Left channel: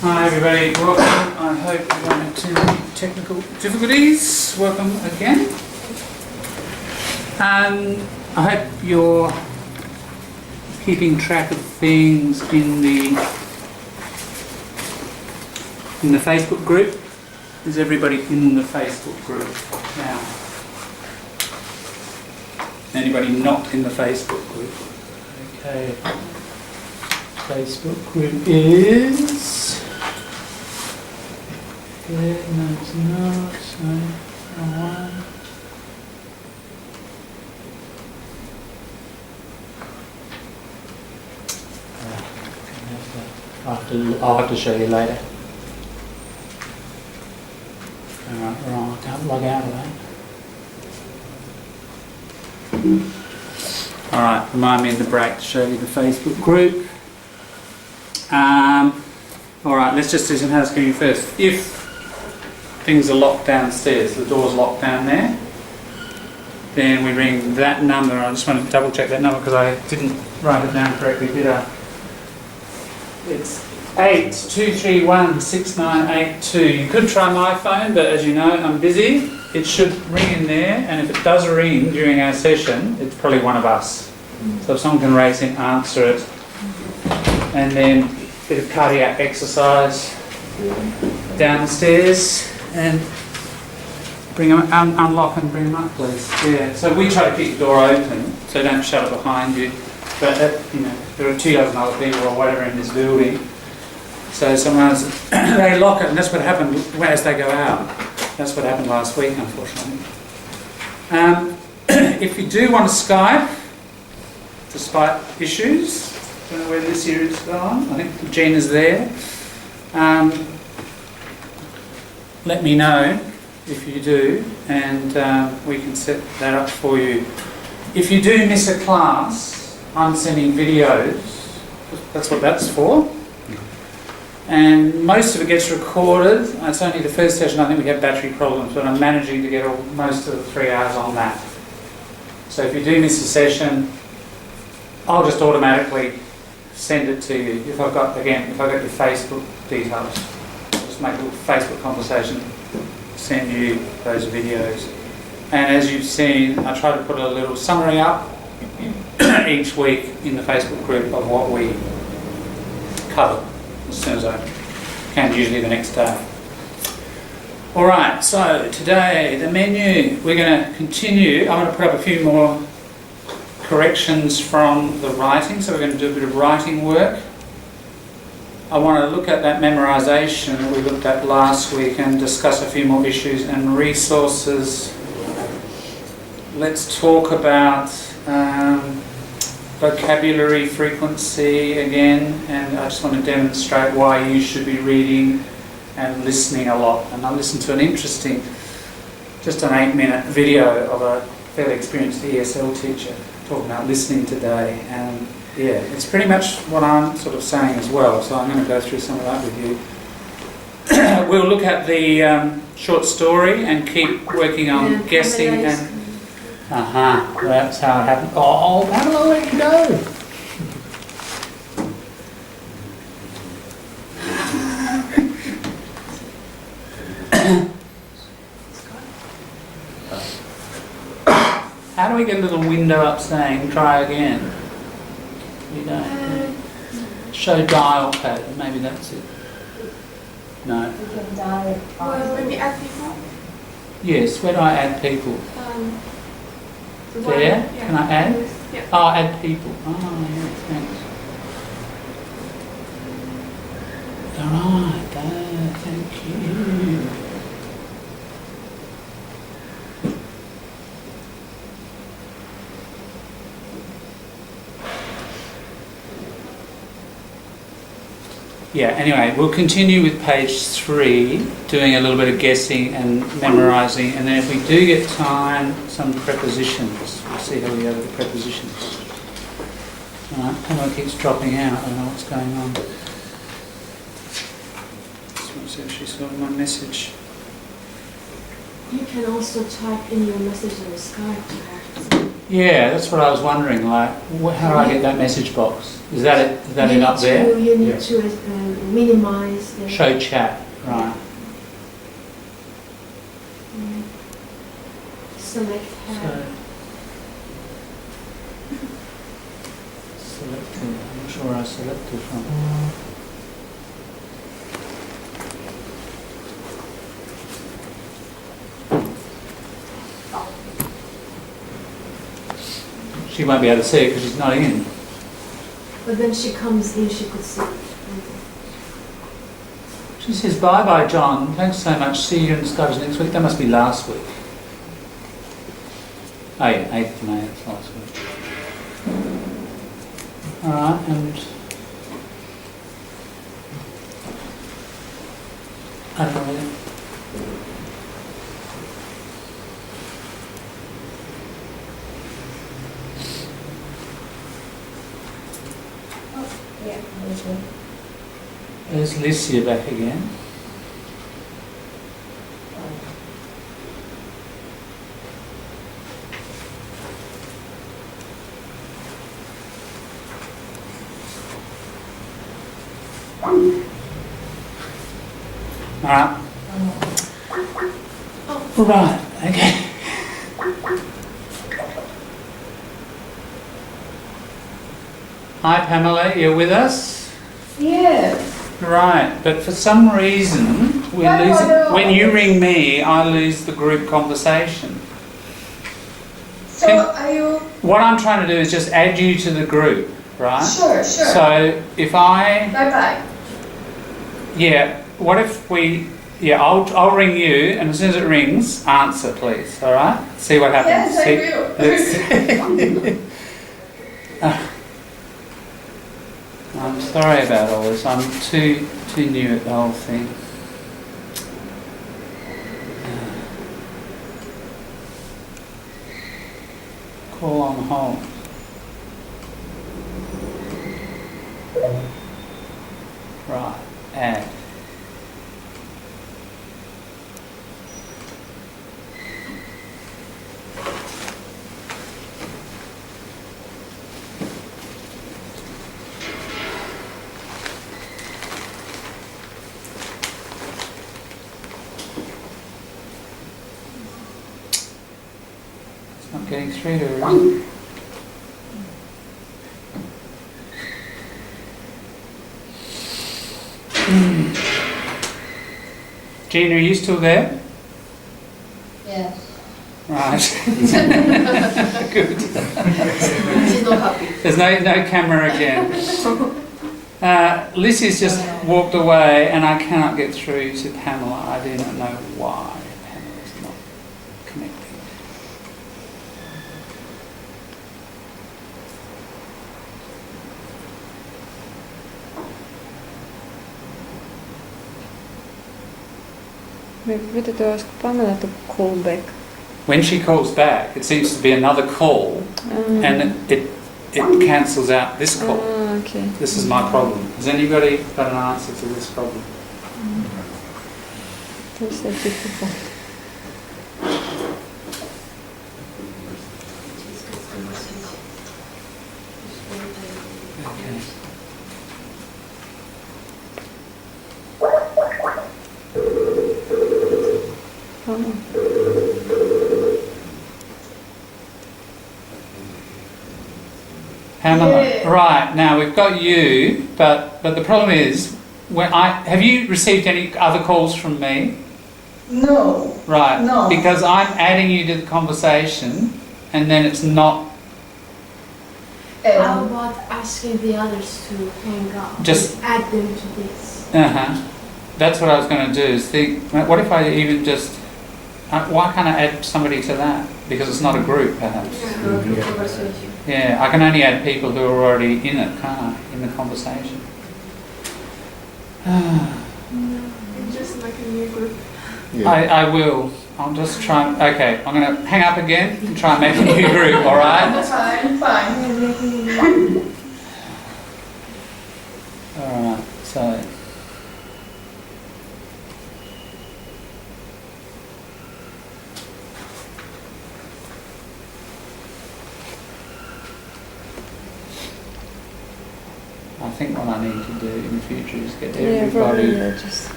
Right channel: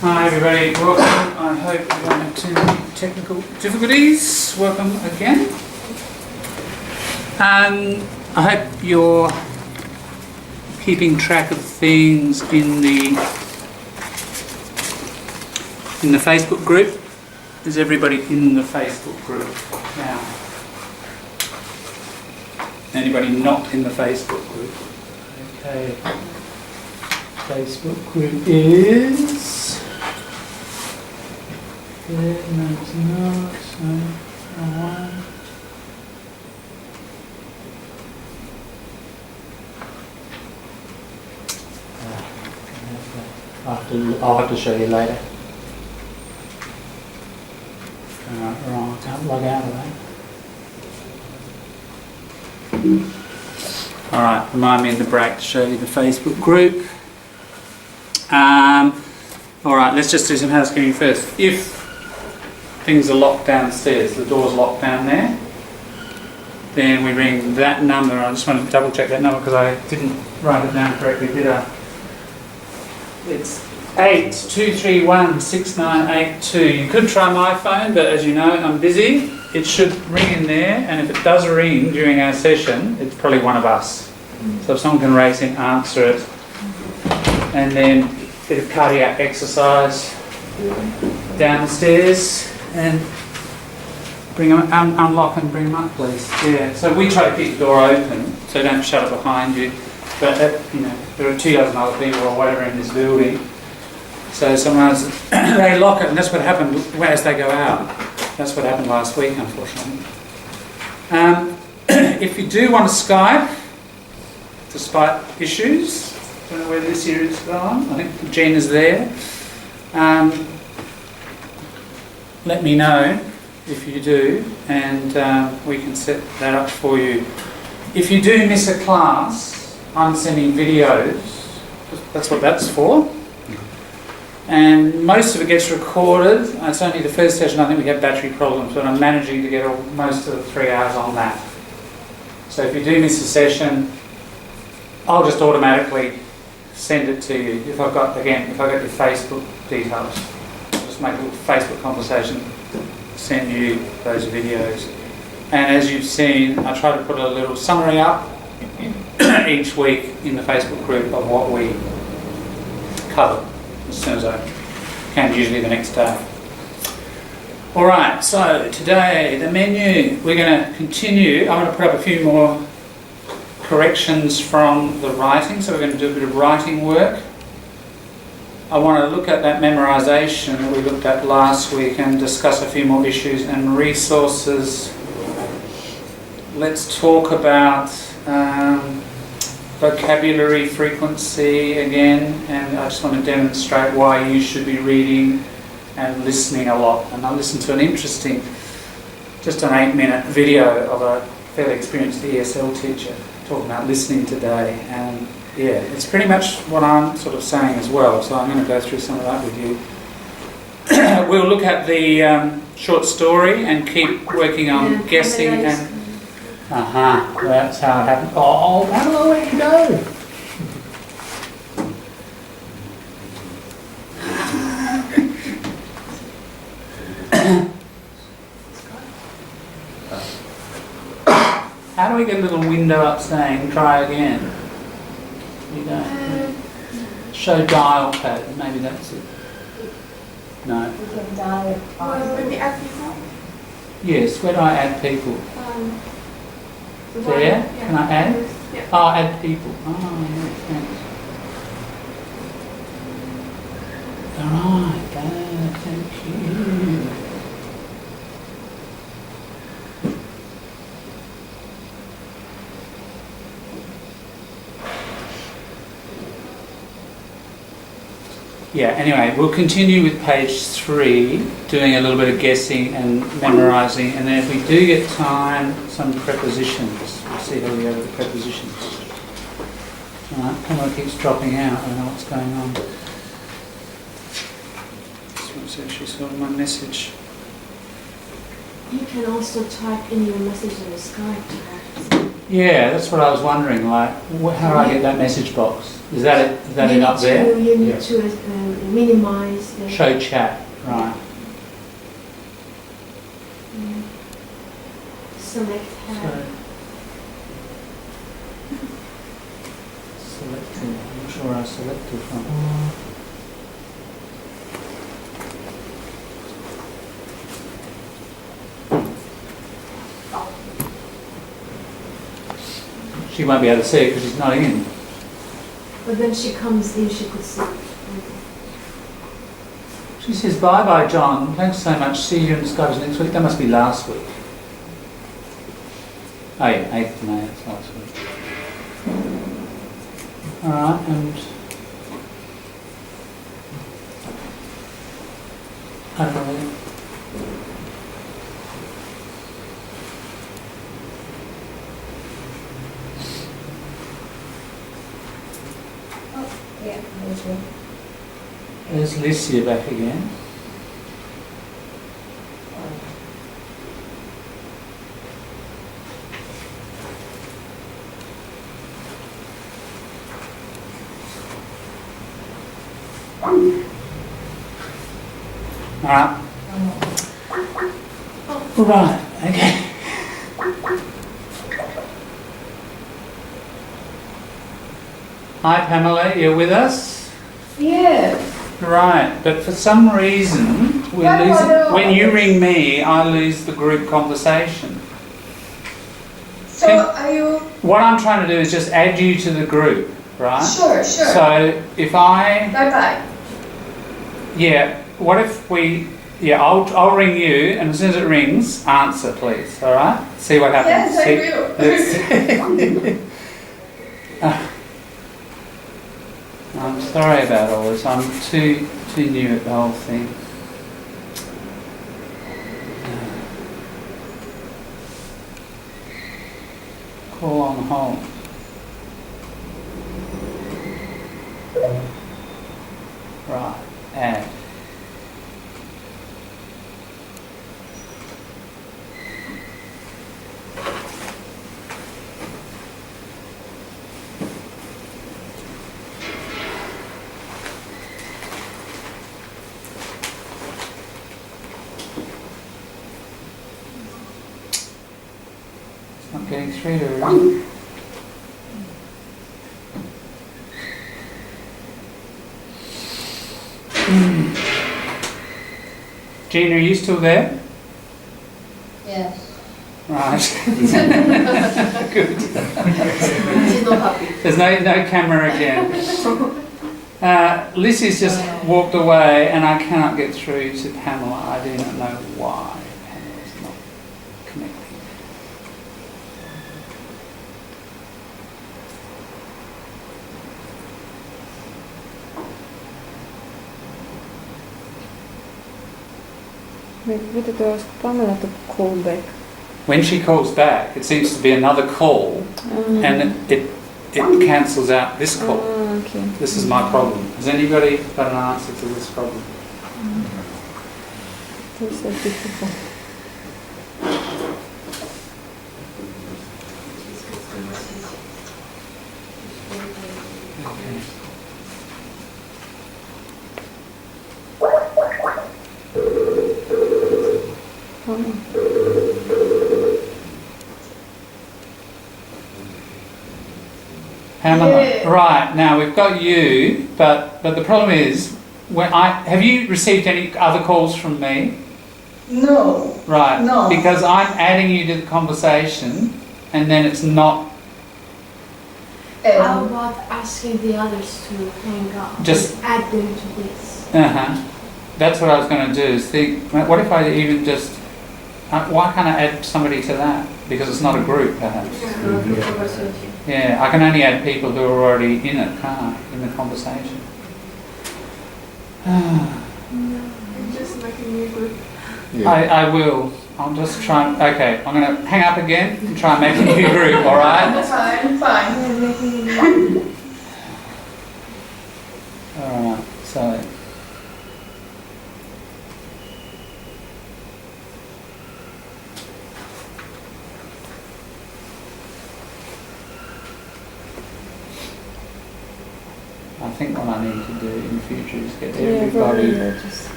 Hi everybody, welcome. I hope you won't have too many technical difficulties. Welcome again. I hope you're keeping track of things in the Facebook group. Is everybody in the Facebook group now? Anybody not in the Facebook group? Okay. Facebook group is... No, it's not. So, wrong one. I'll have to show you later. Wrong. I can't log out of that. Alright, remind me in the break to show you the Facebook group. Alright, let's just do some housekeeping first. If things are locked downstairs, the door's locked down there, then we ring that number. I just want to double check that number because I didn't write it down correctly, did I? It's 82316982. You could try my phone, but as you know, I'm busy. It should ring in there, and if it does ring during our session, it's probably one of us. So if someone can raise it, answer it. And then a bit of cardiac exercise downstairs, and bring them, unlock and bring them up, please. Yeah. So we try to keep the door open, so don't shut it behind you. But you know, there are 2 dozen other people or whatever in this building. So sometimes they lock it, and that's what happened as they go out. That's what happened last week, unfortunately. If you do want to Skype, despite issues, I don't know where this year is gone. I think Gina's there. Let me know if you do, and we can set that up for you. If you do miss a class, I'm sending videos. That's what that's for. And most of it gets recorded. It's only the first session I think we have battery problems, but I'm managing to get most of the 3 hours on that. So if you do miss a session, I'll just automatically send it to you. If I've got your Facebook details, I'll just make a little Facebook conversation, send you those videos. And as you've seen, I try to put a little summary up each week in the Facebook group of what we cover as soon as I can, usually the next day. Alright, so today, the menu, we're going to continue. I want to put up a few more corrections from the writing, so we're going to do a bit of writing work. I want to look at that memorisation that we looked at last week and discuss a few more issues and resources. Let's talk about vocabulary frequency again, and I just want to demonstrate why you should be reading and listening a lot. And I listened to an interesting, just an 8-minute video of a fairly experienced ESL teacher talking about listening today, and yeah, it's pretty much what I'm sort of saying as well, so I'm going to go through some of that with you. We'll look at the short story and keep working on guessing and... that's how it happened. Oh, how do I let you go? How do we get a little window up saying try again? You don't. Show dial pad, maybe that's it. No. We can dial it. When we add people? Yes, where do I add people? There? Yeah. Can I add? Yeah. Oh, add people. Oh, yeah, thanks. Alright, thank you. Yeah, anyway, we'll continue with page 3, doing a little bit of guessing and memorising, and then if we do get time, some prepositions. We'll see how we go with the prepositions. Alright, Pamela keeps dropping out, I don't know what's going on. Just want to see if she saw my message. You can also type in your message on the Skype. Yeah, that's what I was wondering. Like, how do I get that message box? Is that it? Is that it up there? You need to minimize the... Show chat, right. Select tab. Selected. I'm not sure where I selected from. She won't be able to see it because she's not in. But when she comes in, she could see it. She says, bye-bye, John. Thanks so much. See you in Skype next week. That must be last week. Oh yeah, 8th of May, that's last week. Alright, and... I don't know. Yeah, there's one. There's Licia back again. Alright. Right, okay. Hi Pamela, you're with us? Yes. Right, but for some reason we lose it. When you ring me, I lose the group conversation. So are you... What I'm trying to do is just add you to the group, right? Sure. So if I... Bye-bye. Yeah, what if we... Yeah, I'll ring you, and as soon as it rings, answer please, alright? See what happens. Yes, I will. I'm sorry about all this. I'm too new at the whole thing. Call on hold. Right, add. Not getting through to her. Gina, are you still there? Yes. Right. Good. She's not happy. There's no camera again. Lissy's just walked away and I cannot get through to Pamela. I do not know why Pamela's not connecting. Maybe we need to ask Pamela to call back. When she calls back, it seems to be another call and it cancels out this call. Okay. This is my problem. Has anybody got an answer to this problem? This is difficult. Okay. Pamela, Yeah. right, now we've got you, but the problem is, have you received any other calls from me? No. Right, No. because I'm adding you to the conversation and then it's not, How about asking the others to hang up? Just- add them to this. that's what I was going to do, is think, what if I even just, why can't I add somebody to that? Because it's not a group, perhaps. Yeah, I can only add people who are already in it, can't I, in the conversation? Just like a new group. I will. I'll just try. Okay, I'm going to hang up again and try and make a new group, alright? Fine. Alright, so... think what I need to do in the future is get Yeah, probably everybody. just.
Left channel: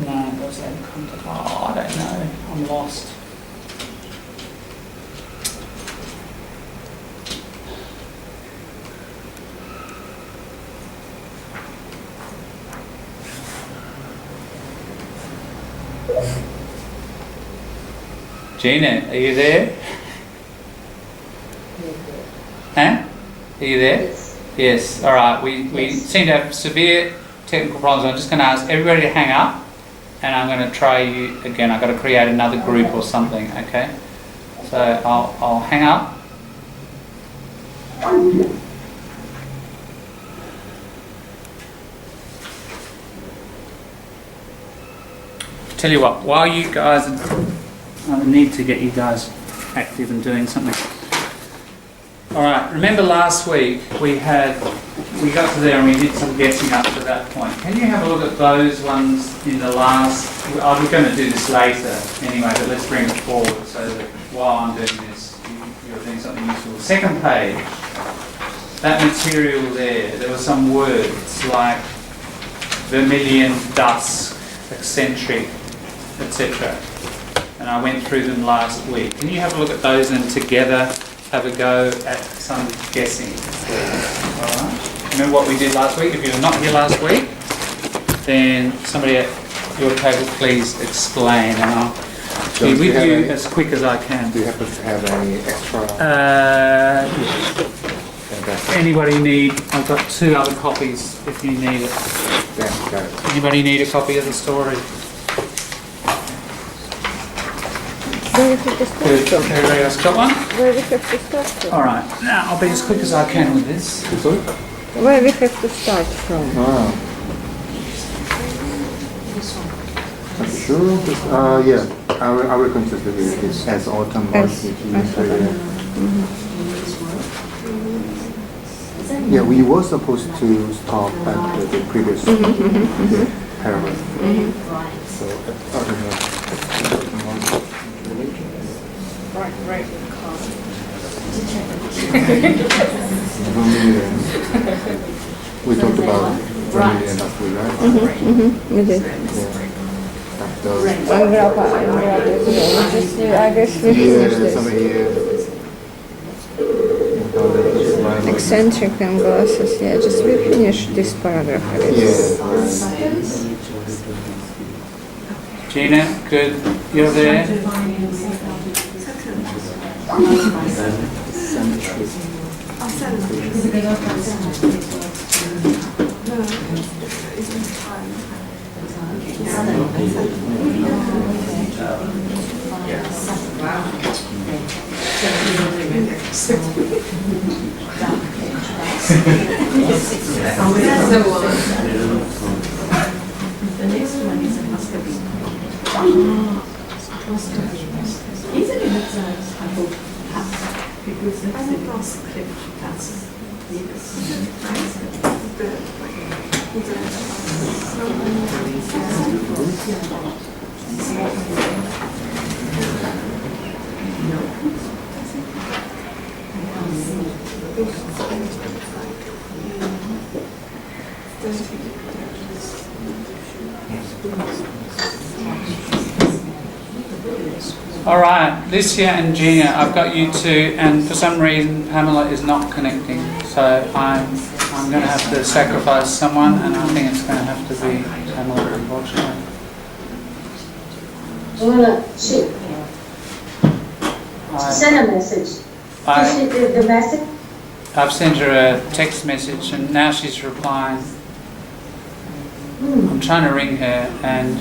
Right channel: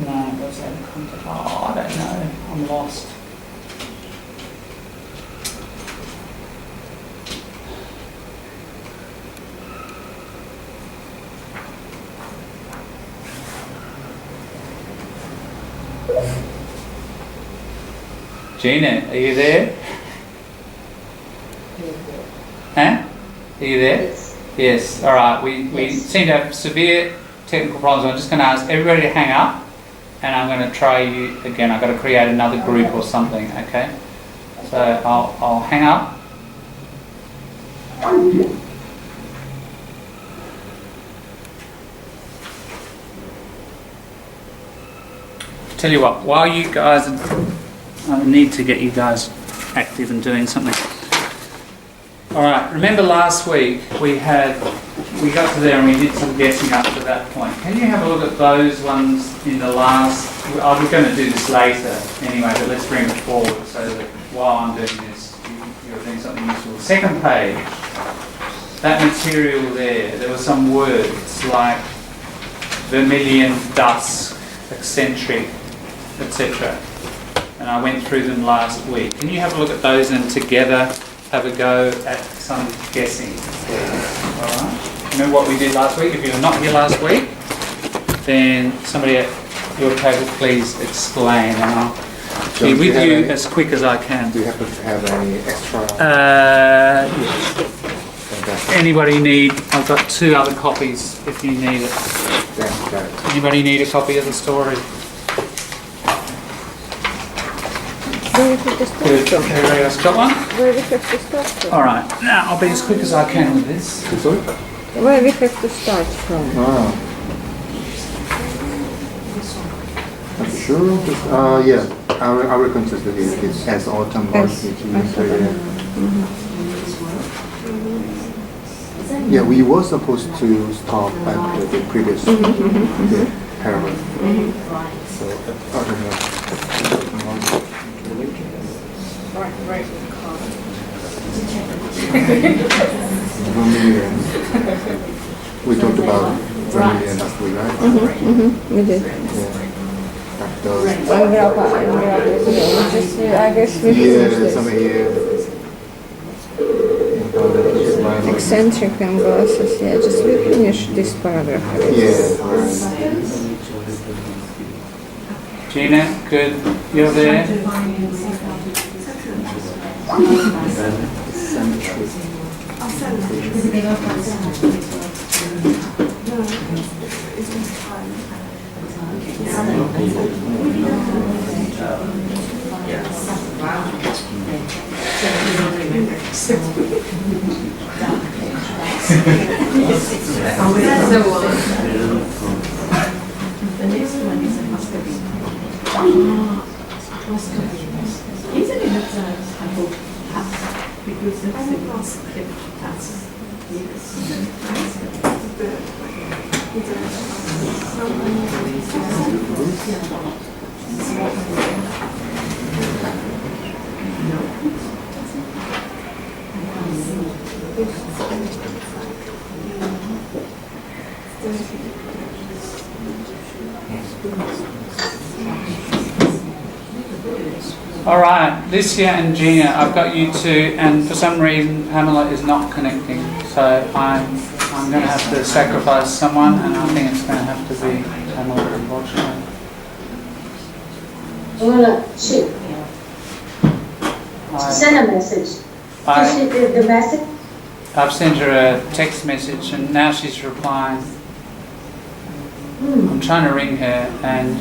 No, what's that contact? Oh, I don't know. I'm lost. Gina, are you there? Huh? Are you there? Yes. Yes. All right. We Yes. seem to have severe technical problems. I'm just going to ask everybody to hang up, and I'm going to try you again. I've got to create another group or something. Okay. So I'll hang up. Tell you what. While you guys, I need to get you guys active and doing something. All right. Remember last week we got to there and we did some guessing up to that point. Can you have a look at those ones in the last? I was going to do this later anyway, but let's bring it forward so that while I'm doing this, you're doing something useful. Second page. That material there were some words like vermilion, dusk, eccentric, etc. And I went through them last week. Can you have a look at those and together have a go at some guessing, please? All right. Remember what we did last week? If you were not here last week, then somebody at your table please explain, and I'll be with you as quick as I can. Do you happen to have any extra? Yes. Fantastic. Anybody need? I've got 2 other copies if you need it. Thanks, guys. Anybody need a copy of the story? Where we have to start Good. from? Everybody else got one? Where we have to start from? All right. Now I'll be as quick as I can with this. Sorry? Where we have to start from? Ah. Are you sure? Yeah. I will consider it as autumn or As Yeah, we were supposed to stop at the previous paragraph. So, autumn Vermilion. We talked about vermilion last week, right? We did. Yeah. Like those. And grappa is well. Just, I guess we finished Yeah, some this. here. Eccentric and glasses, yeah, just we finished this paragraph. I guess. Yeah. Gina, good. You're there. The next one is a muscovine. Isn't it a type of task? Because that's the conscript task. All right, Licia and Gina, I've got you 2, and for some reason Pamela is not connecting, so I'm going to have to sacrifice someone, and I think it's going to have to be Pamela, unfortunately. Send a message. I, The message? I've sent her a text message, and now she's replying. I'm trying to ring her, and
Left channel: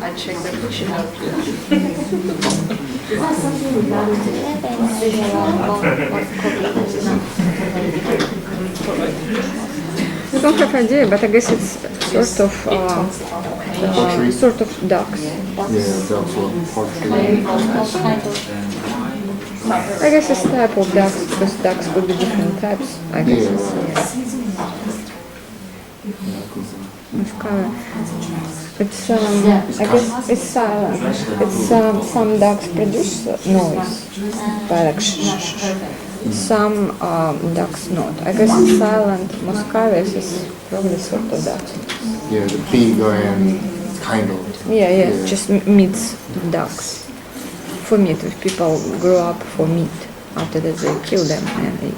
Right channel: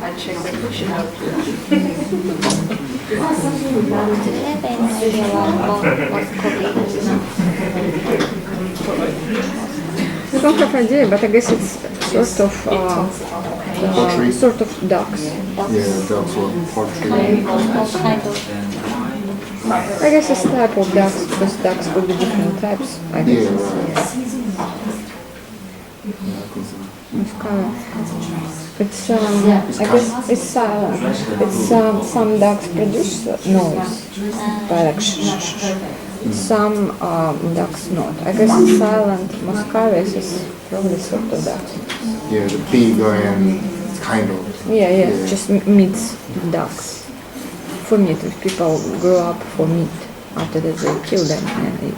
I checked the question out. I don't have idea, but I guess it's Pottery. sort of ducks. Yeah, that's what pottery. I guess it's type of ducks because ducks could be different types. I guess. It's kind of. It's I guess it's silent. It's some ducks produce noise, like shh, shh, shh. Some ducks not. I guess it's silent. Muscavius is probably sort of duck. Yeah, the bigger and kind of. Yeah, just meats ducks. For meat, if people grow up for meat, after that they kill them and eat.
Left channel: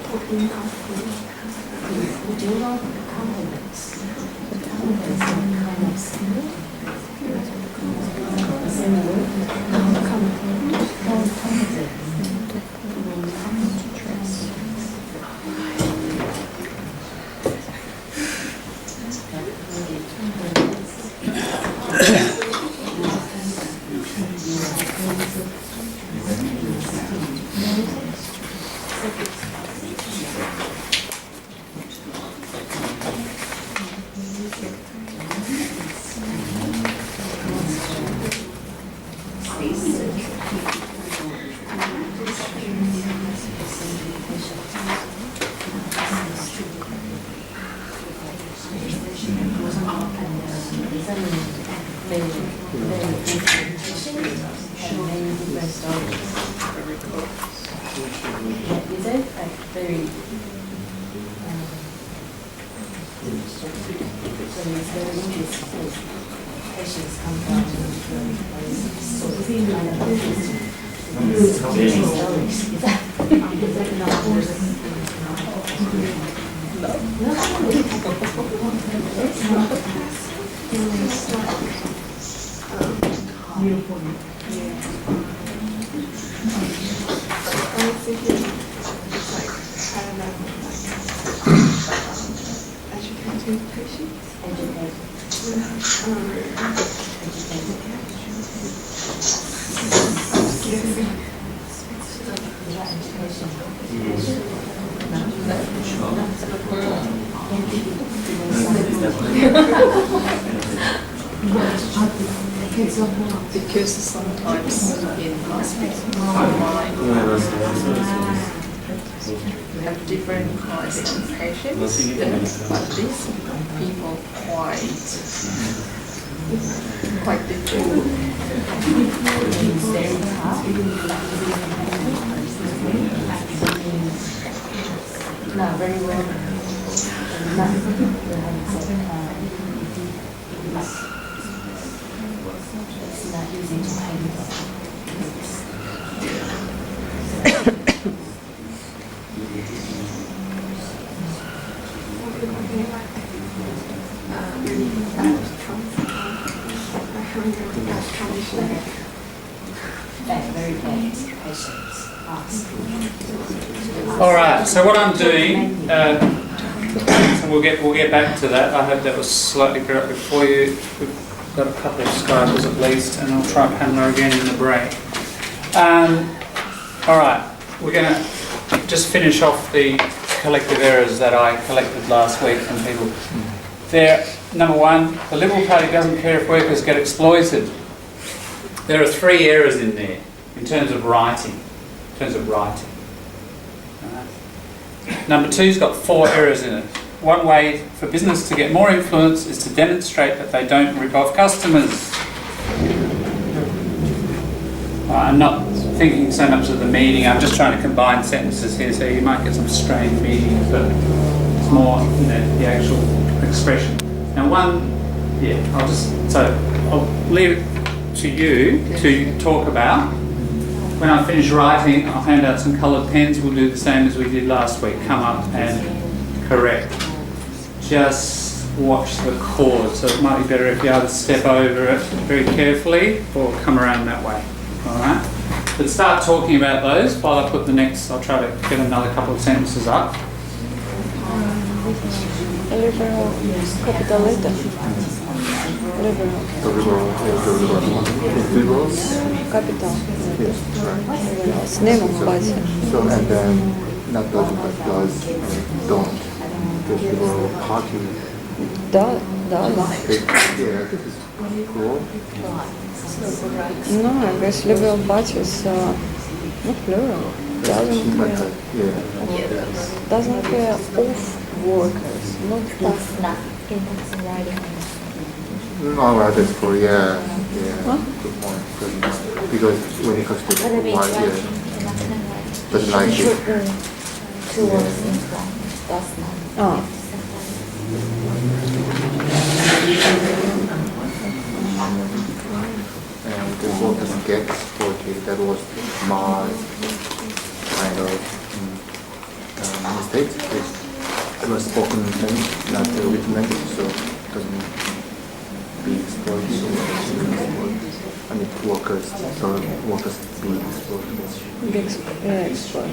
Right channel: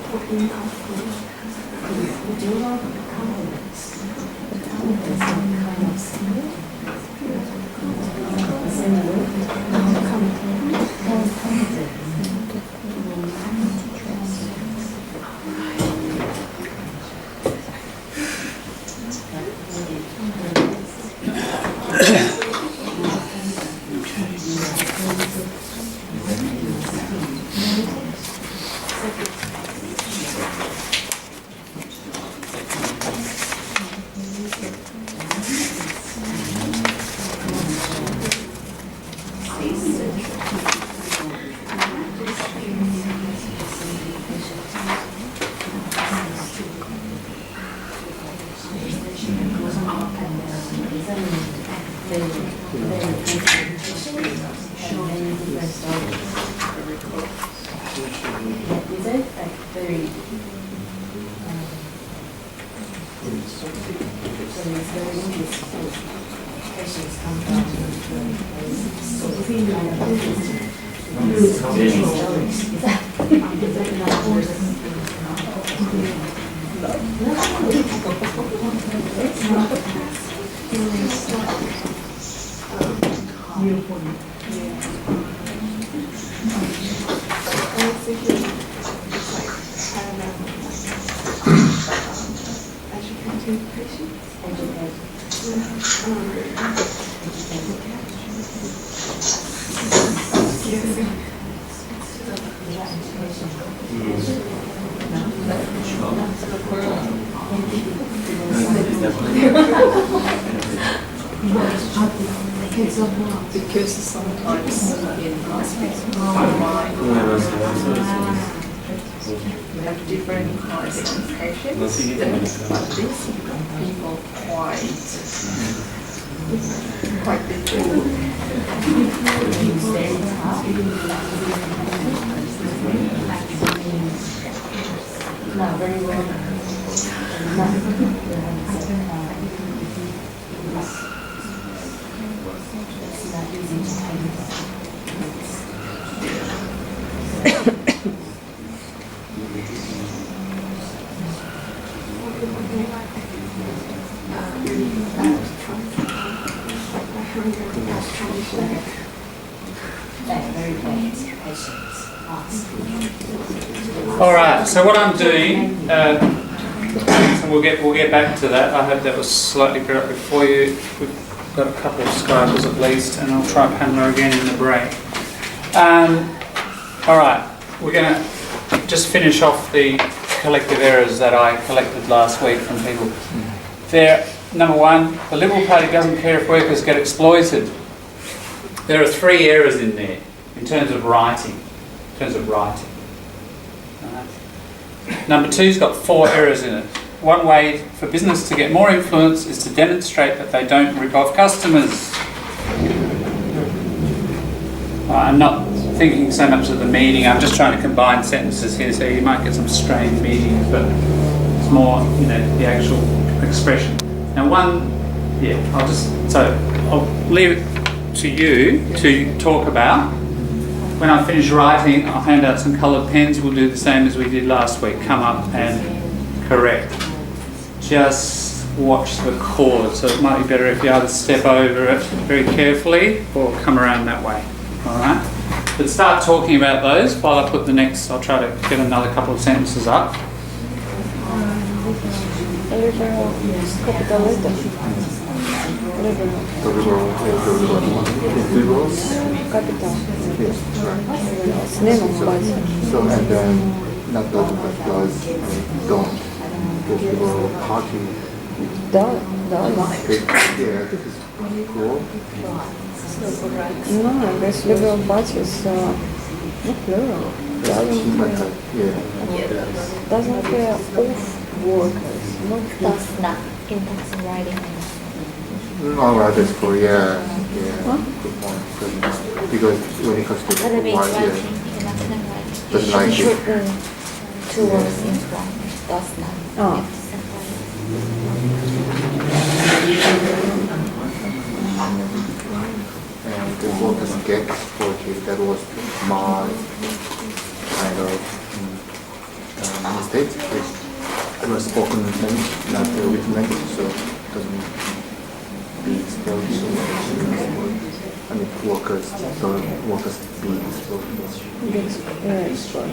Because sometimes in online we have different kinds of education, but these people quite different. Not very well. It's not easy to handle. Very bad patients. All right. So what I'm doing, and we'll get back to that. I hope that was slightly productive for you. We've got a couple of Skypers at least, and I'll try Pamela again in the break. All right. We're going to just finish off the collective errors that I collected last week from people. There, number one, the Liberal Party doesn't care if workers get exploited. There are 3 errors in there in terms of writing. Right. Number 2's got 4 errors in it. One way for business to get more influence is to demonstrate that they don't rip off customers. I'm not thinking so much of the meaning. I'm just trying to combine sentences here, so you might get some strained meanings, but it's more, the actual expression. Now, I'll leave it to you to talk about. When I finish writing, I'll hand out some coloured pens. We'll do the same as we did last week. Come up and correct. Just watch the chord. So it might be better if you either step over it very carefully or come around that way. All right? But start talking about those while I put the next. I'll try to get another couple of sentences up. Liberal capital letter. Liberal. The liberal. Capital. Yes, right. С небом батя. So and then not does but does don't. There's a little party. Да, да. Yeah, this is cool. No, this liberal party is not plural. Seems like Doesn't yeah. doesn't care of workers, not Does not. In that's writing. No, rather for yeah. Huh? Good point. Because when it comes to But I mean, why, writing, yeah. in that's not writing. But You like should it- put two words in front. Does not. Oh. You have to And the workers get poetry, that was my kind of mistake. It was spoken language, not the written language, so it doesn't being spoken so much. I mean, workers, so workers being spoken. big export.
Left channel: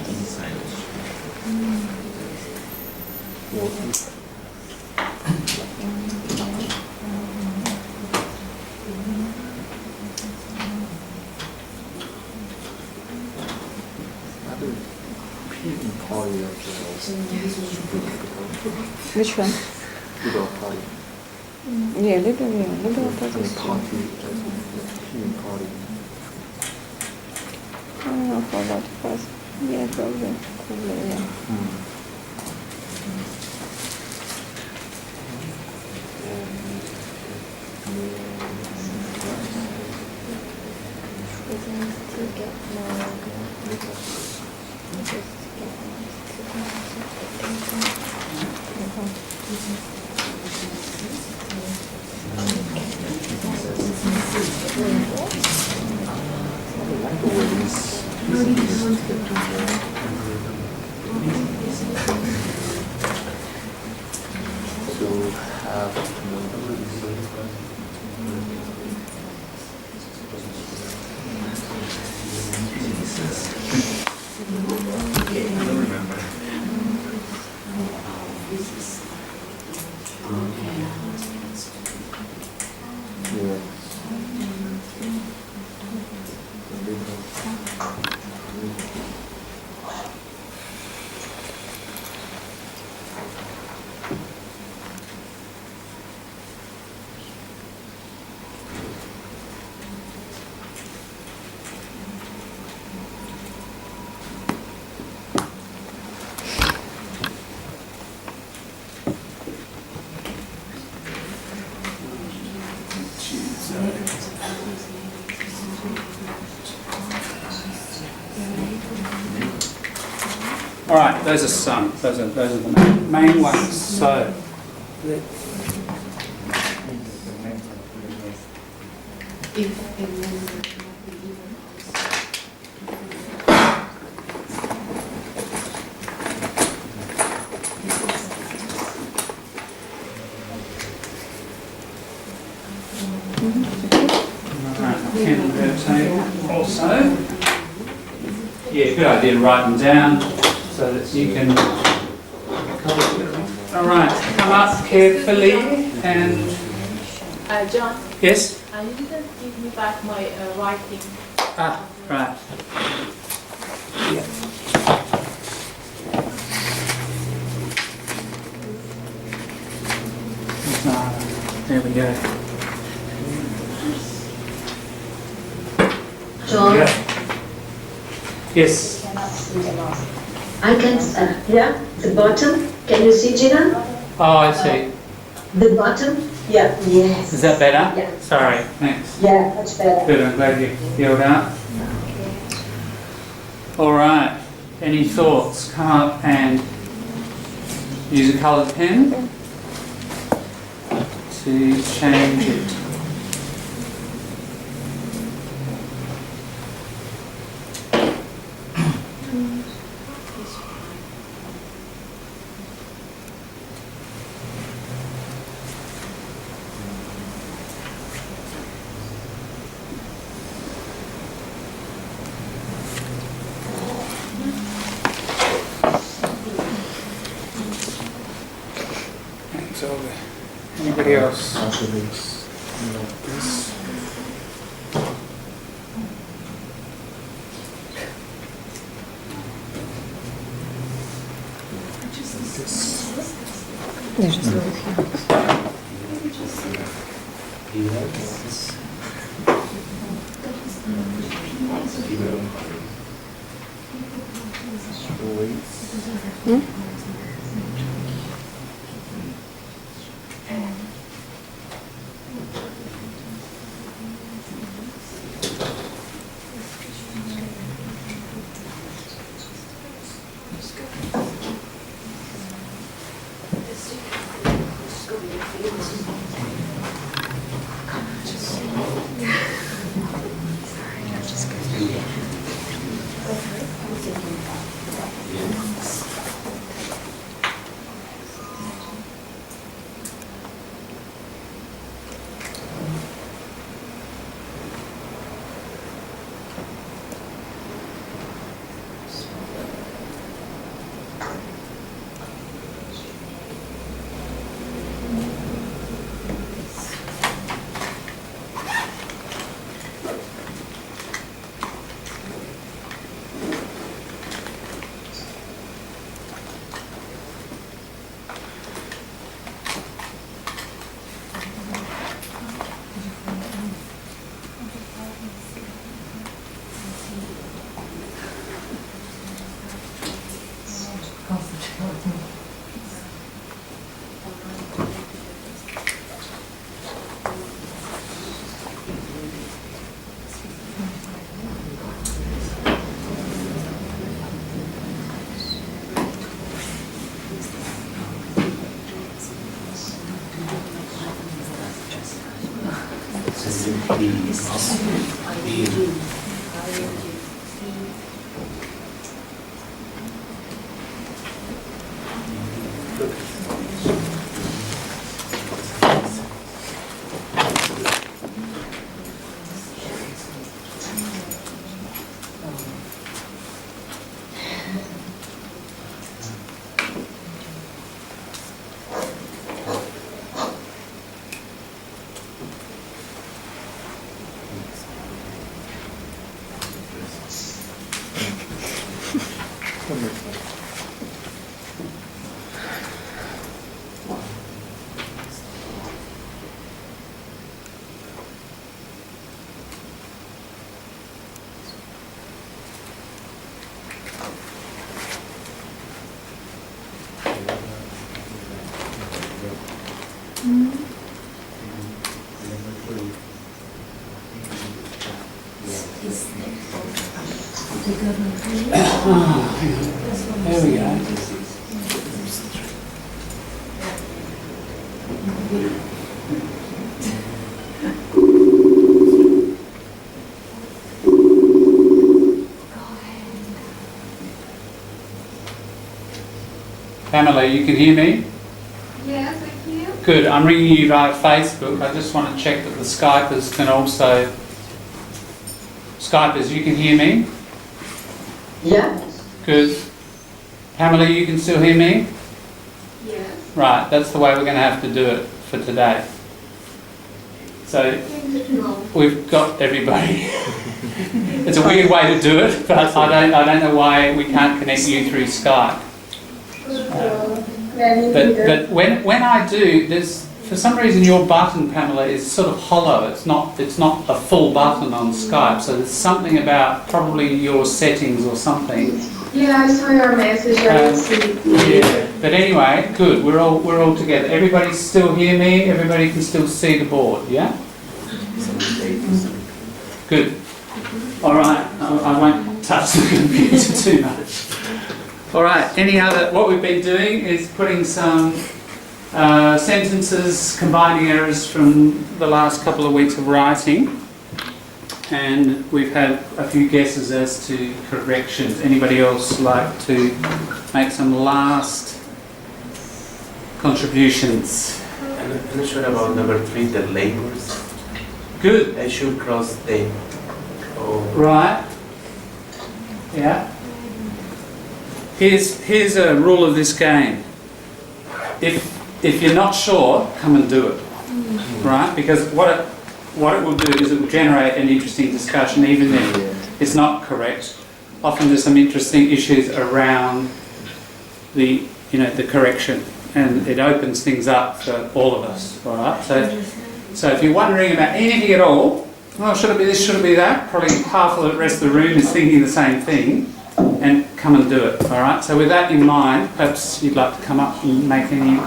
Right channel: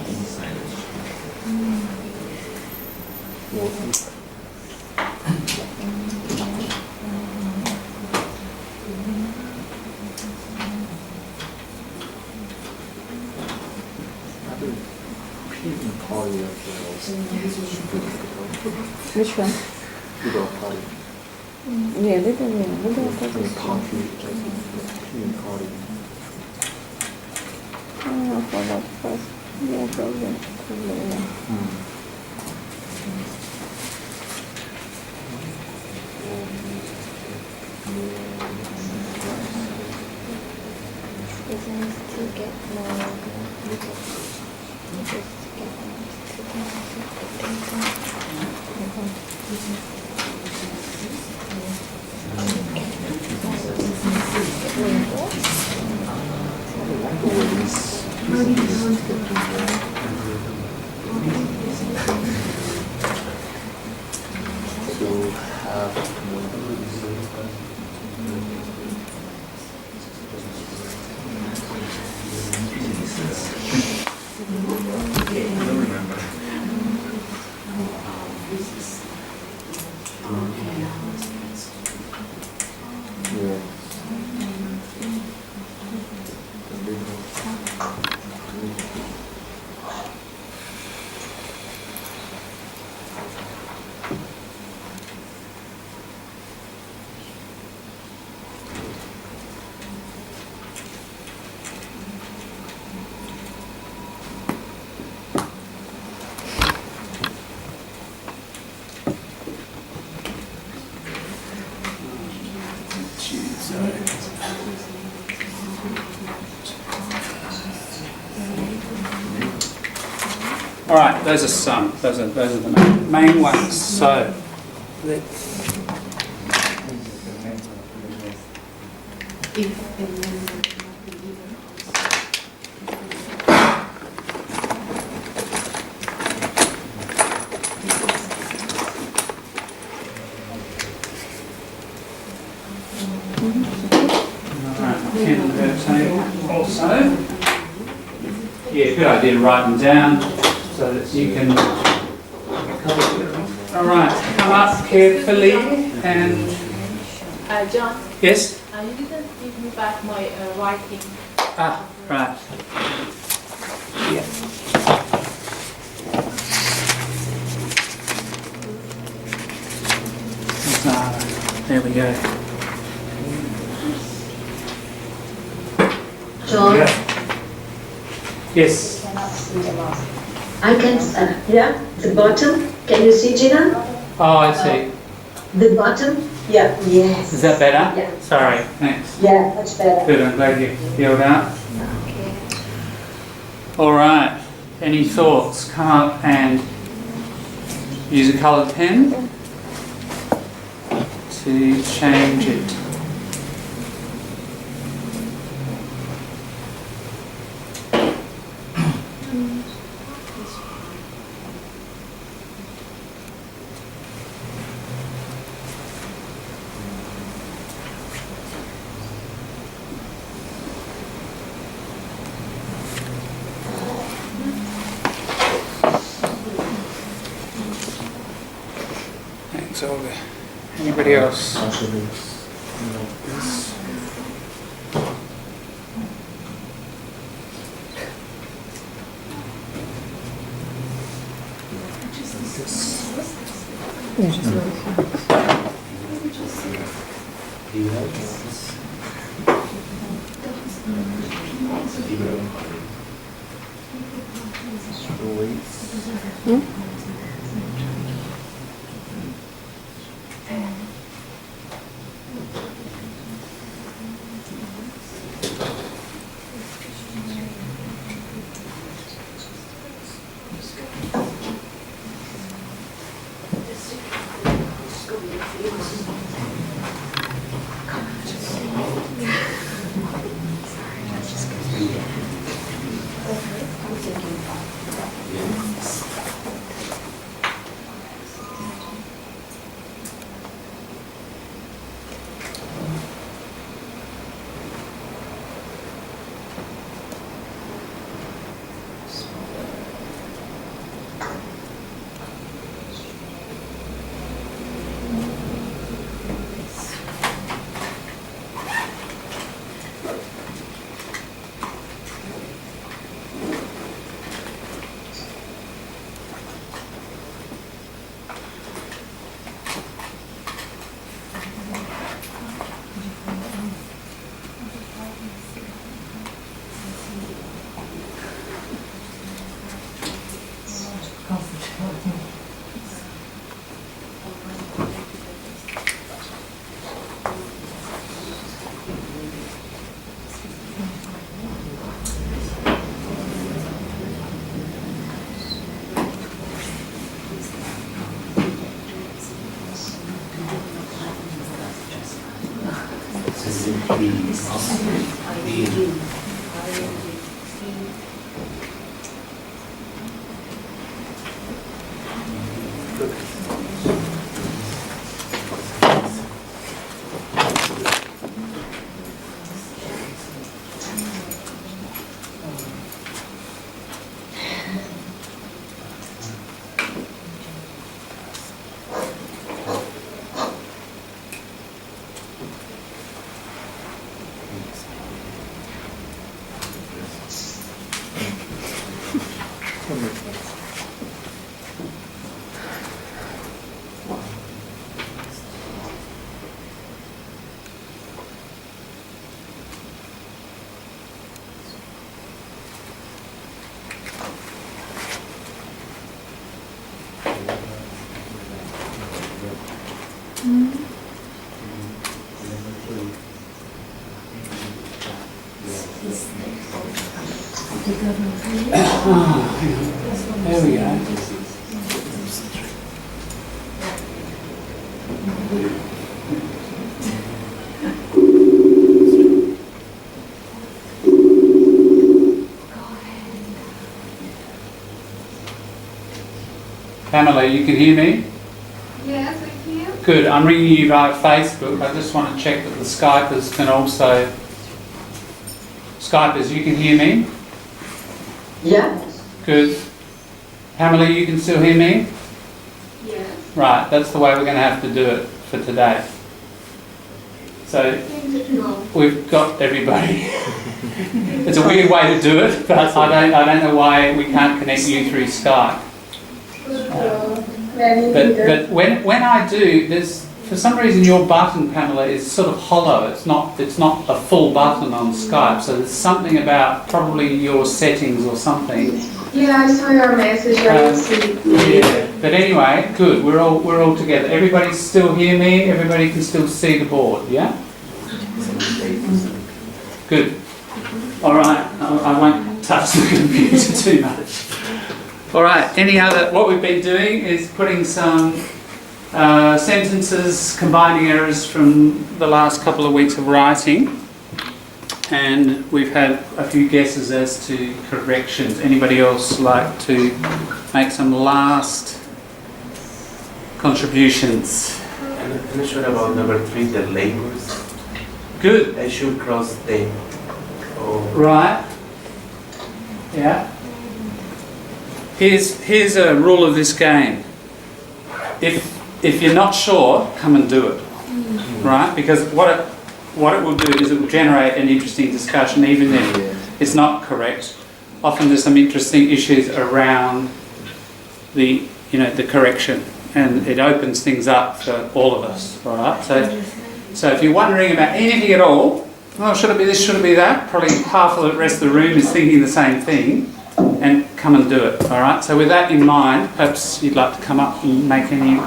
Party Which one? without party. Yeah, liberal I mean, party. party, peeing party. Oh, I forgot first. Yeah, probably. Yeah. Reasons to get more. Just To have All right, those are some. Those are the main ones. So, pen per table also. Yeah, good idea to write them down so that you can. All right, come up carefully and John, yes. you didn't give me back my writing. Ah, right. Yeah. There we go. John, Yes. I can, yeah, the bottom, can you see, Gina? Oh, I see. The bottom? Yeah. Yes. Is that better? Yeah. Sorry. Thanks. Yeah, much better. Good. I'm glad you healed up. All right. Any thoughts? Come up and use a coloured pen to change it. Thanks, Olga. Anybody else? this. Даже слухи. There we go. Pamela, you can hear me? Yes, I can. Good. I'm ringing you via Facebook. I just want to check that the Skypers can also... Skypers, you can hear me? Yeah. Good. Pamela, you can still hear me? Yes. Right, that's the way we're going to have to do it for today. So we've got everybody. It's a weird way to do it, but I don't know why we can't connect you through Skype. But when I do, there's for some reason your button, Pamela, is sort of hollow. It's not a full button on Skype. So there's something about probably your settings or something. Yeah, I saw your message. I see. Yeah. But anyway, good. We're all together. Everybody still hear me? Everybody can still see the board. Yeah. Good. All right. I won't touch the computer too much. All right. What we've been doing is putting some sentences, combining errors from the last couple of weeks of writing, and we've had a few guesses as to corrections. Anybody else like to make some last contributions? I'm not sure about number 3, the labels. Good. I should cross them. Oh. Right. Yeah. Here's a rule of this game. If you're not sure, come and do it. Right? Because what it will do is it will generate an interesting discussion, even if it's not correct. Often there's some interesting issues around the correction, and it opens things up for all of us. All right. So if you're wondering about anything at all, well, should it be this? Should it be that? Probably half of the rest of the room is thinking the same thing, and come and do it. All right. So with that in mind, perhaps you'd like to come up and make any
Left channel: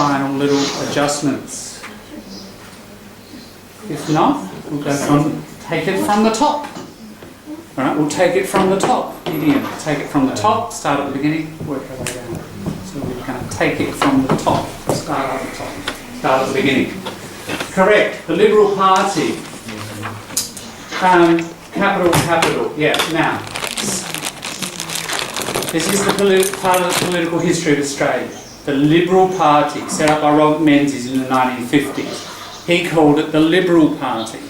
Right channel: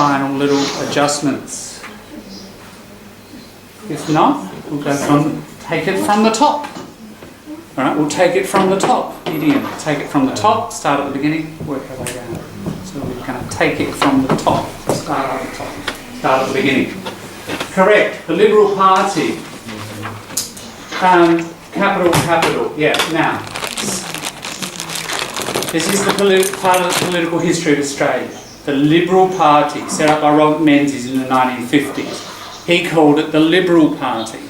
final little adjustments. If not, we'll go from take it from the top. All right, we'll take it from the top. Idiom. Take it from the top. Start at the beginning. Work our way down. So we're going to take it from the top. Start at the top. Start at the beginning. Correct. The Liberal Party. Capital. Yeah. Now, this is the part of the political history of Australia. The Liberal Party, set up by Robert Menzies in the 1950s. He called it the Liberal Party.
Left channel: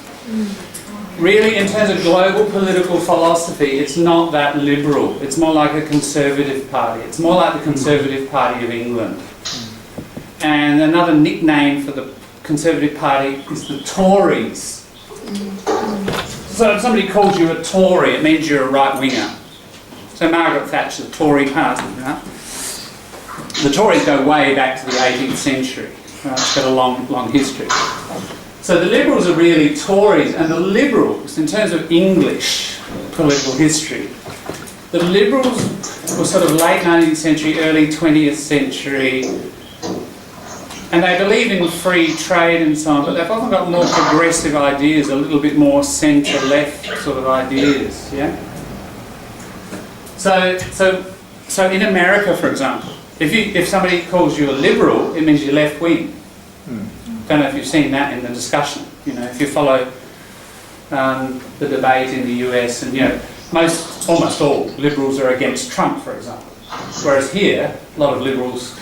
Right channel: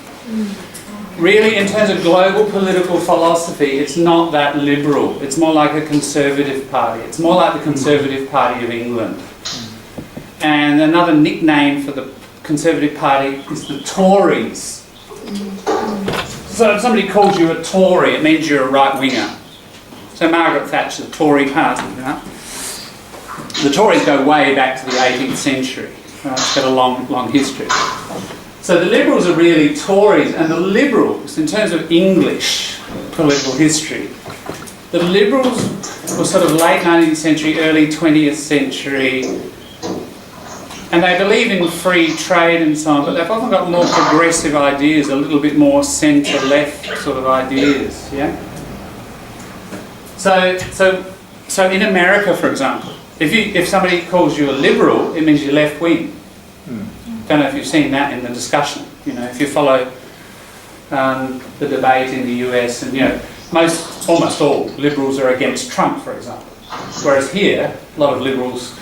Really, in terms of global political philosophy, it's not that liberal. It's more like a Conservative Party. It's more like the Conservative Party of England. And another nickname for the Conservative Party is the Tories. So if somebody calls you a Tory, it means you're a right-winger. So Margaret Thatcher, the Tory Party, right? The Tories go way back to the 18th century. Right? It's got a long history. So the Liberals are really Tories, and the Liberals, in terms of English political history, the Liberals were sort of late 19th century, early 20th century, and they believe in free trade and so on, but they've often got more progressive ideas, a little bit more centre-left sort of ideas, yeah? So in America, for example, if somebody calls you a Liberal, it means you're left-wing. Don't know if you've seen that in the discussion. You know, if you follow the debate in the US, and you know, almost all Liberals are against Trump, for example. Whereas here, a lot of Liberals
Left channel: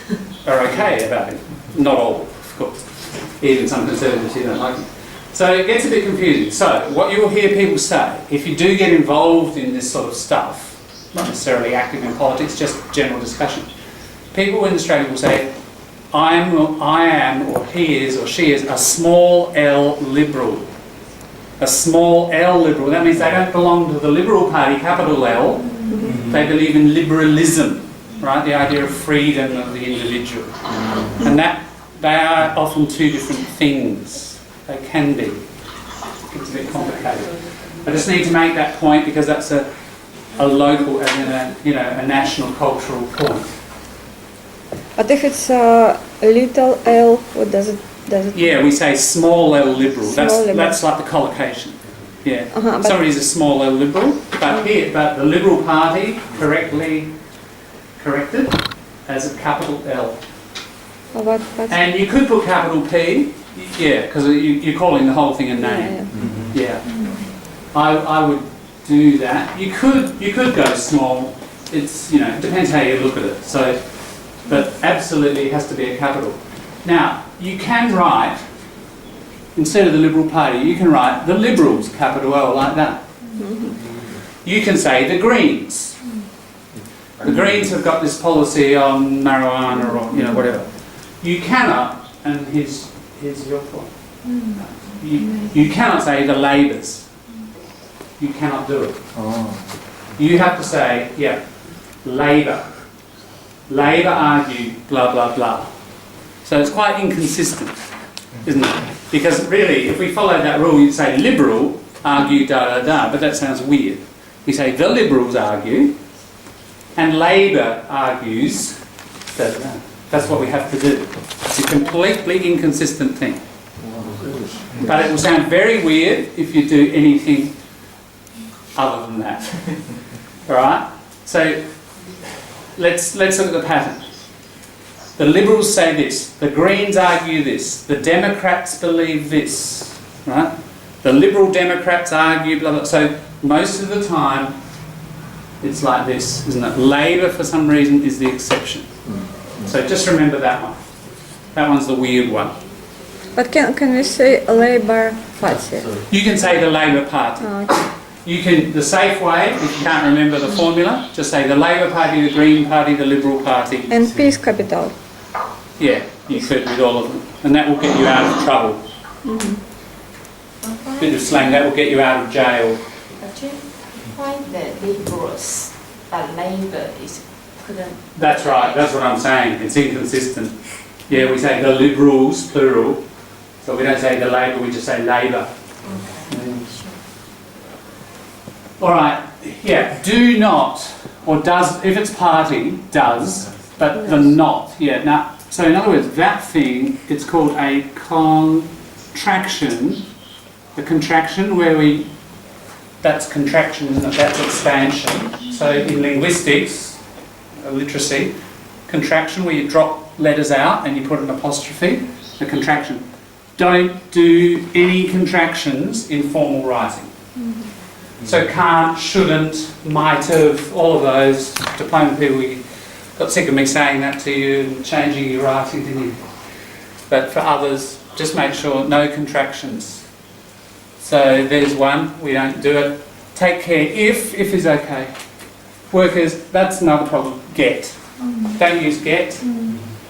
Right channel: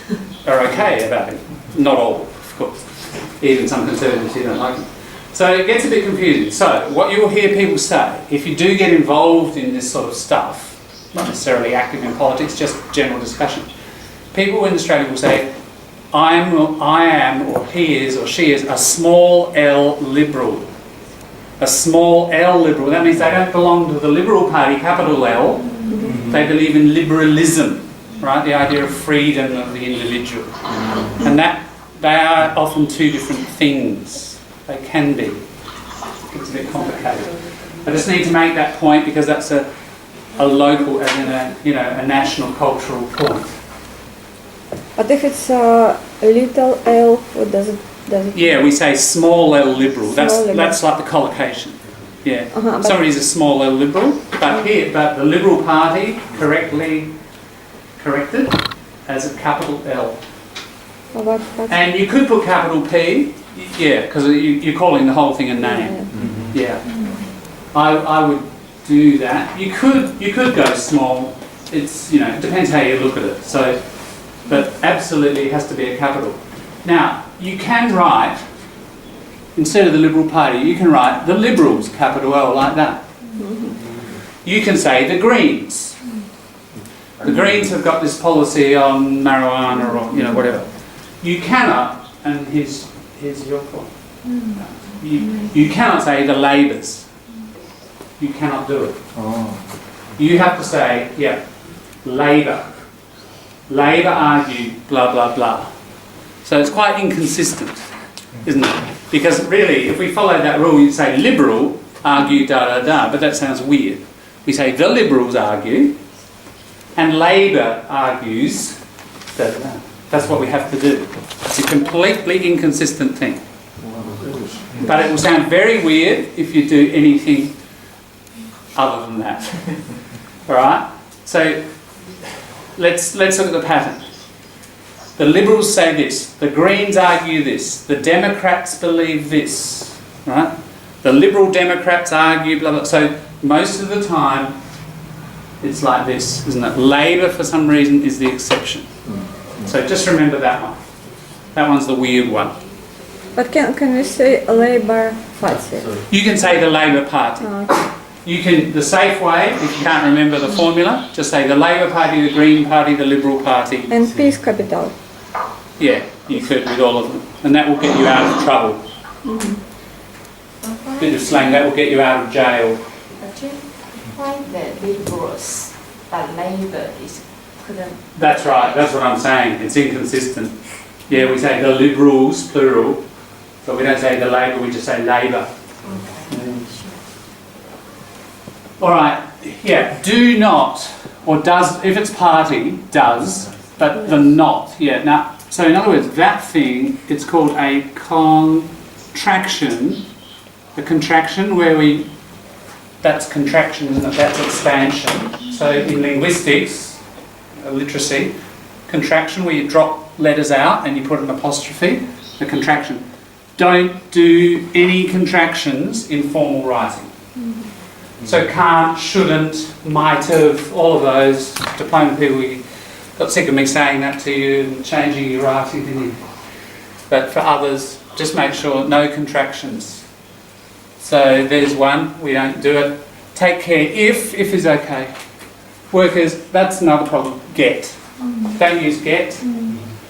are okay about it. Not all, of course. Even some Conservatives who don't like it. So it gets a bit confusing. So what you'll hear people say, if you do get involved in this sort of stuff, not necessarily active in politics, just general discussion, people in Australia will say, I am, or he is, or she is, a small L Liberal. A small L Liberal. That means they don't belong to the Liberal Party, capital L. They believe in liberalism, right? The idea of freedom of the individual. And that, they are often two different things. They can be. It's a bit complicated. I just need to make that point because that's a local, as in a national cultural point. But if it's a little L, what does it? Yeah, we say small L Liberal. Liberal. That's like the collocation. Yeah, but somebody's a small L Liberal, but the Liberal Party correctly corrected as a capital L. And you could put capital P, yeah, because you're calling the whole thing a name. Yeah. I would do that. You could go small. It's it depends how you look at it. So. But absolutely it has to be a capital. Now, you can write, instead of the Liberal Party, you can write the Liberals, capital L, like that. You can say the Greens. The Greens have got this policy on marijuana or whatever. You cannot, and here's your point, you cannot say the Labours. You cannot do it. You have to say, Labor. Labor argued blah blah blah. So it's quite inconsistent, isn't it? Because really, if we follow that rule, you'd say Liberal argue da da da, but that sounds weird. We say the Liberals argue, and Labor argues da da da. That's what we have to do. It's a completely inconsistent thing. But it will sound very weird if you do anything other than that. All right? So let's look at the pattern. The Liberals say this, the Greens argue this, the Democrats believe this, right? The Liberal Democrats argue blah blah. So most of the time it's like this, isn't it? Labor for some reason is the exception. So just remember that one. That one's the weird one. But can we say Labour Party? You can say the Labor Party. Okay. You can, the safe way, if you can't remember the formula, just say the Labor Party, the Green Party, the Liberal Party. And P is capital. Yeah, you could with all of them. And that will get you out of trouble. Bit of slang, that will get you out of jail. Actually, why the Liberals, but Labour is couldn't. That's right, that's what I'm saying. It's inconsistent. Yeah, we say the Liberals, plural, but we don't say the Labor, we just say Labor. All right, yeah, do not, or does, if it's party, does, but the not, yeah. Now, so in other words, that thing, it's called a contraction, a contraction where we, that's contraction, isn't it? That's expansion. So in linguistics, literacy, contraction where you drop letters out and you put an apostrophe, a contraction. Don't do any contractions in formal writing. So can't, shouldn't, might have, all of those. Diploma people, you got sick of me saying that to you and changing your writing, didn't you? But for others, just make sure no contractions. So there's one, we don't do it. Take care, if is okay. Workers, that's another problem, get. Don't use get.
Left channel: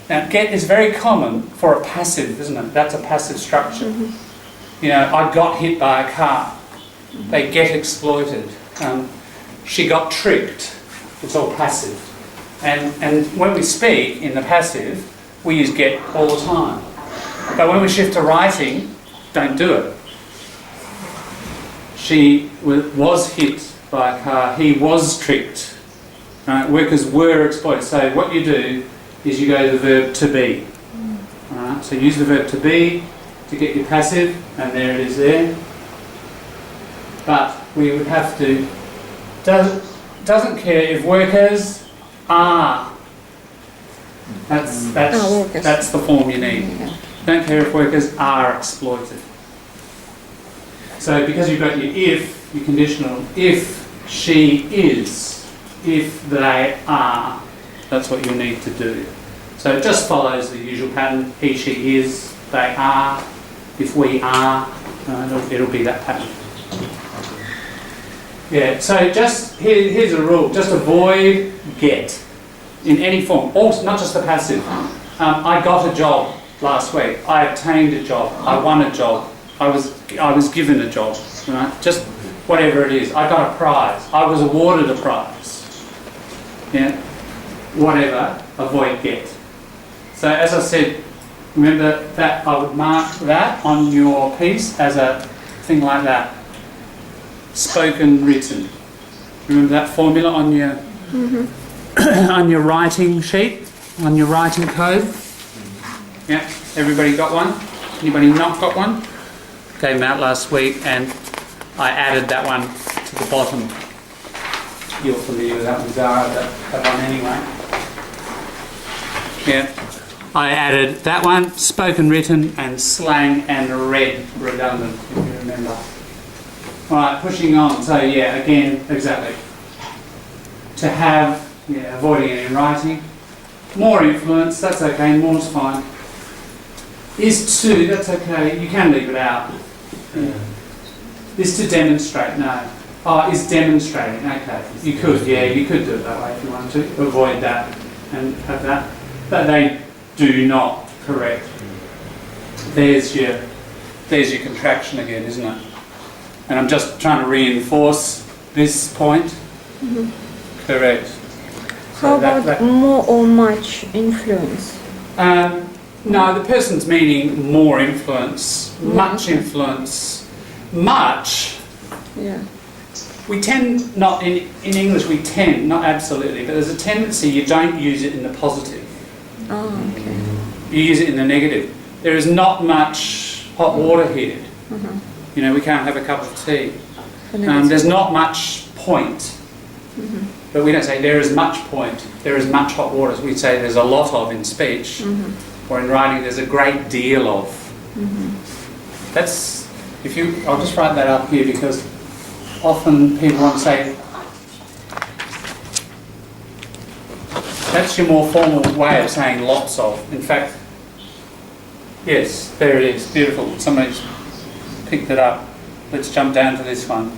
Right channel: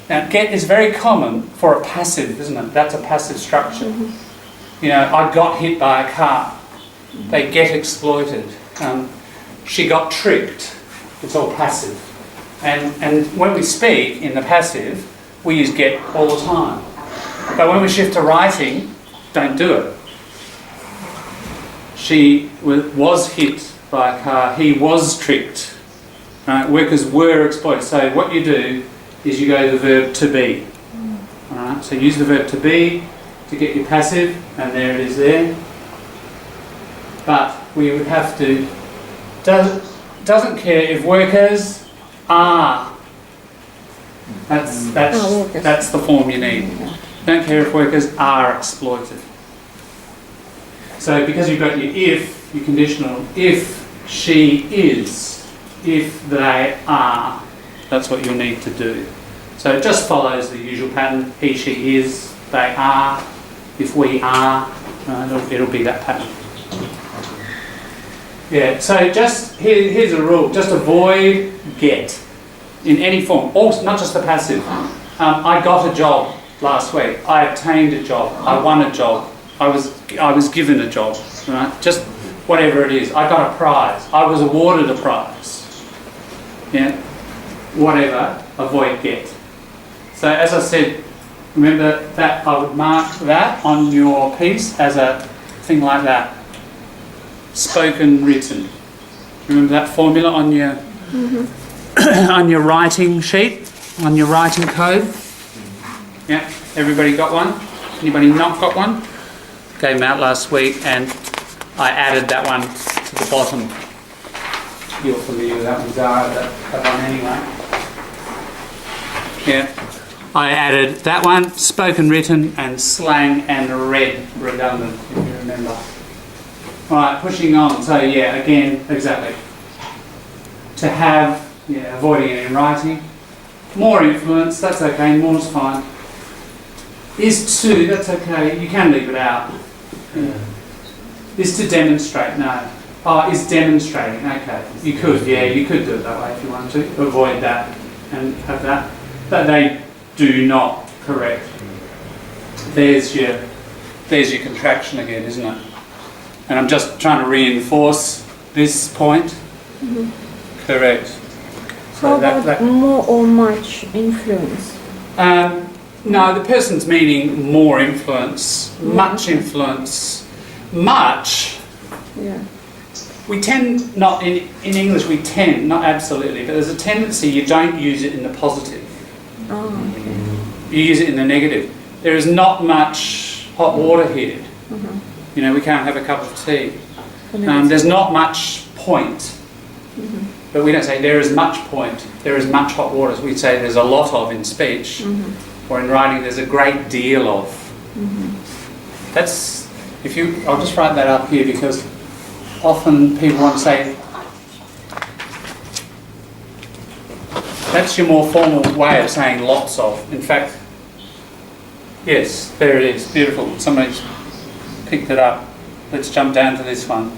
Now get is very common for a passive, isn't it? That's a passive structure. You know, I got hit by a car. They get exploited. She got tricked. It's all passive. And when we speak in the passive, we use get all the time. But when we shift to writing, don't do it. She was hit by a car. He was tricked. Right? Workers were exploited. So what you do is you go to the verb to be. All right? So use the verb to be to get your passive, and there it is there. But we would have to, doesn't care if workers are. That's the form you need. Don't care if workers are exploited. So because you've got your if, your conditional, if she is, if they are, that's what you need to do. So it just follows the usual pattern. He, she is, they are, if we are, it'll be that pattern. Yeah, so just, here's a rule, just avoid get in any form, also, not just the passive. I got a job last week, I obtained a job, I won a job, I was given a job, right? Just whatever it is, I got a prize, I was awarded a prize. Yeah, whatever, avoid get. So as I said, remember that I would mark that on your piece as a thing like that. Spoken, written. Remember that formula on your on your writing sheet, on your writing code? Yeah, everybody got one? Anybody not got one? Gave them out last week and I added that one to the bottom. You're familiar with that one, Zara, that one anyway. Yeah, I added that one, spoken, written and slang and read redundant, if you remember. Right, pushing on. So yeah, again, exactly. To have, yeah, avoiding it in writing. More influence, that's okay, more's fine. Is to, that's okay, you can leave it out. Yeah. Is to demonstrate, no. Oh, is demonstrating, okay. You could, yeah, you could do it that way if you wanted to. Avoid that and have that. But they do not, correct. There's your contraction again, isn't it? And I'm just trying to reinforce this point. Correct. How about more or much influence? No, the person's meaning more influence, much influence. Much, Yeah. we tend not, in English we tend, not absolutely, but there's a tendency you don't use it in the positive. Oh, okay. You use it in the negative. There is not much hot water here. You know, we can't have a cup of tea. There's not much point. But we don't say there is much point, there is much hot water. We say there's a lot of in speech, or in writing there's a great deal of. That's, I'll just write that up here because often people want to say, that's your more formal way of saying lots of. In fact, yes, there it is, beautiful. Somebody's picked it up. Let's jump down to this one.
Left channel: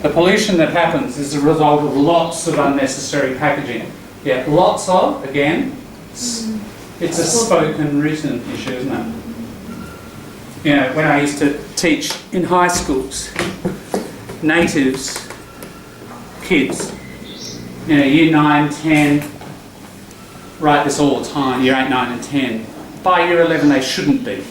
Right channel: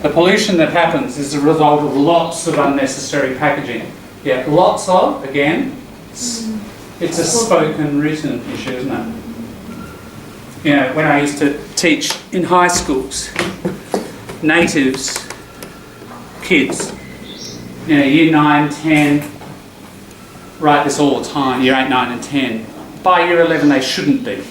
The pollution that happens is a result of lots of unnecessary packaging. Yeah, lots of, again, it's a spoken written issue, isn't it? You know, when I used to teach in high schools, natives, kids, you know, year 9, 10, write this all the time, year 8, 9 and 10. By year 11 they shouldn't be,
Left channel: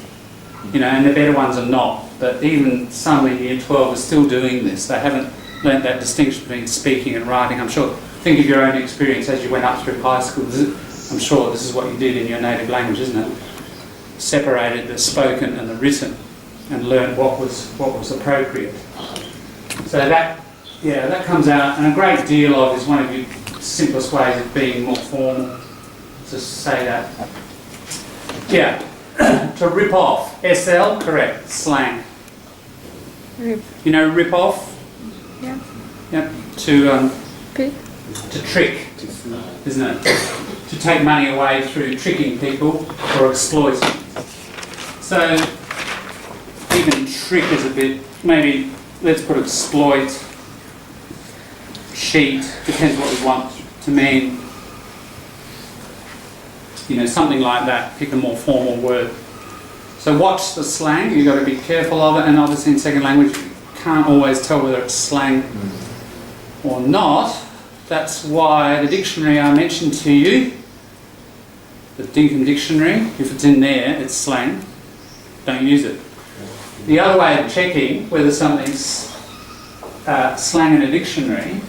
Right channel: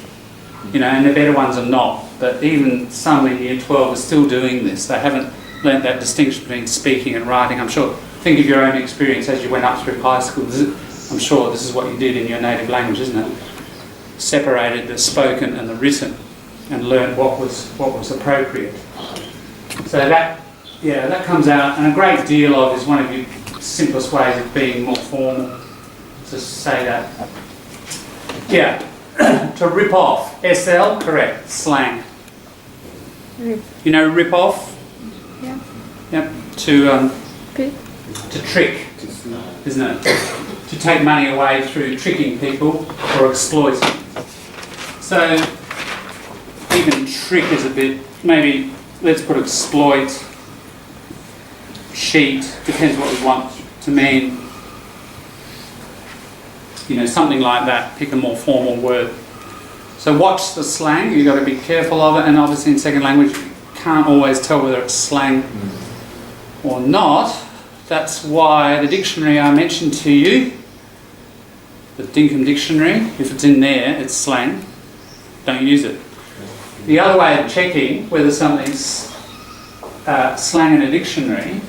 and the better ones are not. But even some in year 12 are still doing this. They haven't learnt that distinction between speaking and writing. I'm sure, think of your own experience as you went up through high school. I'm sure this is what you did in your native language, isn't it? Separated the spoken and the written and learned what was appropriate. So that comes out, and a great deal of is one of your simplest ways of being more formal, to say that. Yeah, to rip off. SL, correct, slang. Rip. You know rip off? Yeah. Yep. To trick, isn't it? To take money away through tricking people or exploiting. So even trick is a bit, maybe let's put exploit, cheat, depends what we want to mean. Something like that, pick a more formal word. So watch the slang, you've got to be careful of it, and obviously in second language you can't always tell whether it's slang or not. That's why the dictionary I mentioned to you, the Dinkum dictionary, if it's in there, it's slang. Don't use it. The other way of checking whether something's slang in a dictionary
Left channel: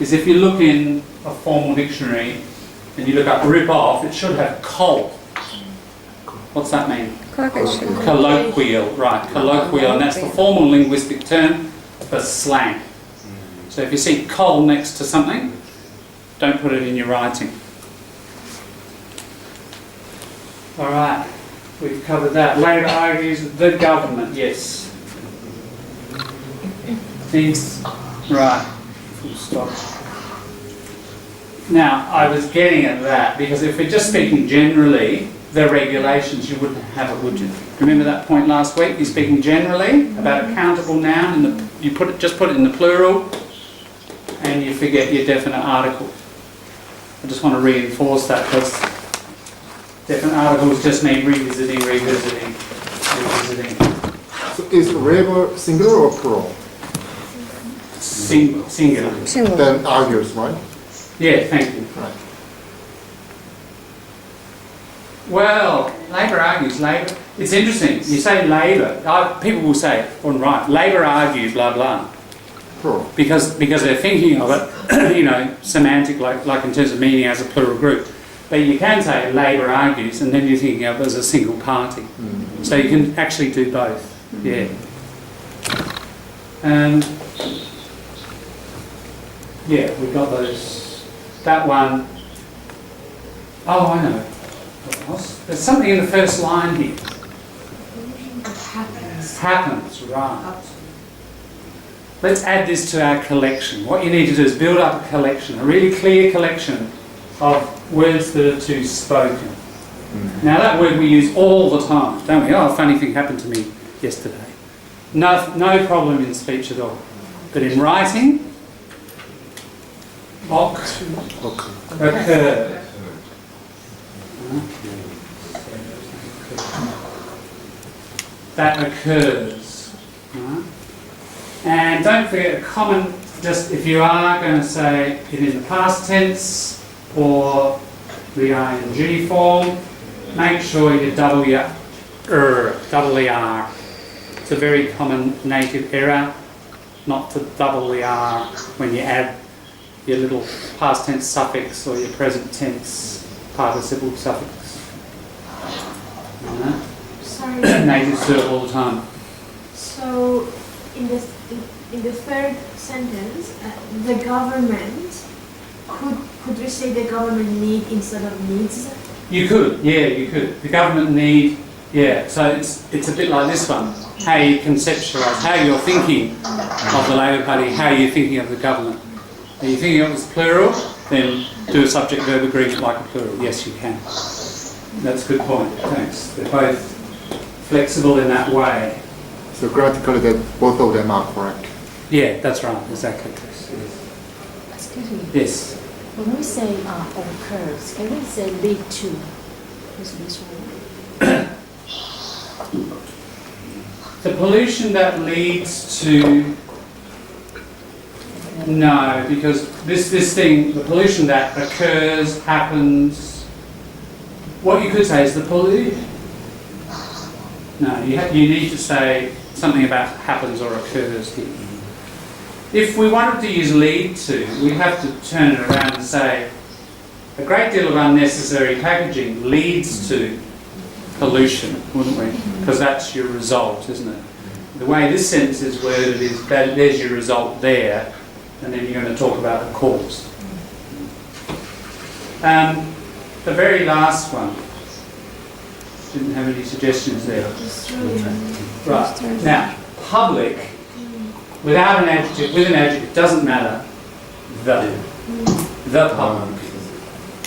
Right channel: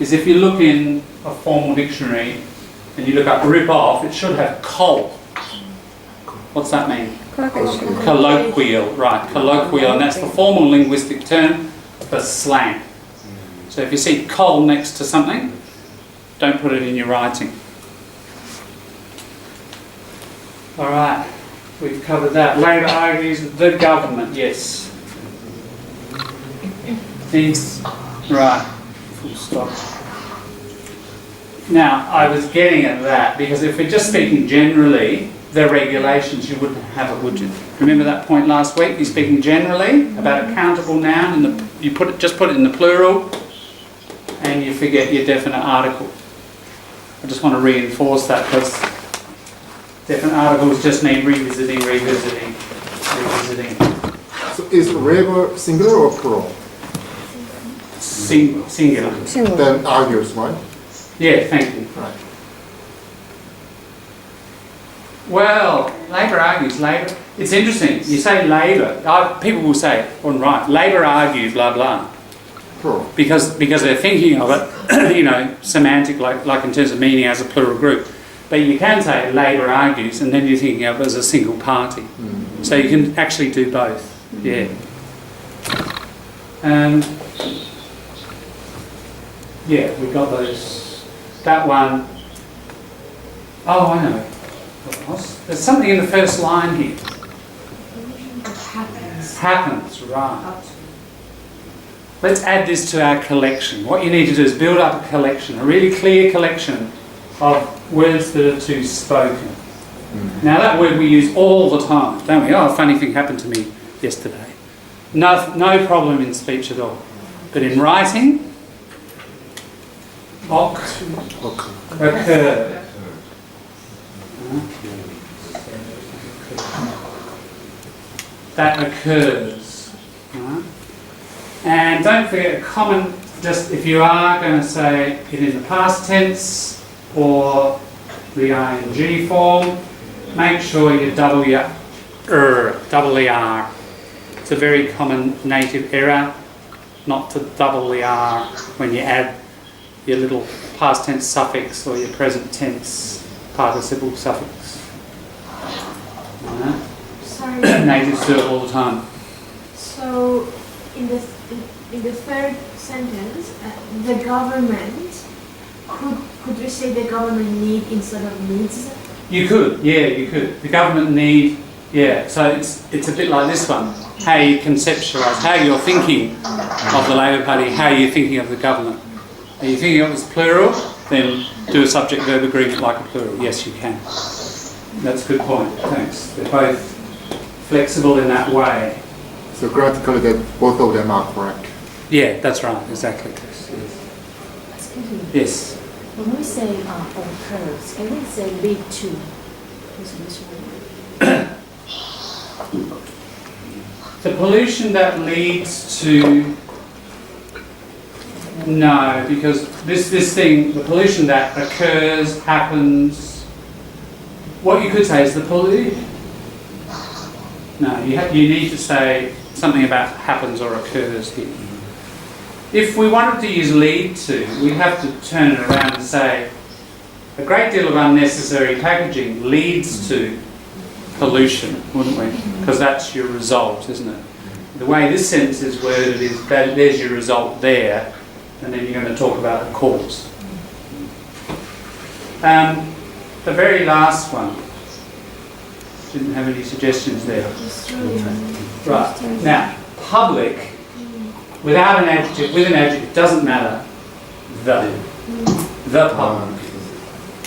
is if you look in a formal dictionary and you look up rip off, it should have col. What's that mean? Colloquial, right, colloquial, and that's the formal linguistic term for slang. So if you see col next to something, don't put it in your writing. All right, we've covered that. Labor argues the government, yes. Right, full stop. Now, I was getting at that because if we're just speaking generally, the regulations, you wouldn't have it, would you? Remember that point last week? You're speaking generally about a countable noun, and you just put it in the plural, and you forget your definite article. I just want to reinforce that because definite articles just need revisiting. So is labor singular or plural? Singular. Then argues, right? Yeah, thank you. Right. Well, Labor argues, Labor. It's interesting. You say Labor, people will say, all right, Labor argues, blah, blah. Plural. Because they're thinking of it, semantic, like in terms of meaning as a plural group. But you can say Labor argues, and then you're thinking of it as a single party. Mm-hmm. So you can actually do both. Yeah. And yeah, we've got those. That one. Oh, I know. There's something in the first line here. Happens, right. Let's add this to our collection. What you need to do is build up a collection, a really clear collection of words that are too spoken. Mm-hmm. Now that word we use all the time, don't we? Oh, a funny thing happened to me yesterday. No problem in speech at all. But in writing, occur. That occurs. Right? And don't forget a common, just if you are going to say it in the past tense or the ing form, make sure you double the R. It's a very common native error not to double the R when you add your little past tense suffix or your present tense participle suffix. Right? Sorry. Natives do it all the time. So, in the third sentence, the government, could we say the government need instead of needs? You could, yeah, you could. The government need, yeah. So it's a bit like this one. How you conceptualise, how you're thinking of the Labor Party, how you're thinking of the government. Are you thinking of it as plural? Then do a subject-verb agreement like a plural. Yes, you can. That's a good point. Thanks. They're both flexible in that way. So grammatically, both of them are correct. Yeah, that's right. Exactly. Excuse me. Yes. When we say occurs, can we say lead to? This word. The pollution that leads to No, because this thing, the pollution that occurs, happens, what you could say is the pollution. No, you need to say something about happens or occurs here. If we wanted to use lead to, we'd have to turn it around and say a great deal of unnecessary packaging leads to pollution, wouldn't we? Because that's your result, isn't it? The way this sentence is worded is that there's your result there, and then you're going to talk about the cause. The very last one. Didn't have any suggestions there. Right. Now, public, without an adjective, with an adjective, doesn't matter. The public.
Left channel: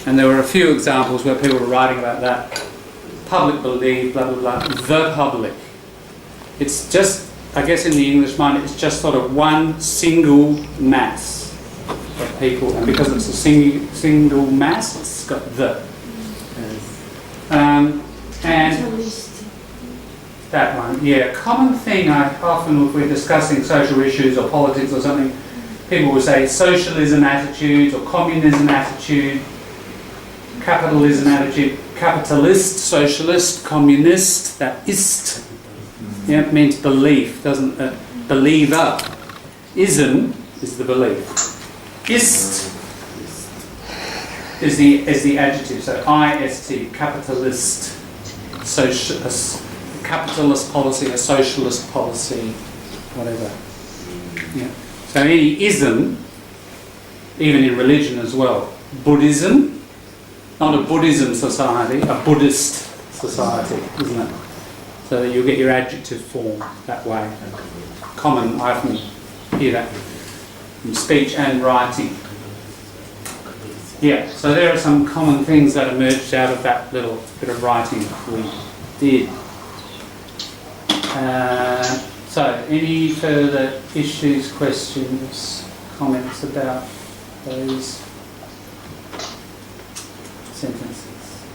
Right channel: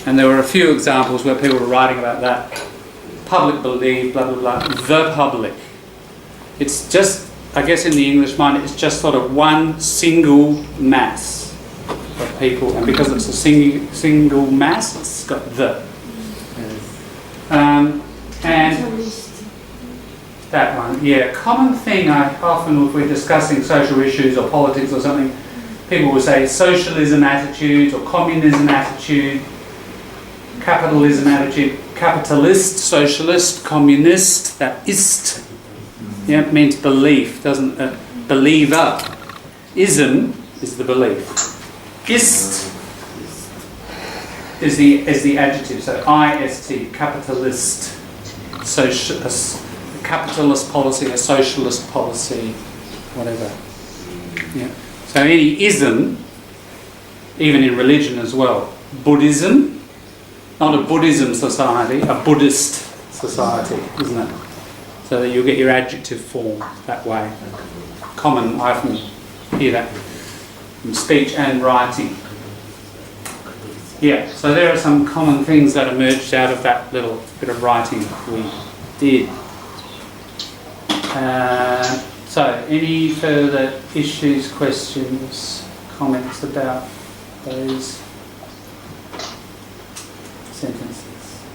And there were a few examples where people were writing about that. Public believe, blah, blah, blah. The public. It's just, I guess in the English mind, it's just sort of one single mass of people. And because it's a single mass, it's got the. And that one, yeah. Common thing I often, if we're discussing social issues or politics or something, people will say socialism attitude or communism attitude, capitalism attitude, capitalist, socialist, communist, that ist, yeah, means belief, doesn't it? Believer. Ism is the belief. Ist is the adjective, so ist, capitalist, capitalist policy, a socialist policy, whatever. Yeah. So any ism, even in religion as well. Buddhism, not a Buddhism society, a Buddhist society, isn't it? So that you'll get your adjective form that way. Common, I often hear that in speech and writing. Yeah, so there are some common things that emerged out of that little bit of writing we did. So, any further issues, questions, comments about those sentences?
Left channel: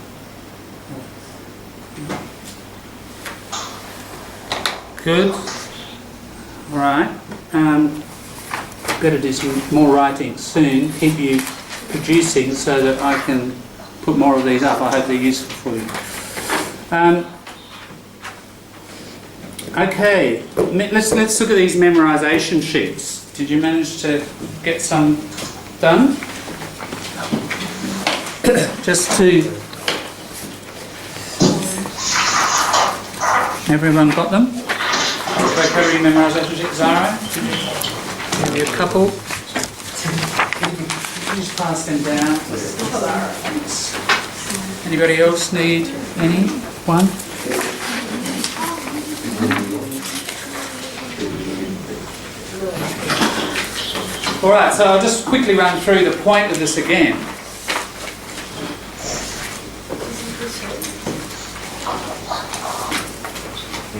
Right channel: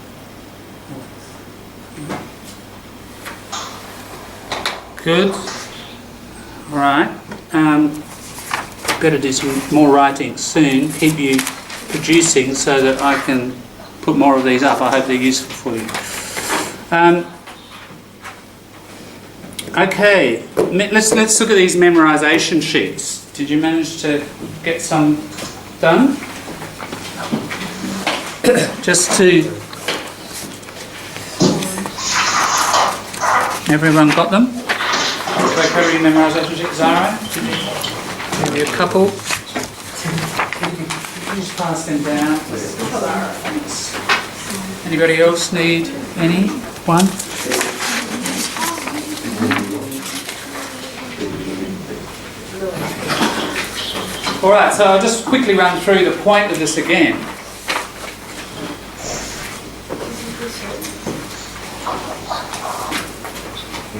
Good. All right. Better do some more writing soon. Keep you producing so that I can put more of these up. I hope they're useful for you. Okay, let's look at these memorisation sheets. Did you manage to get some done? Just to... Everyone got them? Did I cover your memorisation sheet? Zara? Did you give me a couple? Just pass them down. Thanks. Anybody else need any? One? Alright, so I'll just quickly run through the point of this again.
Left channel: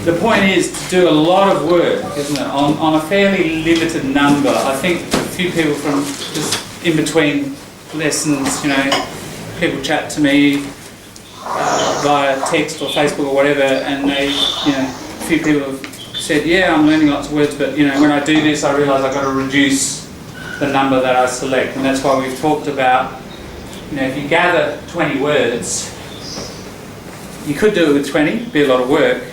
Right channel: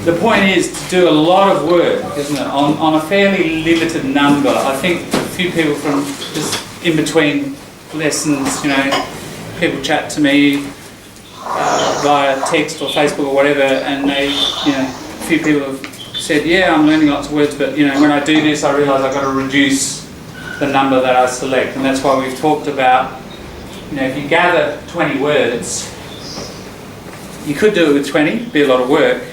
The point is to do a lot of work, isn't it, on a fairly limited number. I think a few people from just in between lessons, you know, people chat to me via text or Facebook or whatever, and they, you know, a few people have said, yeah, I'm learning lots of words, but, you know, when I do this, I realise I've got to reduce the number that I select, and that's why we've talked about, you know, if you gather 20 words, you could do it with 20, it'd be a lot of work,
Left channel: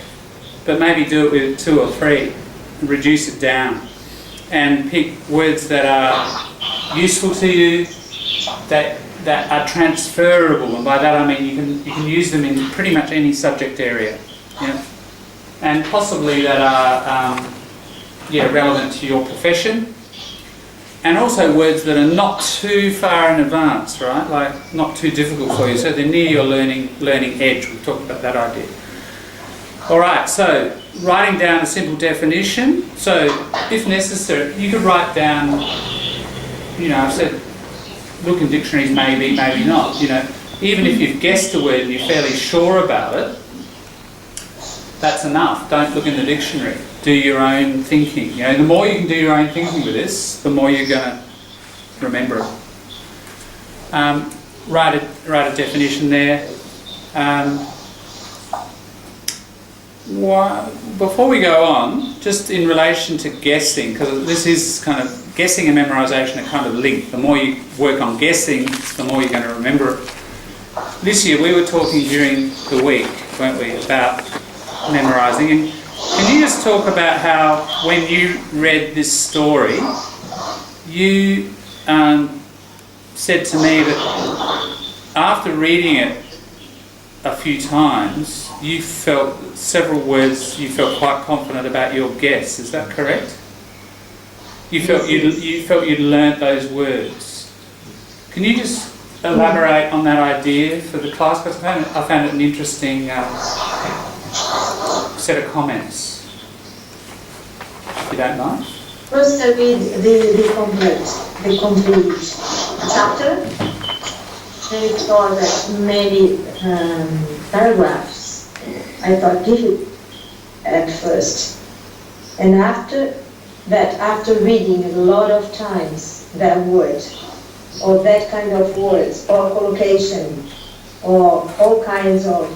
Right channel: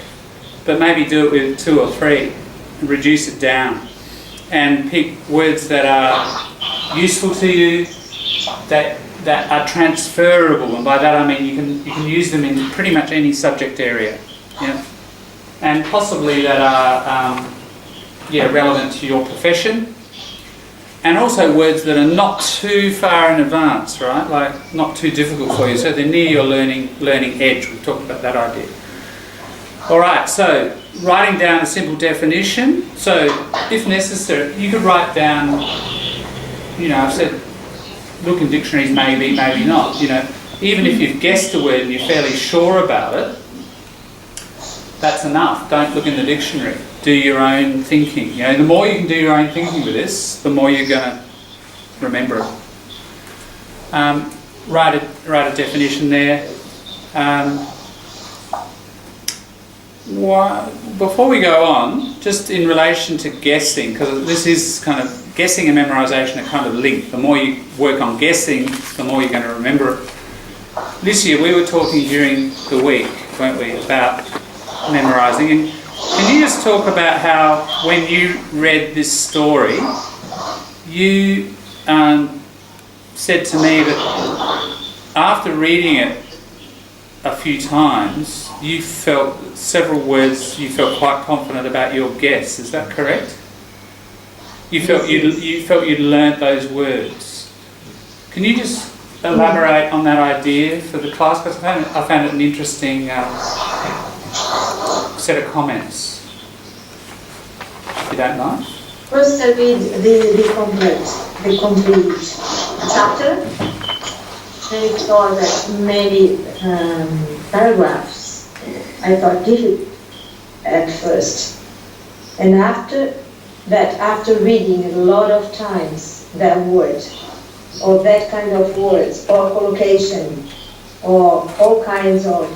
but maybe do it with 2 or 3 and reduce it down and pick words that are useful to you, that are transferable, and by that I mean you can use them in pretty much any subject area, yeah? And possibly that are relevant to your profession, and also words that are not too far in advance, right? Like not too difficult for you, so they're near your learning edge. We've talked about that idea. All right, so writing down a simple definition. So if necessary, you could write down, you know, I've said look in dictionaries, maybe, maybe not. You know, even if you've guessed a word and you're fairly sure about it, that's enough. Don't look in the dictionary. Do your own thinking. You know, the more you can do your own thinking with this, the more you're going to remember it. Write a definition there. Before we go on, just in relation to guessing, because this is kind of guessing and memorisation are kind of linked. The more you work on guessing, the more you're going to remember it. This year we were talking during the week, weren't we, about memorising. And can you just talk about how when you read this story, you said to me that after reading it a few times, you felt several words, you felt quite confident about your guess. Is that correct? You felt you'd learnt those words. Can you just elaborate on that idea for the class? Because I found it an interesting set of comments. If you don't mind. First, I read the complete chapter, and it was many paragraphs. I thought difficult at first, and after that, after reading a lot of times that word, or that kind of words, or collocation, or all kinds of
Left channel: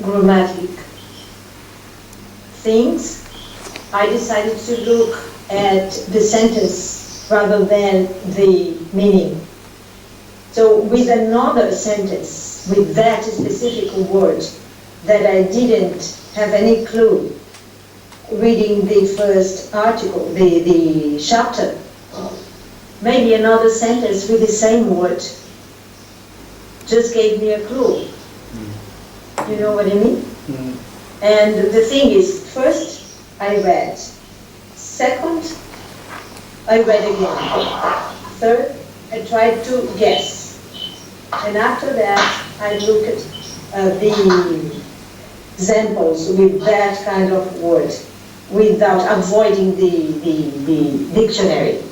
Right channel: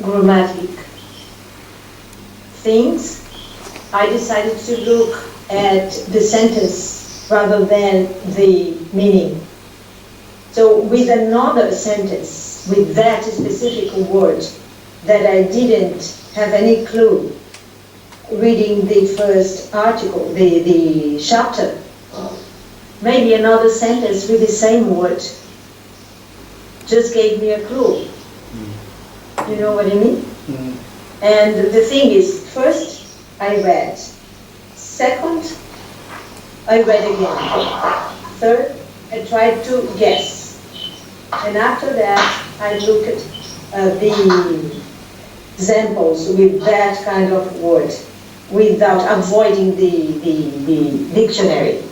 grammatic things, I decided to look at the sentence rather than the meaning. So with another sentence, with that specific word that I didn't have any clue, reading the first article, the chapter, maybe another sentence with the same word just gave me a clue. You know what I mean? Mm. And the thing is, first I read, second I read again, third I tried to guess, and after that I looked at the examples with that kind of word, without avoiding the dictionary.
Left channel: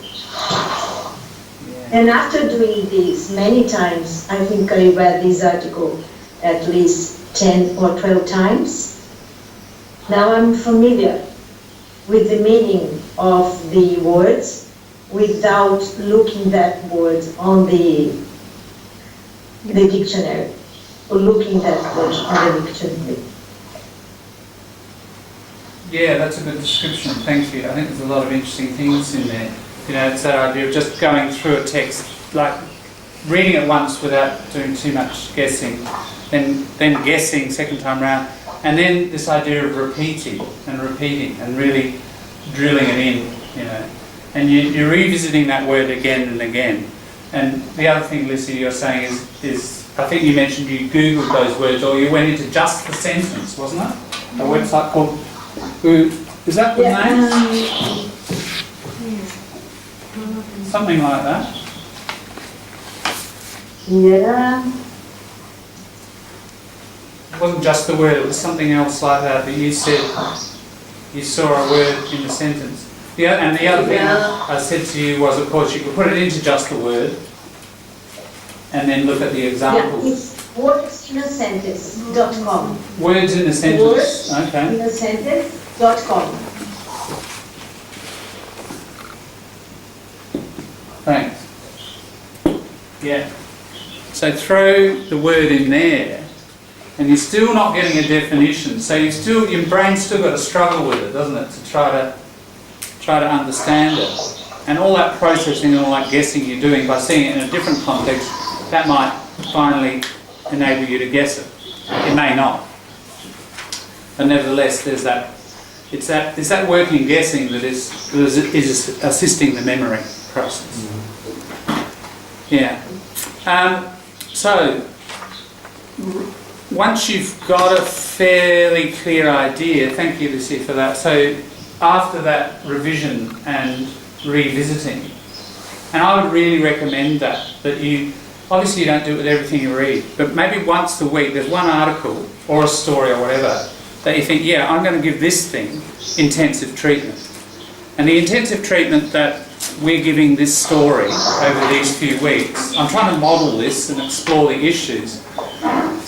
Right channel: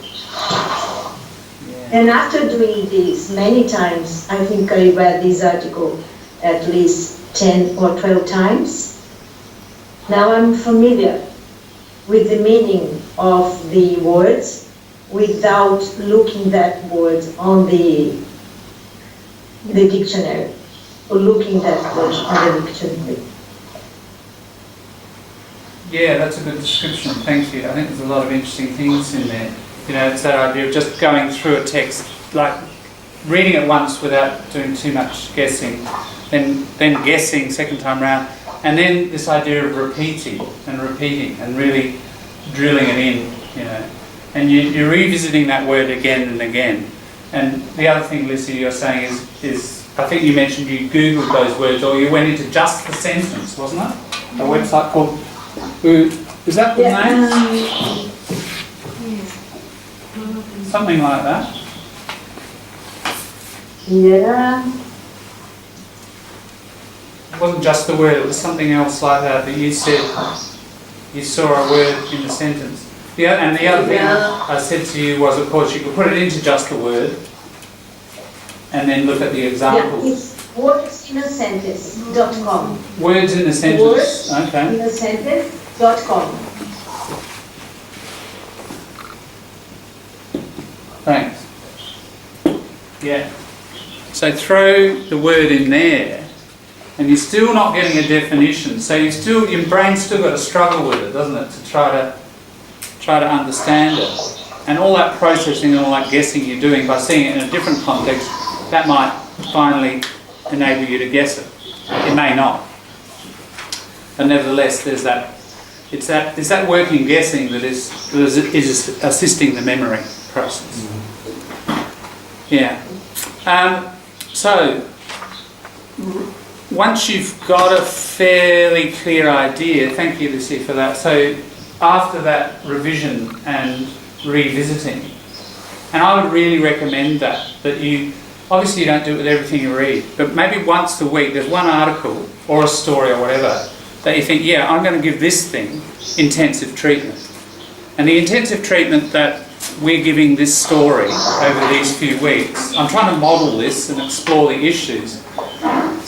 And after doing this many times, I think I read this article at least 10 or 12 times. Now I'm familiar with the meaning of the words without looking that word on the dictionary, or looking that word on the dictionary. Yeah, that's a good description, thank you. I think there's a lot of interesting things in there. You know, it's that idea of just going through a text, like reading it once without doing too much guessing, then guessing second time round, and then this idea of repeating and really drilling it in, you know. And you're revisiting that word again and again. And the other thing, Lizzie, you're saying is I think you mentioned you Googled those words, or you went into Just the Sentence, wasn't it? A website called... Is that the name? Something like that. Yeah. It wasn't just the word, it was something else like that you said you saw a word in the sentence. And the other thing I said to you was, of course, you could put it into just the word and then look at the examples. Yeah, it's wordsinasentence.com. Words in a sentence. Okay. Wordsinasentence.com. Thanks. Yeah. So throw the word in there, and you're still not getting a definition. So your brain's still got to struggle with it, doesn't it, to try to understand it. And all that processing and all that guessing you're doing by seeing it in a different context, that might finally enable you to guess it. It may not. But nevertheless, there's that. It's that working guessing that is assisting the memory process. Yeah. So once you've got a fairly clear idea, thank you, Lucy, for that. So after that revision and revisiting, and I would really recommend that you, obviously you don't do it with everything you read, but maybe once a week there's one article or a story or whatever that you think, yeah, I'm going to give this thing intensive treatment. And the intensive treatment that we're giving this story over these few weeks, I'm trying to model this and explore the issues.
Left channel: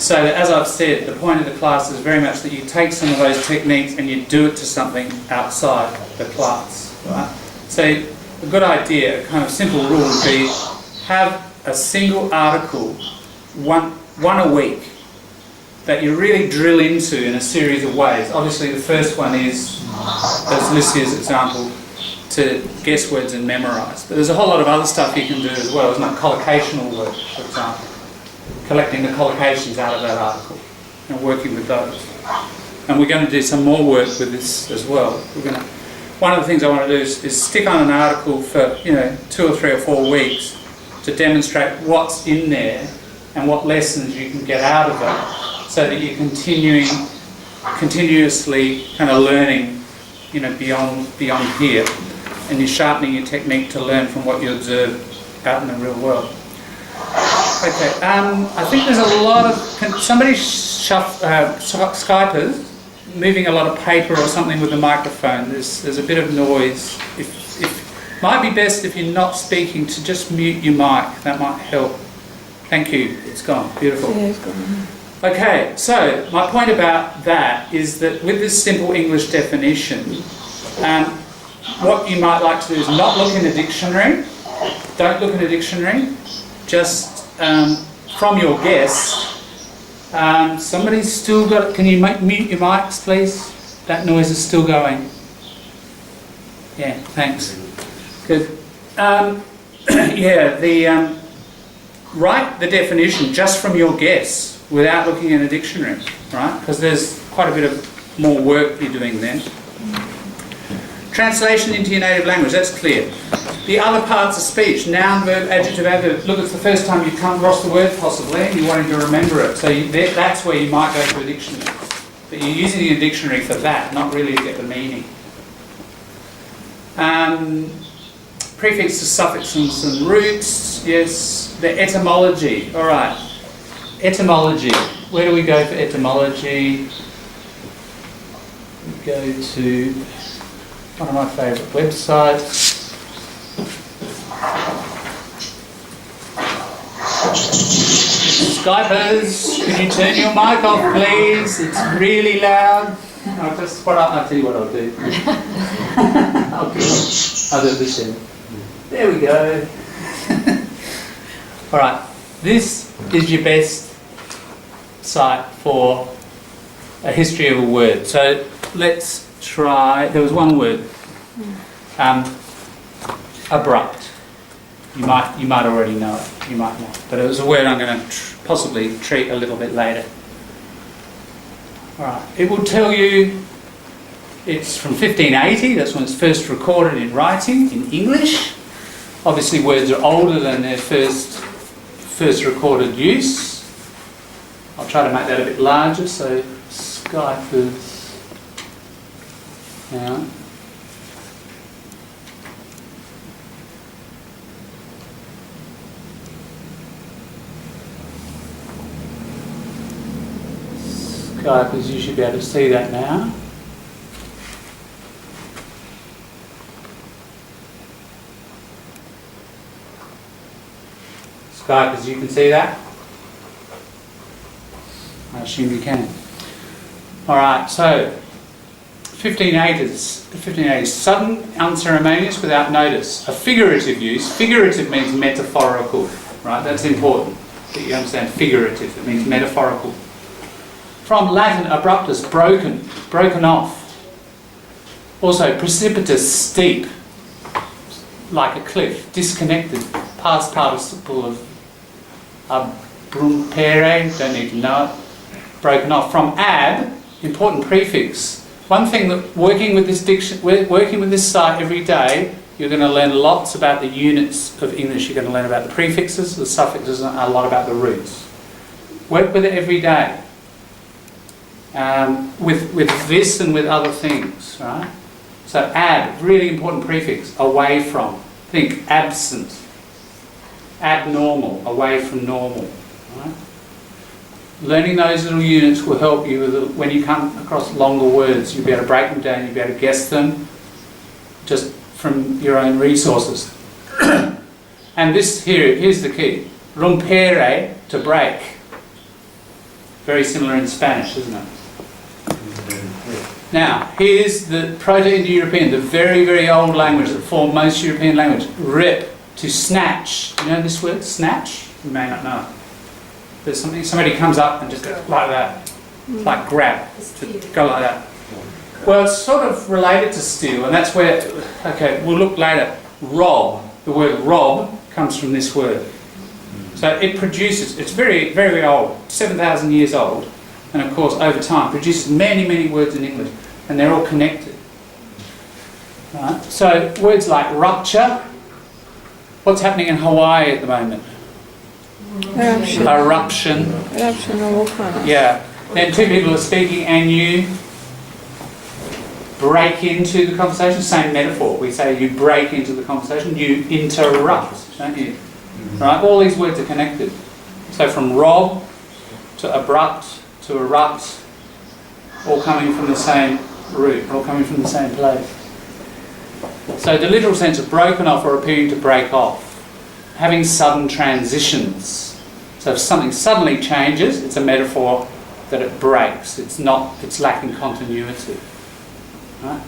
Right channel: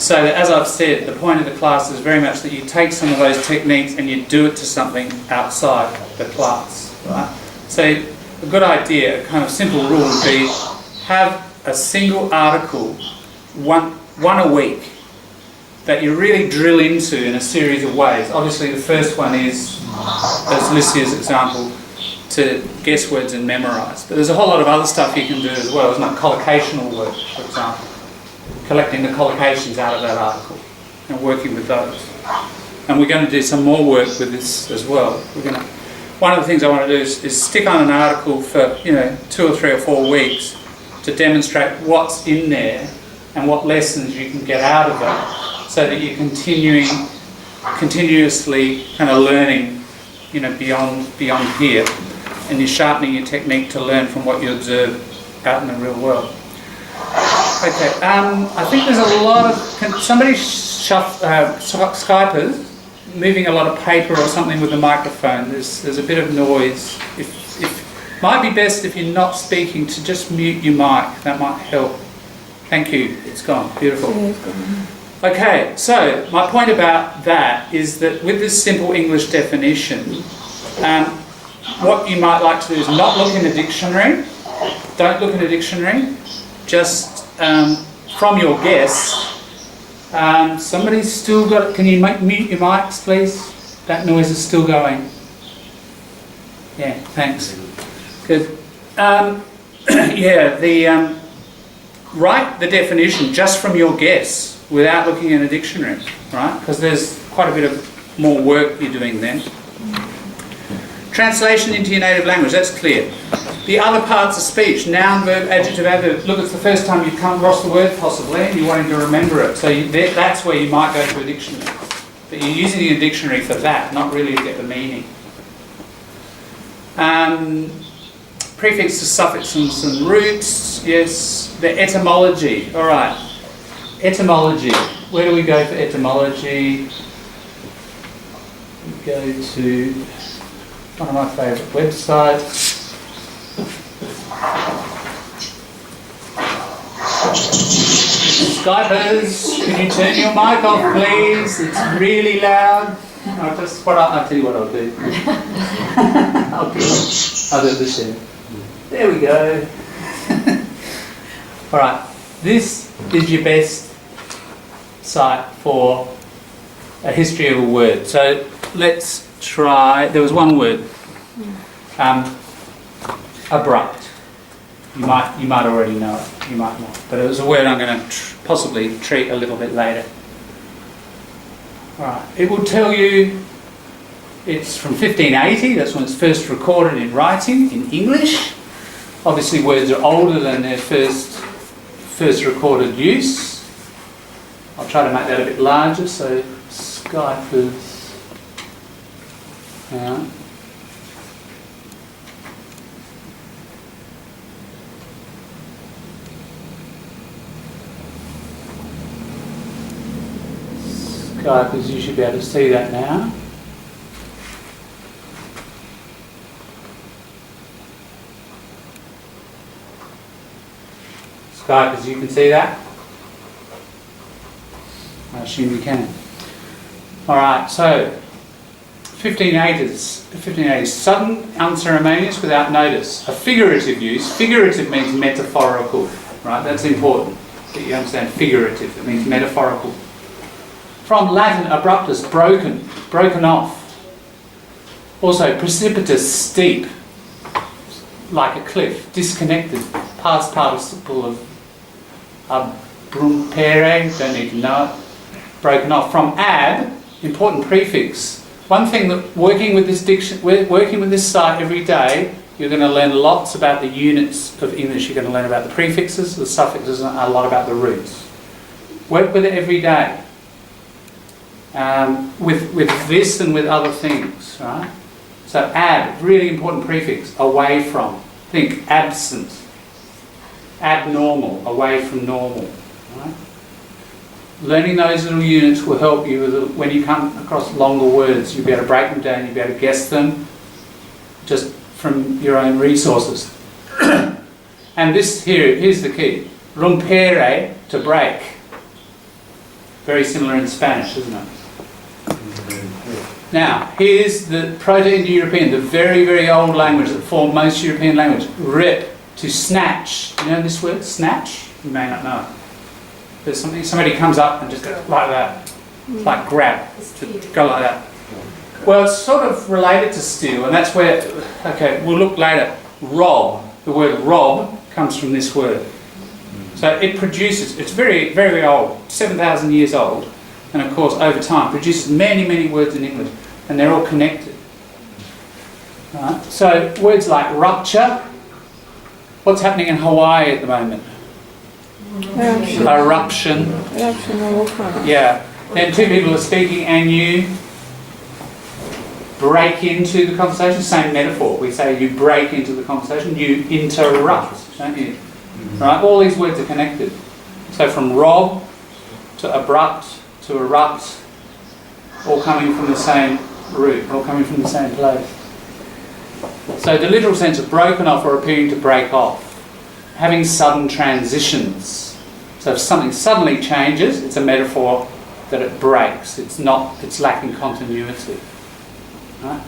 So that, as I've said, the point of the class is very much that you take some of those techniques and you do it to something outside the class. Right? So a good idea, a kind of simple rule would be have a single article, one a week, that you really drill into in a series of ways. Obviously the first one is, as Lucia's example, to guess words and memorise. But there's a whole lot of other stuff you can do as well, isn't it? Collocational work, for example. Collecting the collocations out of that article and working with those. And we're going to do some more work with this as well. One of the things I want to do is stick on an article for 2 or 3 or 4 weeks to demonstrate what's in there and what lessons you can get out of it, so that you're continuously kind of learning, beyond here, and you're sharpening your technique to learn from what you observe out in the real world. Okay, I think there's a lot of somebody Skypers moving a lot of paper or something with the microphone. There's a bit of noise. If might be best if you're not speaking to just mute your mic. That might help. Thank you. It's gone. Beautiful. Yeah, it's gone. Okay, so my point about that is that with this simple English definition, what you might like to do is not look in a dictionary. Don't look in a dictionary. Just from your guess. Somebody's still got. Can you mute your mics, please? That noise is still going. Yeah, thanks. Good. Write the definition just from your guess without looking in a dictionary, right? Because there's quite a bit of more work you're doing then. Translation into your native language, that's clear. The other parts of speech, noun, verb, adjective, adverb. Look, it's the first time you've come across the word possibly and you're wanting to remember it. So that's where you might go to a dictionary. But you're using a dictionary for that, not really to get the meaning. Prefixes, suffixes and roots, yes. The etymology, all right. Etymology, where do we go for etymology? We go to one of my favourite websites. Skypers, can you turn your mic off please? It's really loud. I'll tell you what I'll do. I'll do this in. There we go. Alright, this is your best site for a history of a word. So let's try, there was one word, abrupt. You might already know it, you might not. But it was a word I'm going to possibly treat a little bit later. Alright, it will tell you it's from 1580, that's when it's first recorded in writing, in English. Obviously words are older than their first recorded use. I'll try to make that a bit larger, so Skypers. Hang on. Skypers, you should be able to see that now. Skypers, you can see that? I assume you can. Alright, so 1580s, sudden, unceremonious, without notice. A figurative use. Figurative means metaphorical, right? That's important that you understand figurative. It means metaphorical. From Latin, abruptus, broken off. Also, precipitous, steep, like a cliff, disconnected, past participle of abrumpere, don't need to know it, broken off. From ab, important prefix. One thing that working with this site every day, you're going to learn lots about the units of English. You're going to learn about the prefixes, the suffixes, and a lot about the roots. Work with it every day. With this and with other things, right? So ab, really important prefix, away from. Think absent, abnormal, away from normal, right? Learning those little units will help you with when you come across longer words. You'll be able to break them down, you'll be able to guess them just from your own resources. And this here's the key. Rompere, to break. Very similar in Spanish, isn't it? Now, here's the Proto-Indo-European, the very, very old language that formed most European language. Rip, to snatch. You know this word, snatch? You may not know it. There's somebing, somebody comes up and just goes like that. It's like grab, to go like that. Well, it's sort of related to steal, and that's where, okay, we'll look later. Rob, the word rob comes from this word. So it produces, it's very, very old, 7,000 years old, and of course over time produces many, many words in English, and they're all connected. Right? So words like rupture, what's happening in Hawaii at the moment? Eruption. Eruption. Eruption of volcano. Yeah. Then two people are speaking and you break into the conversation. Same metaphor. We say you break into the conversation. You interrupt, don't you? Right? All these words are connected. So from rob to abrupt to erupt, all coming from the same root, all coming from the same place. So the literal sense of broken off or appearing to break off. Having sudden transitions. So if something suddenly changes, it's a metaphor that it breaks. It's lacking continuity. Right?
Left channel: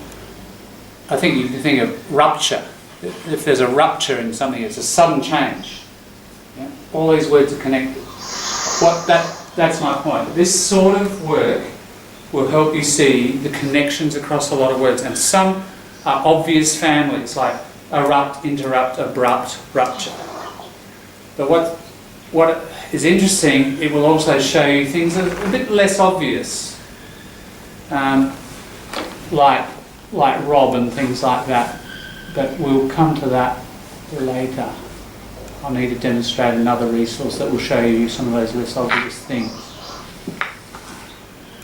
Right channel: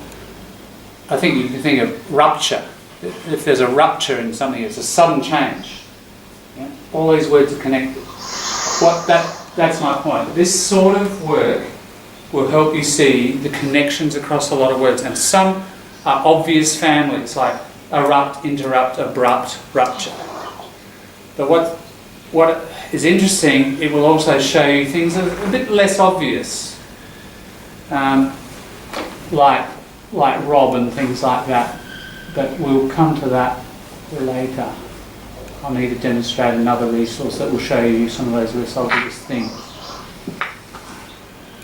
I think you can think of rupture. If there's a rupture in something, it's a sudden change. Yeah? All these words are connected. That's my point. This sort of work will help you see the connections across a lot of words, and some are obvious families like erupt, interrupt, abrupt, rupture. But what is interesting, it will also show you things that are a bit less obvious, like rob and things like that. But we'll come to that later. I'll need to demonstrate another resource that will show you some of those less obvious things.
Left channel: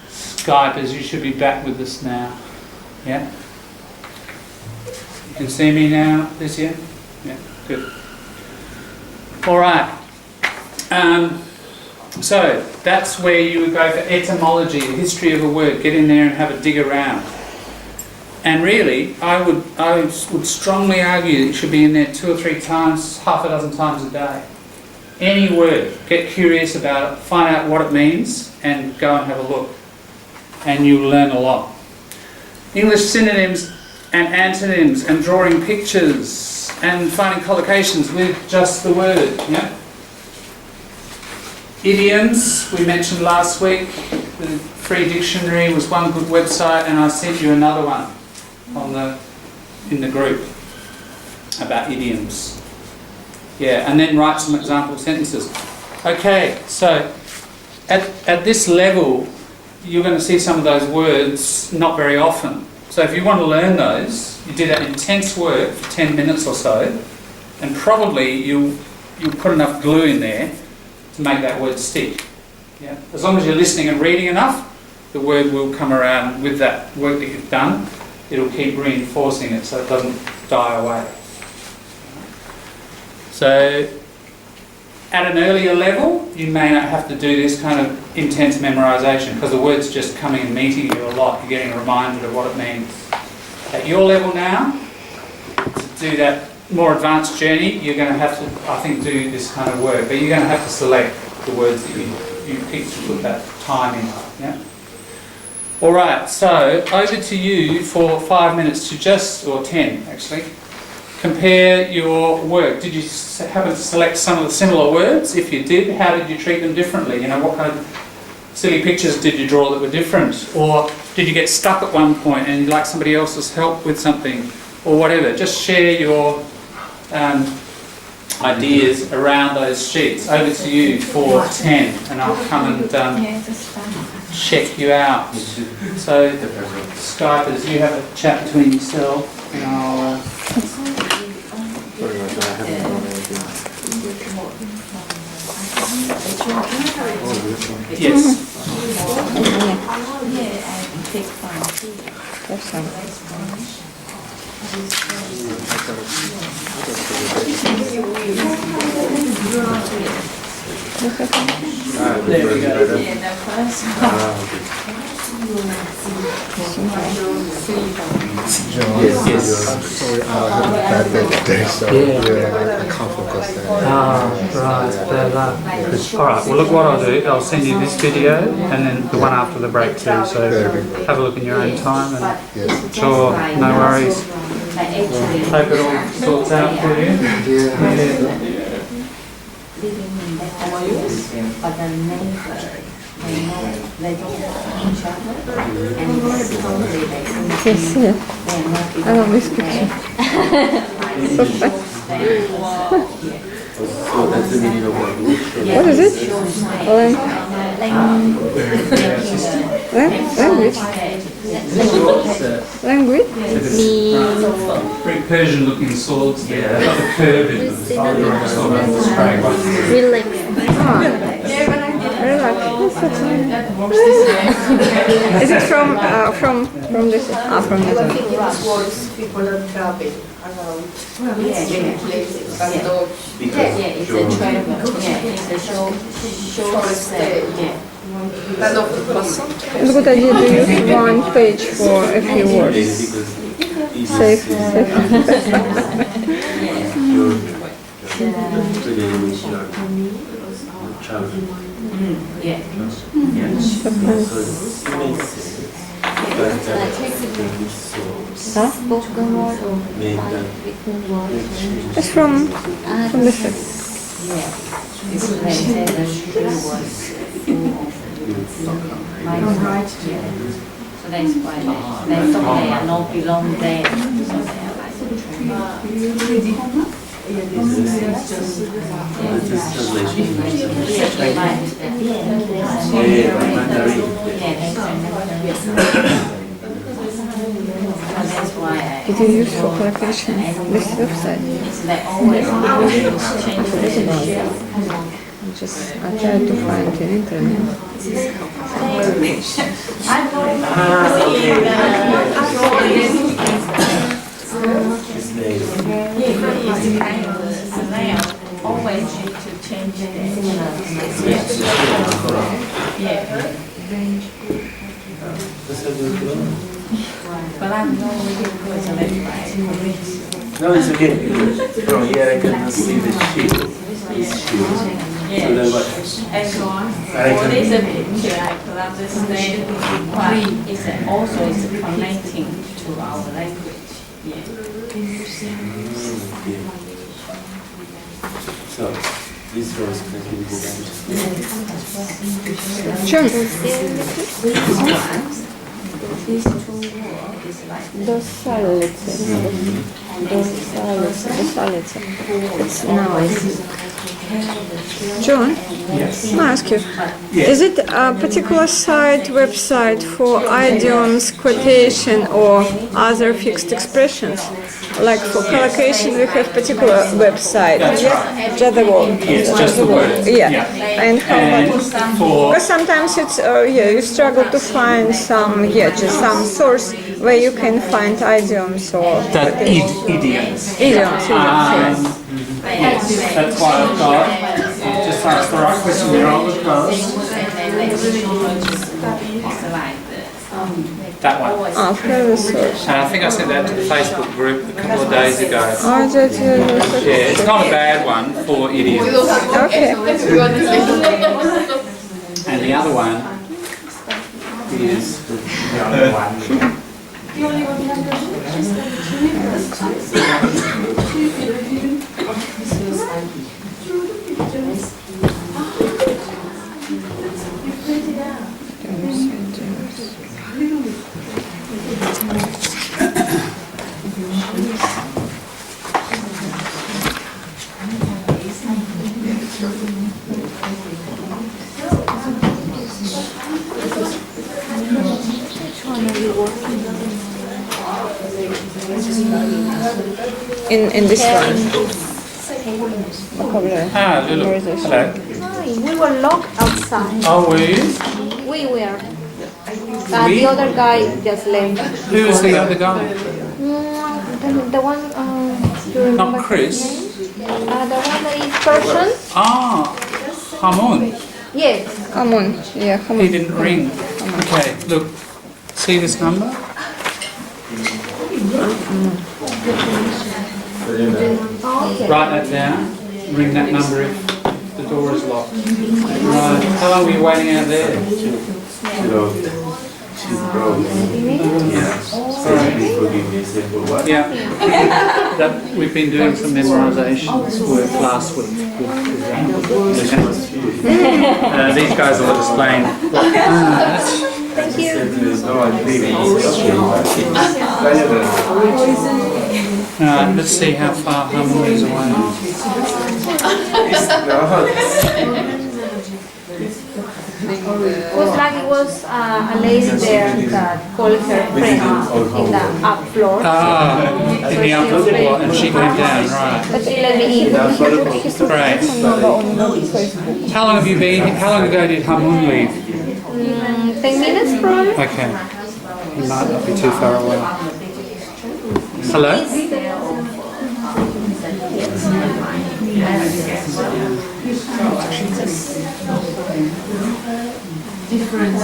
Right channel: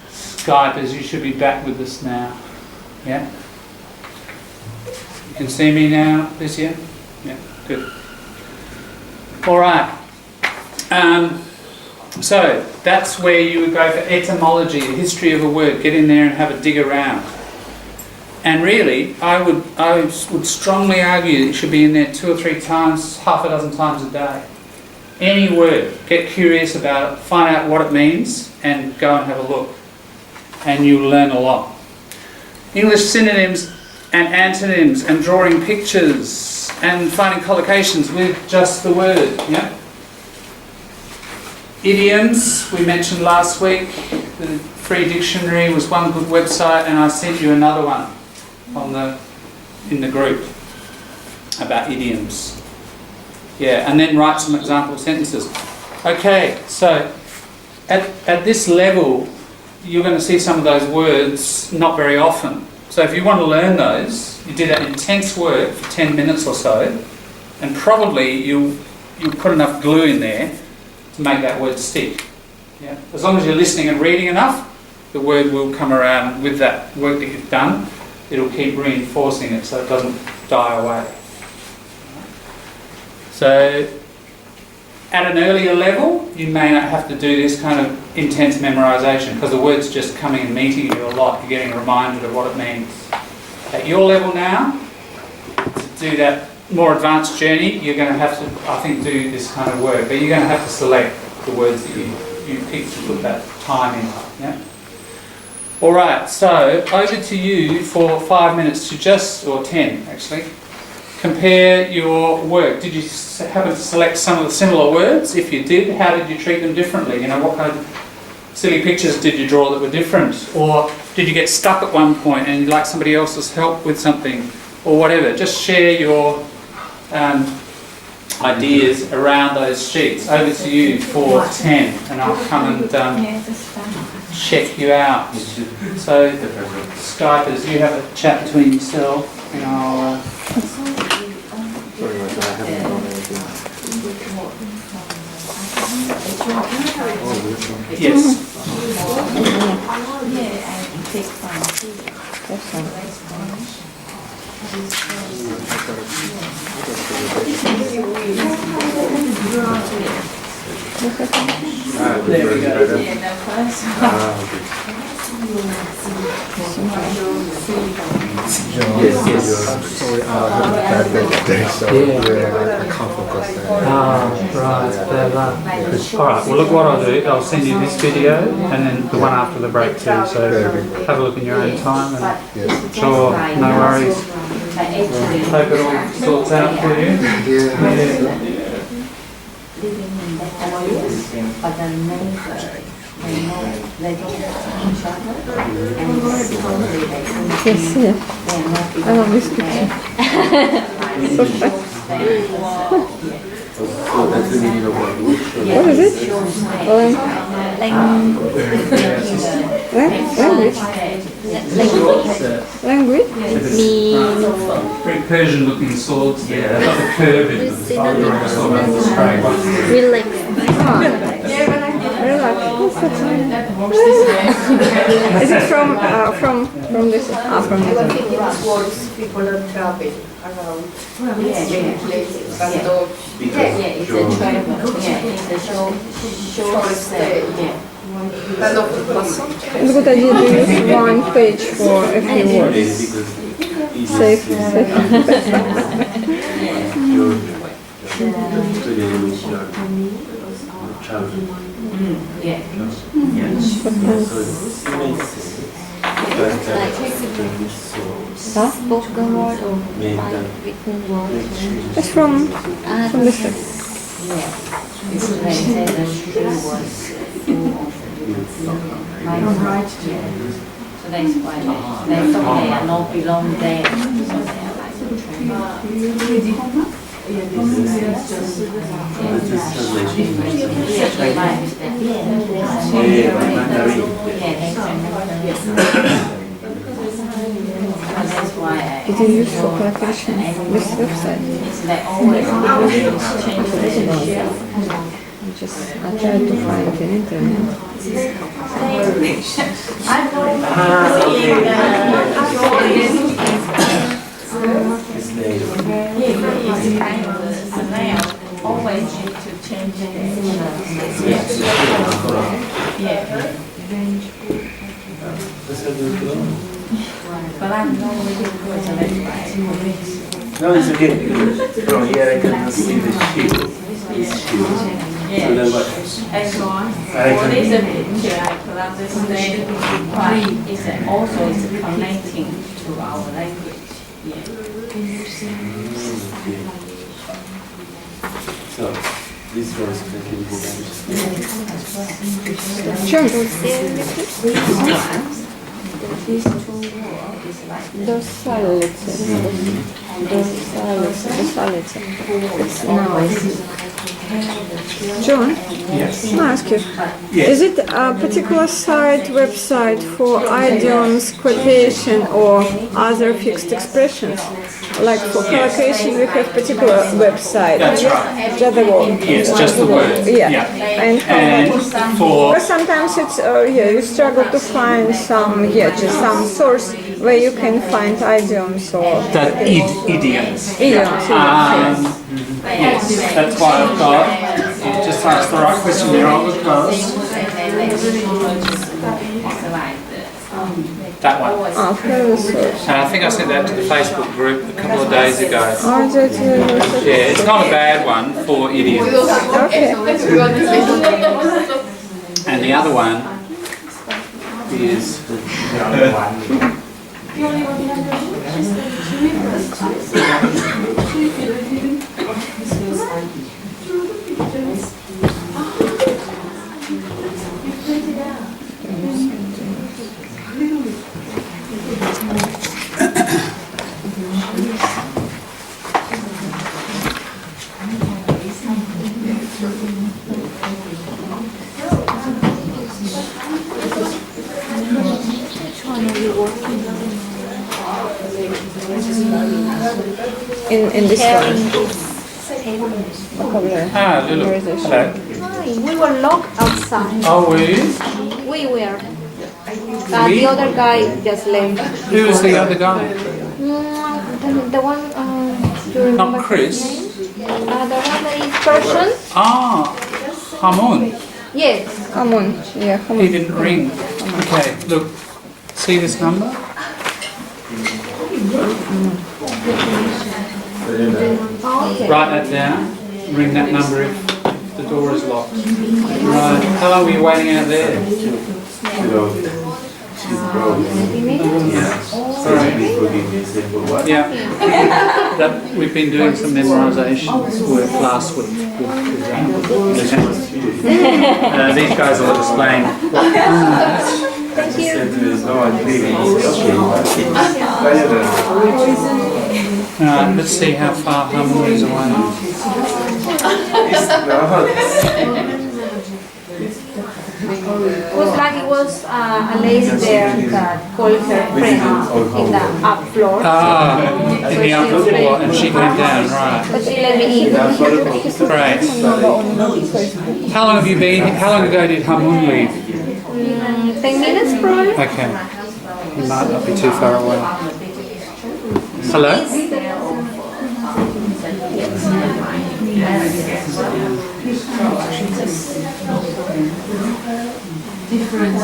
Skypers, you should be back with us now. Yeah? You can see me now, Lucia? Yeah, good. All right. So that's where you would go for etymology, the history of a word. Get in there and have a dig around. And really, I would strongly argue that you should be in there 2 or 3 times, half a dozen times a day. Any word, get curious about it, find out what it means, and go and have a look. And you'll learn a lot. English synonyms and antonyms, and drawing pictures, and finding collocations with just the word. Yeah. Idioms, we mentioned last week. The free dictionary was one good website, and I sent you another one in the group about idioms. Yeah, and then write some example sentences. Okay, so at this level, you're going to see some of those words not very often. So if you want to learn those, you do that intense work for 10 minutes or so, and probably you'll put enough glue in there to make that word stick. Yeah? As long as you're listening and reading enough, the word will come around with that work that you've done. It'll keep reinforcing it so it doesn't die away. So at an earlier level, you may not have to do this kind of intense memorisation because the word's just coming and meeting you a lot. You're getting reminded of what it means. At your level now, to do that more advanced journey, you're going to have to, I think, do this kind of work. But you're going to have to select the words that you pick to put that time in. Yeah? All right, so over to you for 5 minutes to or 10 actually, compare your work. Did you happen to select some of the similar words? If you did, how did you treat them differently? You know, what kind of silly pictures did you draw that were different? Or did you get stuck at one point and you'd like somebody else's help with something? Or whatever. Just share your ideas around those sheets. Over to you for 10, and I'll come and check you out. So, Skypers, you have a chat between yourself, and I'll... Sorry, I haven't done anything. Yes. There we go. Yes. Sorry, I had a bad day today, so I can't focus there. Right. All right, well look what I'll do, I'll send you this video and then the one after the break too, so have a look in your own time and sure, no worries. Hope it all sorts out for you. Living in that house, but the neighbor they know they don't have each other, and slowly they Yes, yeah. they're not I love this picture. So fun. So that's the meaning of what we show. What is it? Language? Very Persian looking swords there. They've got the curve in them. Relax. Is it from this? From this one. People are traveling around places, but it's a travel. It's a short stay. none of the person. It's a good idea to use one page for a few words. Safe. Huh? Spoken word or written word. It's from this. Yeah. They said the tree was full of right. So that's why they thought they are not belong there. So they are like the tree. That's why It is used for collocation. This website. they always change the shape. I tried to find it in internet. Always need to change it. But I'm not really good, so that's why. No, it's okay. From here I can see the sheep. This sheep. So then what? And I what is a can, picture, I could understand why it's also is connecting to our language. Yeah. so this was connected to John, These two words is like досалица. It's nice. John, Yes. may I ask you, Yes. is it a particular website for idioms, quotation, or other fixed expressions? Like for collocation, we have particular website. That's right. Just the word. Yes, just the word. Yeah. Yeah. And how And about? for Because sometimes it's you struggle to find just some source where you can find idioms or idioms. idioms. Yes, that's why I've got, you just asked the right question there, because that one. Further source. And I think I sent that to the Facebook group a couple of days ago. Yeah, it's not a bad one for idioms. Okay. And the other one is the other one. In this one. Vocabulary. Ah, Lulu. Hello. We were locked outside. Oh, were you? We were. The other guy just left. Who was the other guy? The one, you remember Not Chris. his name? The one that is Persian? Ah, Hamun. Yes. Hamun. Yeah, He Hamun. didn't ring. Okay, look. See this number? Write that down. Ring that number if the door is locked. Right. How long were you waiting out there? she's broke. Yeah. So sorry. Yeah. We've been doing some memorisation work last week. These guys will explain. Let's see how far Hamul is away. Was like it was a lady there that called her friend in the up floor. In the upper floor, and she came down, right. But she let me in. Great. How long have you been? How long ago did Hamun leave? 10 minutes probably. Okay. He might not be too far away. Hello? Different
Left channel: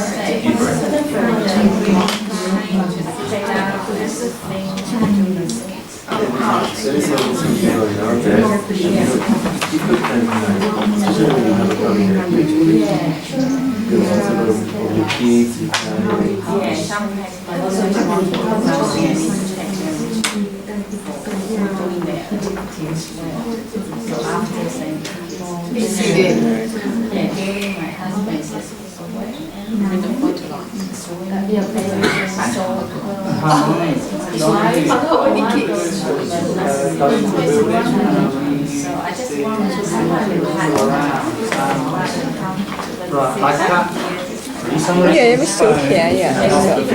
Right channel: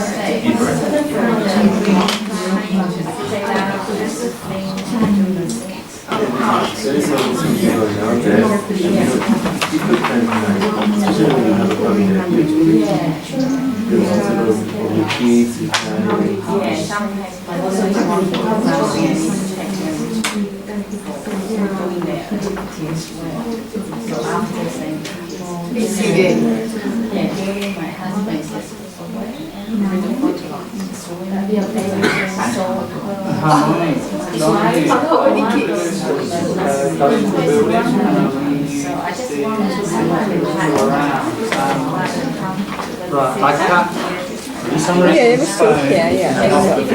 my husband is away and we don't go to London, so we have a so I just wanted to see what Right, I can't. Yeah, it was still here, yeah, exactly.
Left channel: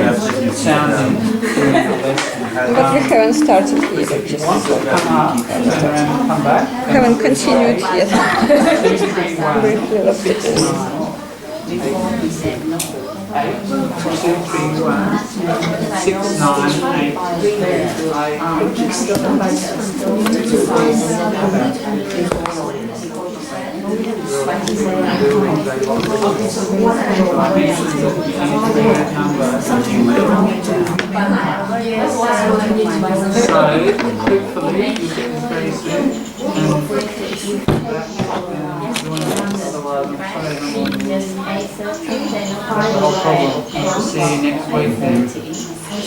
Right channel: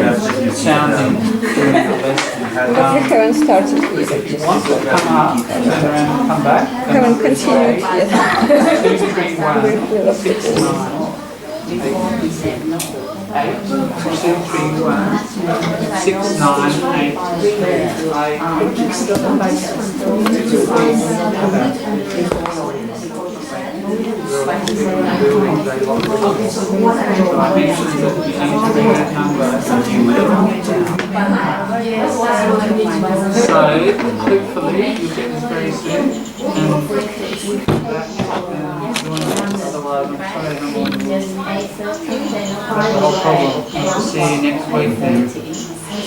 But we haven't started yet, just Come back. haven't continued yet. Briefly looked at this. before he said no. 8, 2, 3, 1, 6, 9, So, hopefully, you get this very soon. Otherwise, I'm sorry, no problem. I'll see you next week then.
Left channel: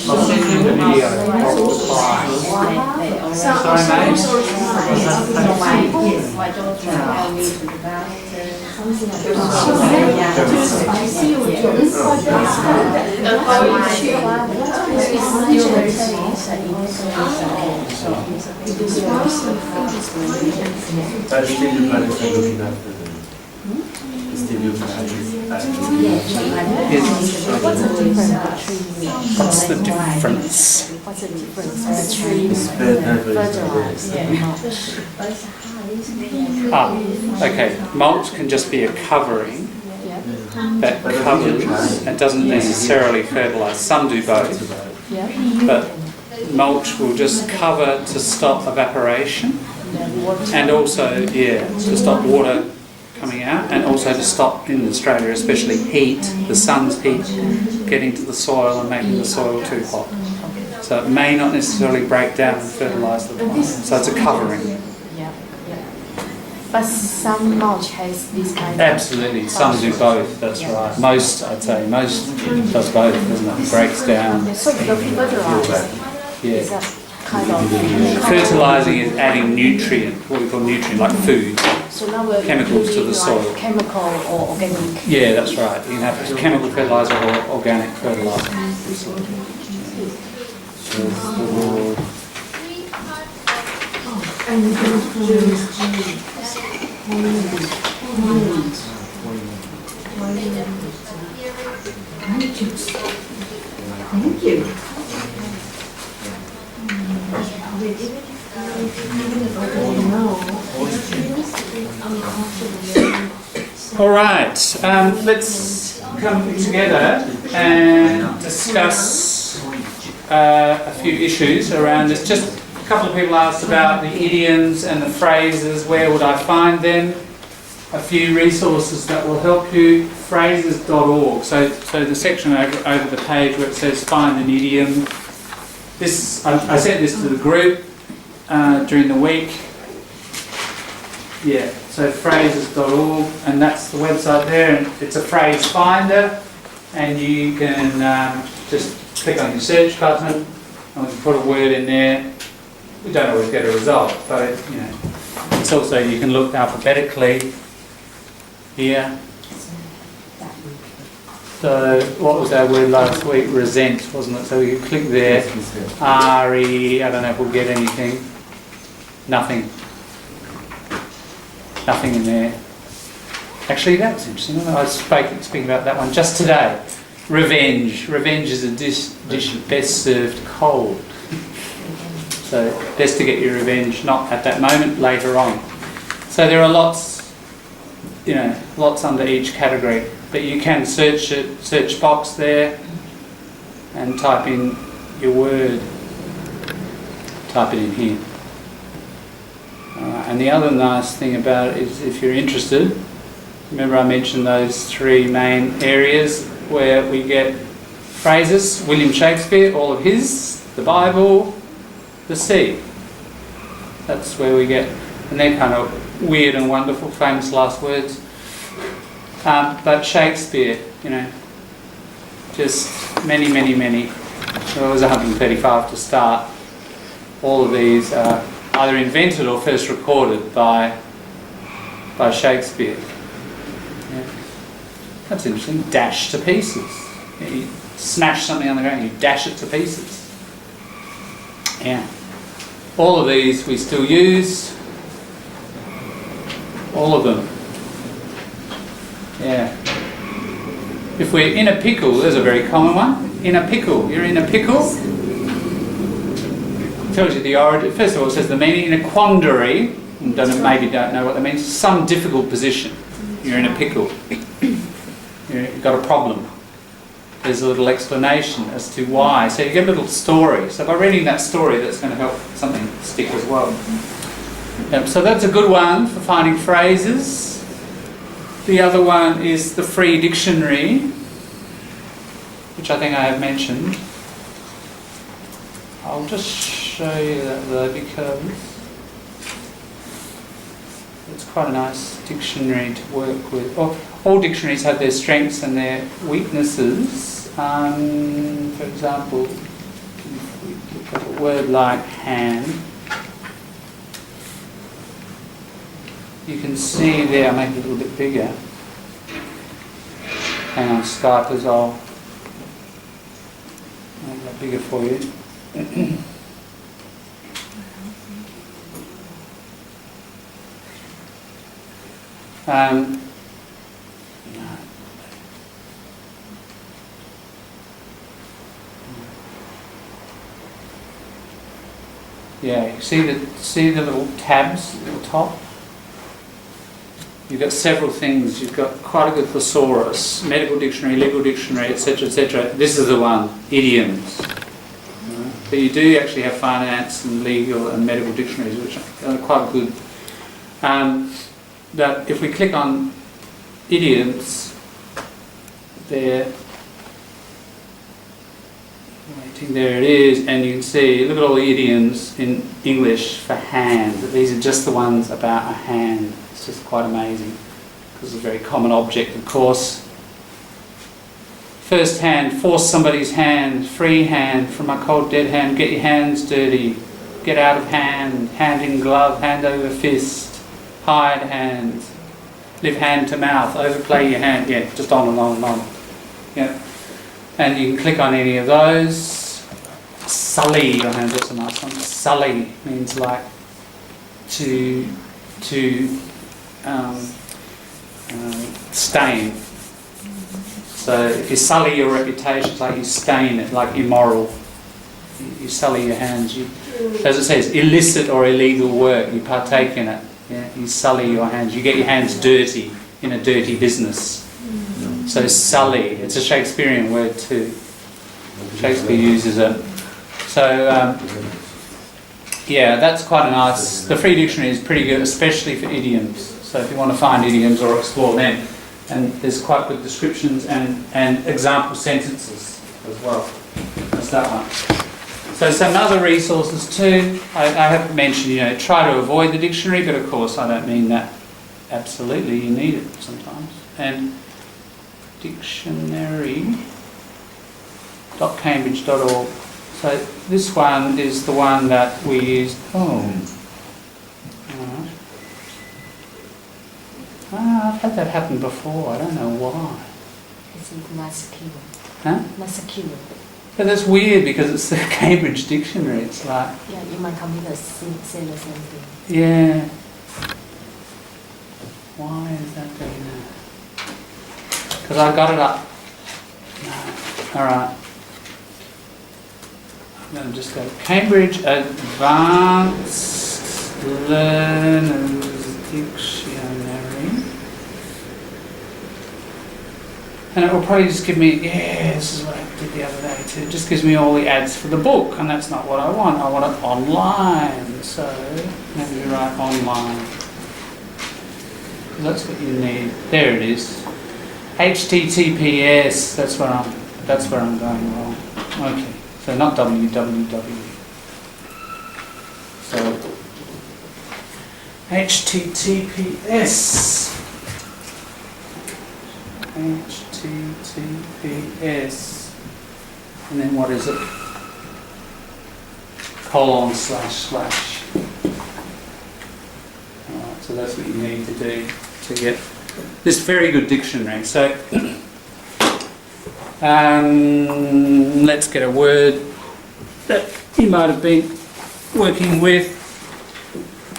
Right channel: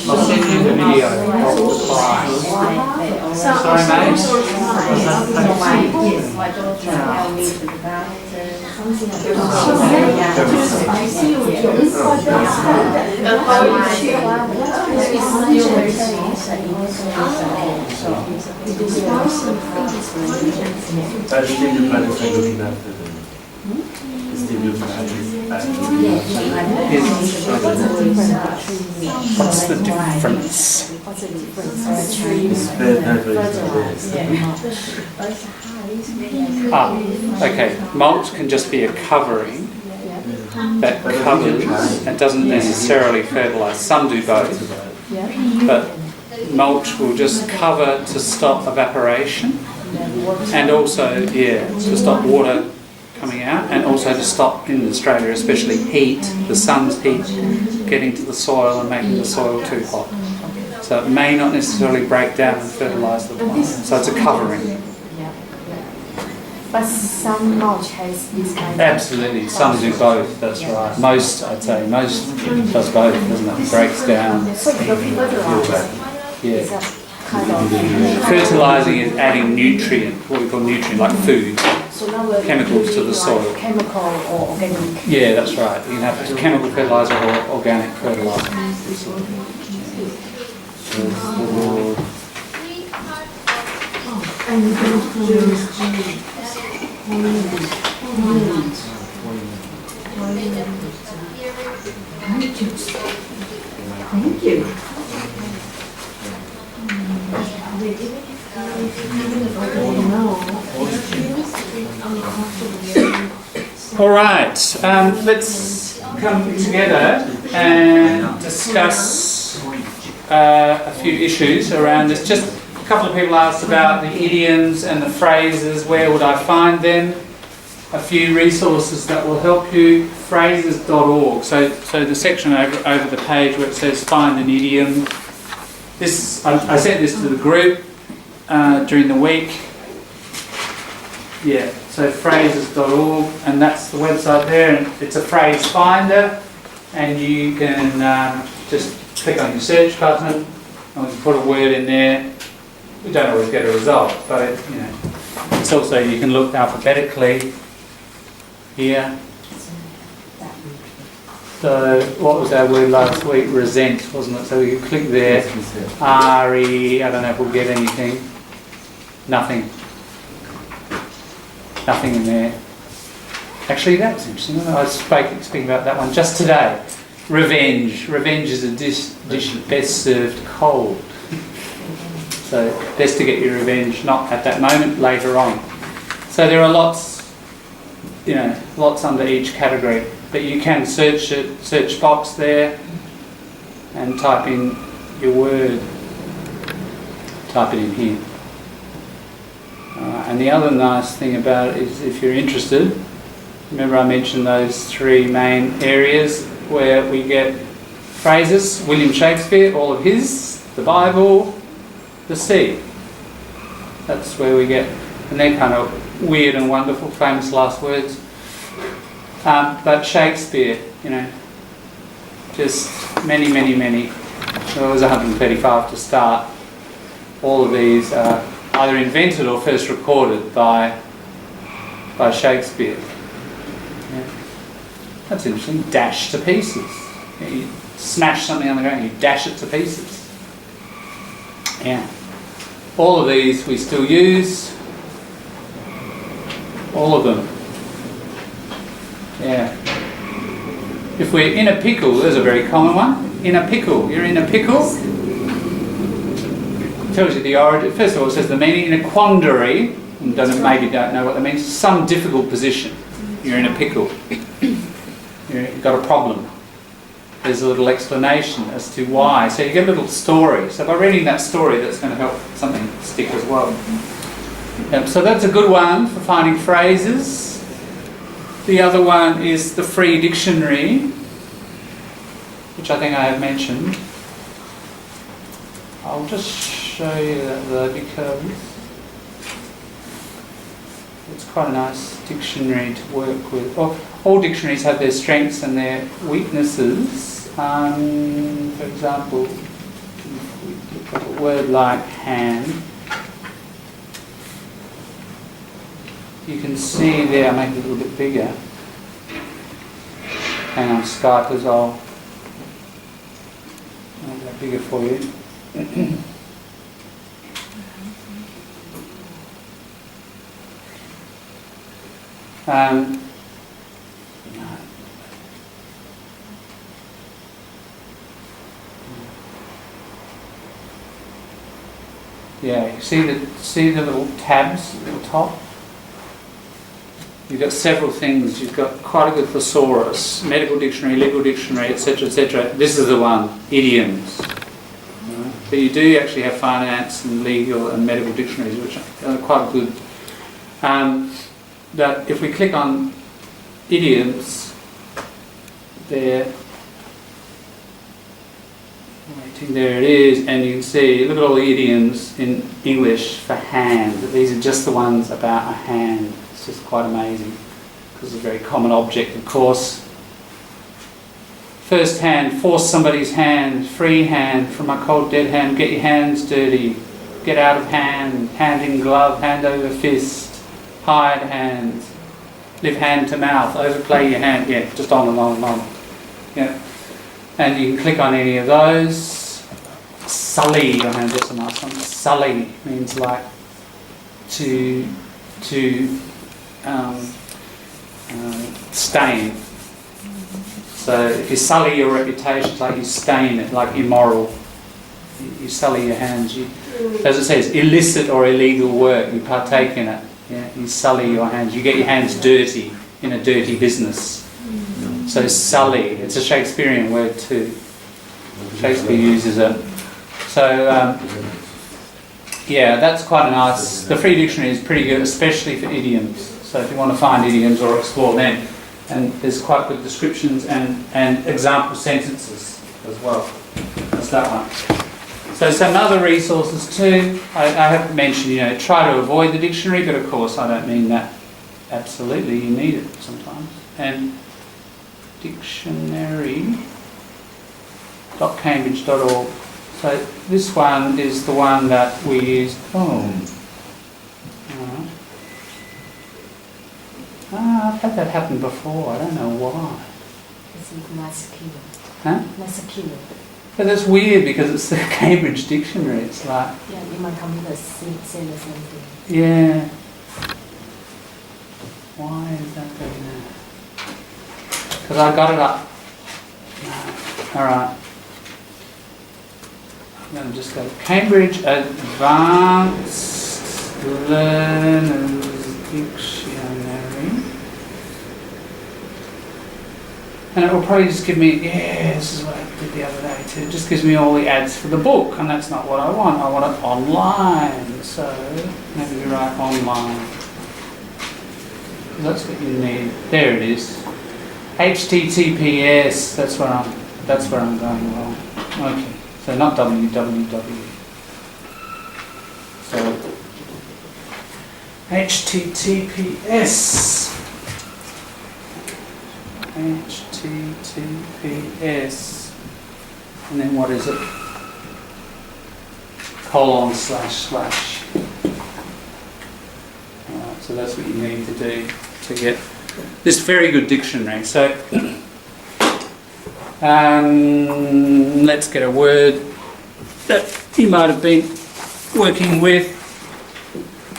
I'll send you the video of the prize. Sorry, mate. What's the difference? Okay. Mulch can just be a covering that covers and doesn't necessarily fertilise. Some do both, but mulch will just cover to stop evaporation and also, to stop water coming out, and also to stop, in Australia especially, heat, the sun's heat, getting to the soil and making the soil too hot. So it may not necessarily break down and fertilise the plant. So it's a covering. But some mulch has this kind of... Absolutely, some do both, that's right. Most, I'd say, most does both, doesn't it? Breaks down. So the fertilizer is Yeah. a kind of... Fertilising is adding nutrient, what we call nutrient, like food. So now we're Chemicals to the using soil. like chemical or organic. Yeah, that's right. You can have chemical fertiliser or organic fertiliser. Thank you. All right, let's come together and discuss a few issues around this. Just a couple of people asked about the idioms and the phrases. Where would I find them? A few resources that will help you. Phrases.org. So the section over the page where it says find an idiom. This I sent this to the group during the week. Yeah, so phrases.org, and that's the website there, and it's a phrase finder, and you can just click on your search button, and we can put a word in there. We don't always get a result, but it's also, you can look alphabetically here. So what was our word last week? Resent, wasn't it? So we can click there. R-E, I don't know if we'll get anything. Nothing. Nothing in there. Actually, that was interesting. I was speaking about that one just today. Revenge. Revenge is a dish best served cold. So best to get your revenge not at that moment, later on. So there are lots under each category. But you can search box there and type in your word. Type it in here. And the other nice thing about it is, if you're interested, remember I mentioned those three main areas where we get phrases. William Shakespeare, all of his, the Bible, the sea. That's where we get, and they're kind of weird and wonderful, famous last words. But Shakespeare, just many. Well, it was 135 to start. All of these are either invented or first recorded by Shakespeare. Yeah. That's interesting. Dash to pieces. You smash something on the ground, you dash it to pieces. Yeah. All of these we still use. All of them. Yeah. If we're in a pickle, there's a very common one. In a pickle. You're in a pickle. It tells you the origin. First of all, it says the meaning. In a quandary, maybe don't know what that means. Some difficult position. You're in a pickle. You've got a problem. There's a little explanation as to why. So you get a little story. So by reading that story, that's going to help something stick as well. So that's a good one for finding phrases. The other one is the free dictionary, which I think I have mentioned. I'll just show you that though, because it's quite a nice dictionary to work with. All dictionaries have their strengths and their weaknesses. For example, if we look at a word like hand, you can see there, I'll make it a little bit bigger. Hang on, Skype as well. Make that bigger for you. Yeah, you see the little tabs at the top? You've got several things. You've got quite a good thesaurus, medical dictionary, legal dictionary, etc., etc. This is the one, idioms. But you do actually have finance and legal and medical dictionaries, which are quite good. But if we click on idioms, there it is, and you can see, look at all the idioms in English for hand. These are just the ones about a hand. It's just quite amazing, because it's a very common object, of course. First hand, force somebody's hand, free hand, from a cold dead hand, get your hands dirty, get out of hand, hand in glove, hand over fist, hide hand, live hand to mouth, overplay your hand, yeah, just on and on and on. Yeah. And you can click on any of those. Sully your hands, that's a nice one. Sully means like to stain. So if you sully your reputation, it's like you stain it, like immoral. You sully your hands. As it says, illicit or illegal work, you partake in it. Yeah? You sully your hands. You get your hands dirty in a dirty business. So sully, it's a Shakespearean word too. Shakespeare uses it. So yeah, that's quite a nice. The free dictionary is pretty good, especially for idioms. So if you want to find idioms or explore them, and there's quite good descriptions and example sentences as well. That's that one. So some other resources too. I have mentioned, try to avoid the dictionary, but of course I don't mean that absolutely. You need it sometimes. And dictionary.cambridge.org. So this one is the one that we used. Oh. Alright. I've had that happen before. I don't know why. It's masculine. Huh? Masculine. But that's weird because it's the Cambridge Dictionary. It's like, Yeah, in my computer say the same thing. yeah. Why is that doing that? Because I got it up. No. Alright. I'm going to just go Cambridge Advanced Learners Dictionary. And it will probably just give me, yeah, this is what I did the other day too. It just gives me all the ads for the book, and that's not what I want. I want it online. So maybe we write online. That's what you need. There it is. HTTPS. That's where I'm going wrong. Okay. So not www. So HTTPS. HTTPS. And then what is it? Colon / / Alright, so that's what you need to do to get this very good dictionary. So let's get a word that you might have been working with.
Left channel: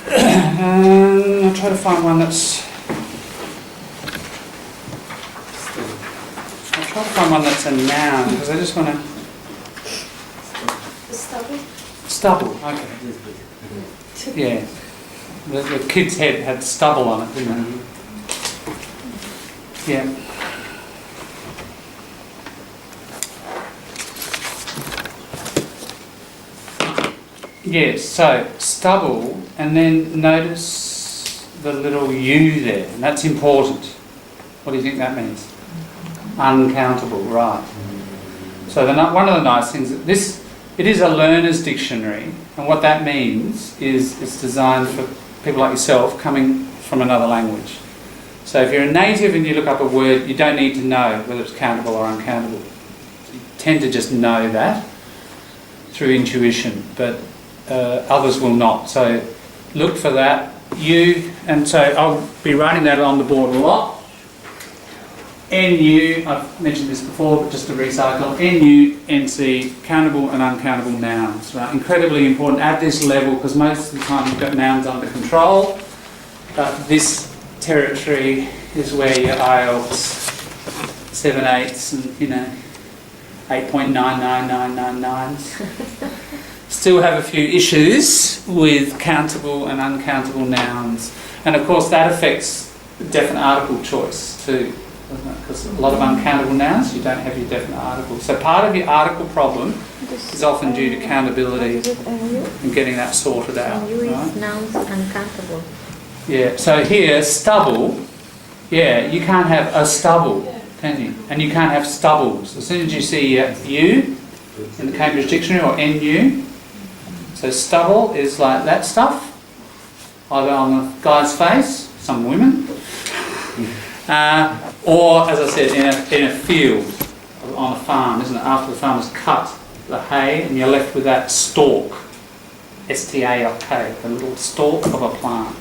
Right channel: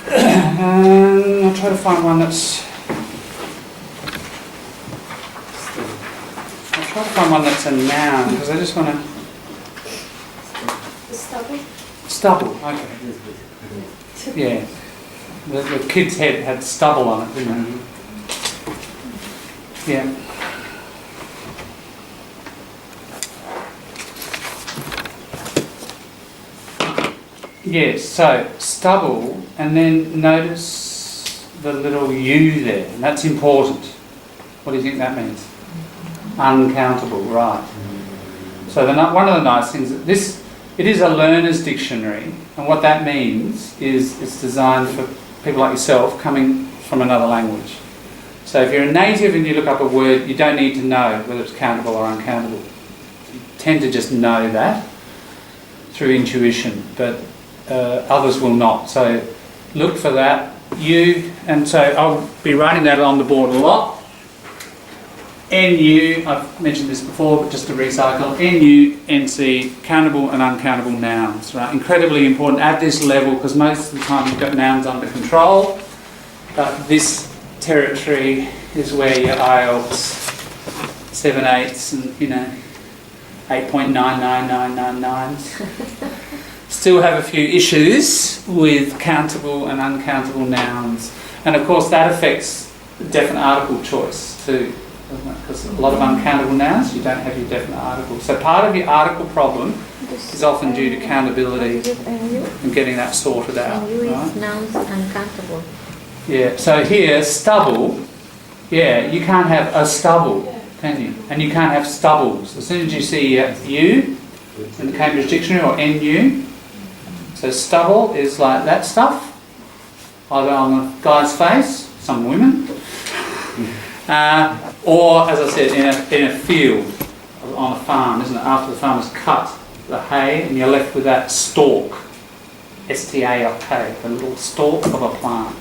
I'll try to find one that's a noun, because I just want to... Stubble. Stubble, okay. Yeah. The kid's head had stubble on it, didn't it? Yeah. Yes, so stubble, and then notice the little U there, and that's important. What do you think that means? Uncountable, right. So one of the nice things, it is a learner's dictionary, and what that means is it's designed for people like yourself coming from another language. So if you're a native and you look up a word, you don't need to know whether it's countable or uncountable. You tend to just know that through intuition, but others will not. So look for that. And so I'll be writing that on the board a lot. NU, I've mentioned this before, but just to recycle, NU, NC, countable and uncountable nouns, right? Incredibly important at this level, because most of the time you've got nouns under control, but this territory is where your IELTS 7/8s and 8.99999s still have a few issues with countable and uncountable nouns, and of course that affects definite article choice too, doesn't it? Because a lot of uncountable nouns, you don't have your definite article. So part of your article problem is often due to countability and getting that sorted out. Right? Nouns uncountable. Yeah, so here, stubble, yeah, you can't have a stubble, can you? And you can't have stubbles. As soon as you see U in the Cambridge Dictionary or NU, so stubble is like that stuff, either on the guy's face, some women, or, as I said, in a field, on a farm, isn't it? After the farmer's cut the hay, and you're left with that stalk, S-T-A-L-K, the little stalk of a plant.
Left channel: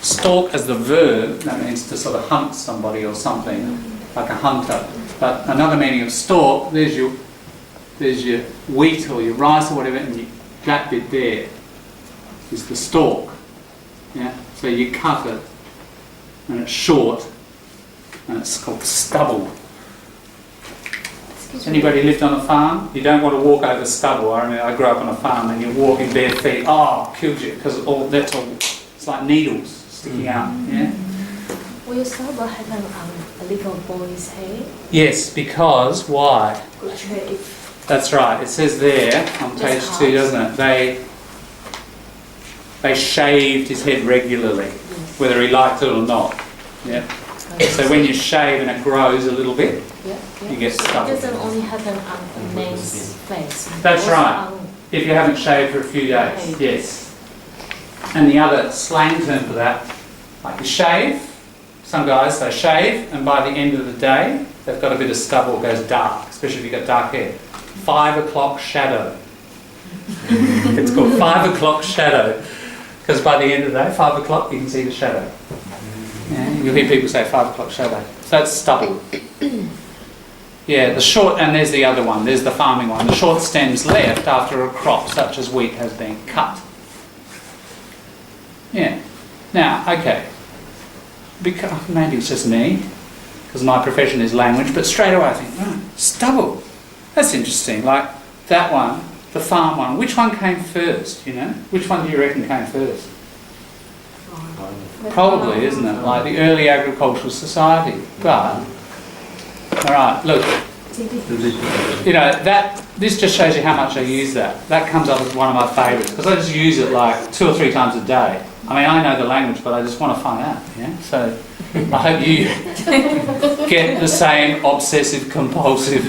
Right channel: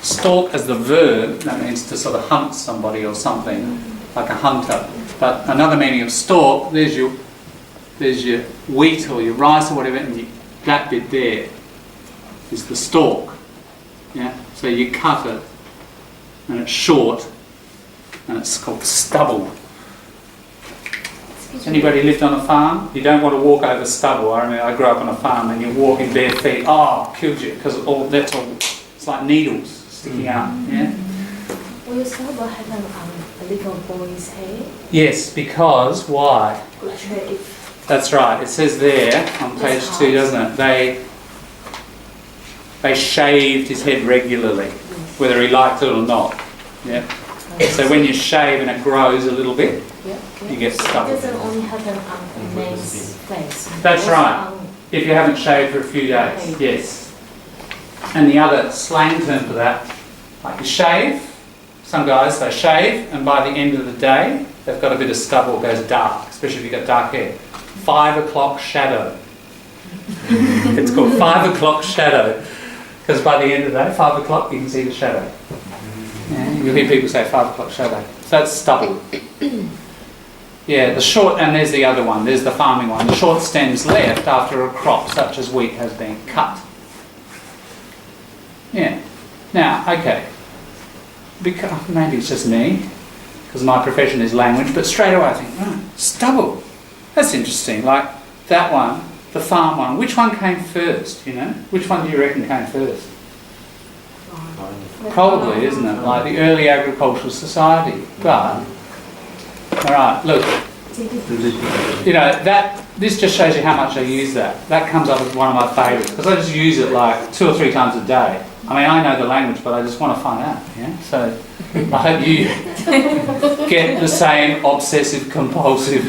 Stalk as the verb, that means to sort of hunt somebody or something, like a hunter. But another meaning of stalk, there's your wheat or your rice or whatever, and that bit there is the stalk. Yeah? So you cut it, and it's short, and it's called stubble. Has anybody lived on a farm? You don't want to walk over stubble. I remember I grew up on a farm, and you're walking bare feet. Oh, kills you, because that's all. It's like needles sticking out. Yeah. Will your stubble have a little boy's head? Yes, because why? Good shape. That's right. It says there on page 2, doesn't it? They shaved his head regularly, whether he liked it or not. Yeah. So when you shave and it grows a little bit, you get stubble. It doesn't only happen on a man's face. That's right. If you haven't shaved for a few days, yes. And the other slang term for that, like you shave, some guys, they shave, and by the end of the day, they've got a bit of stubble, goes dark, especially if you've got dark hair. 5 o'clock shadow. It's called 5 o'clock shadow because by the end of the day, 5 o'clock, you can see the shadow. Yeah, you'll hear people say 5 o'clock shadow. So that's stubble. Yeah, the short, and there's the other one, there's the farming one. The short stems left after a crop such as wheat has been cut. Yeah. Now, okay. Because, maybe it's just me, because my profession is language, but straight away I think, oh, stubble. That's interesting. Like that one, the farm one. Which one came first, you know? Which one do you reckon came first? Probably, isn't it? Like the early agricultural society. But, alright, look. You know, this just shows you how much I use that. That comes up as one of my favourites, because I just use it like 2 or 3 times a day. I mean, I know the language, but I just want to find out, yeah? So, I hope you get the same obsessive-compulsive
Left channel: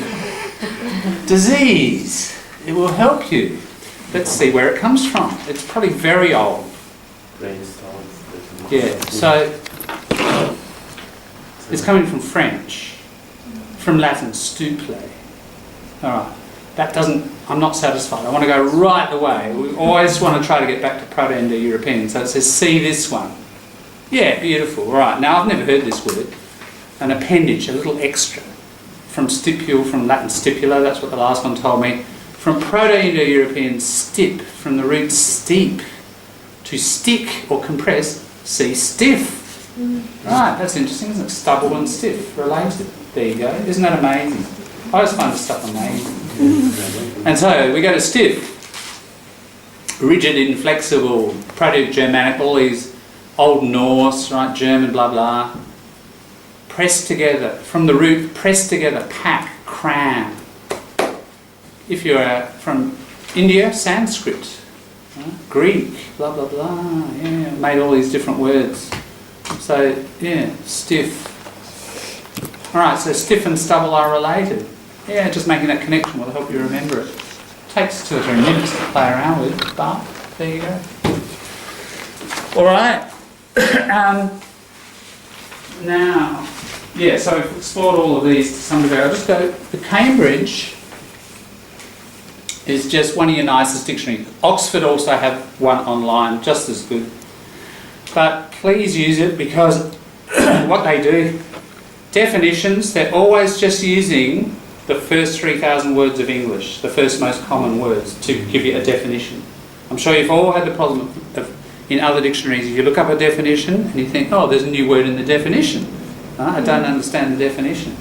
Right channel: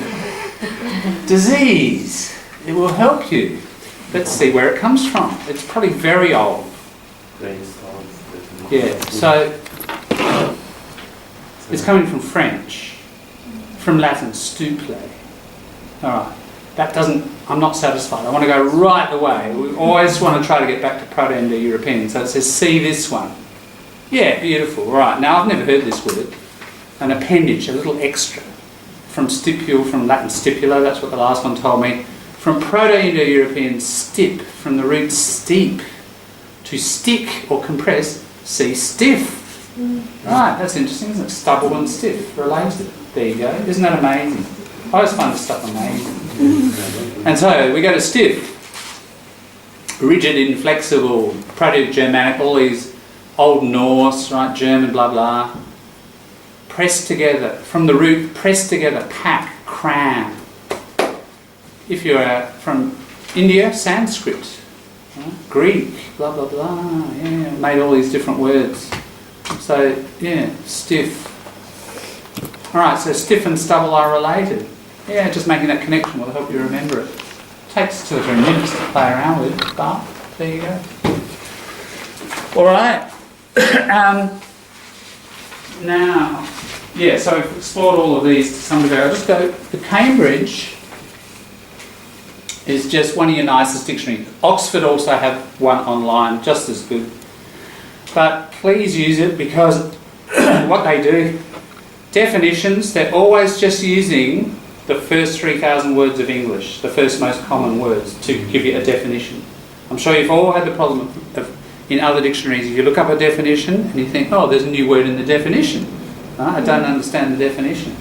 disease. It will help you. Let's see where it comes from. It's probably very old. Yeah, so it's coming from French, from Latin, stuple. All right, that doesn't, I'm not satisfied. I want to go right away. We always want to try to get back to Proto-Indo-European. So it says, see this one. Yeah, beautiful. Right, now I've never heard this word. An appendage, a little extra. From stipule, from Latin stipula, that's what the last one told me. From Proto-Indo-European stip, from the root steep. To stick or compress, see stiff. Right, that's interesting, isn't it? Stubble and stiff, related. There you go. Isn't that amazing? I always find this stuff amazing. And so we go to stiff. Rigid, inflexible, Proto-Germanic, all these Old Norse, right, German, blah, blah. Pressed together, from the root, pressed together, pack, cram. If you're from India, Sanskrit, right? Greek, blah, blah, blah, yeah, made all these different words. So, yeah, stiff. All right, so stiff and stubble are related. Yeah, just making that connection will help you remember it. Takes 2 or 3 minutes to play around with, but there you go. All right. Now, yeah, so we've explored all of these to some degree. I'll just go, the Cambridge is just one of your nicest dictionaries. Oxford also have one online, just as good. But please use it because what they do, definitions, they're always just using the first 3,000 words of English, the first most common words, to give you a definition. I'm sure you've all had the problem of in other dictionaries, if you look up a definition and you think, oh, there's a new word in the definition. I don't understand the definition.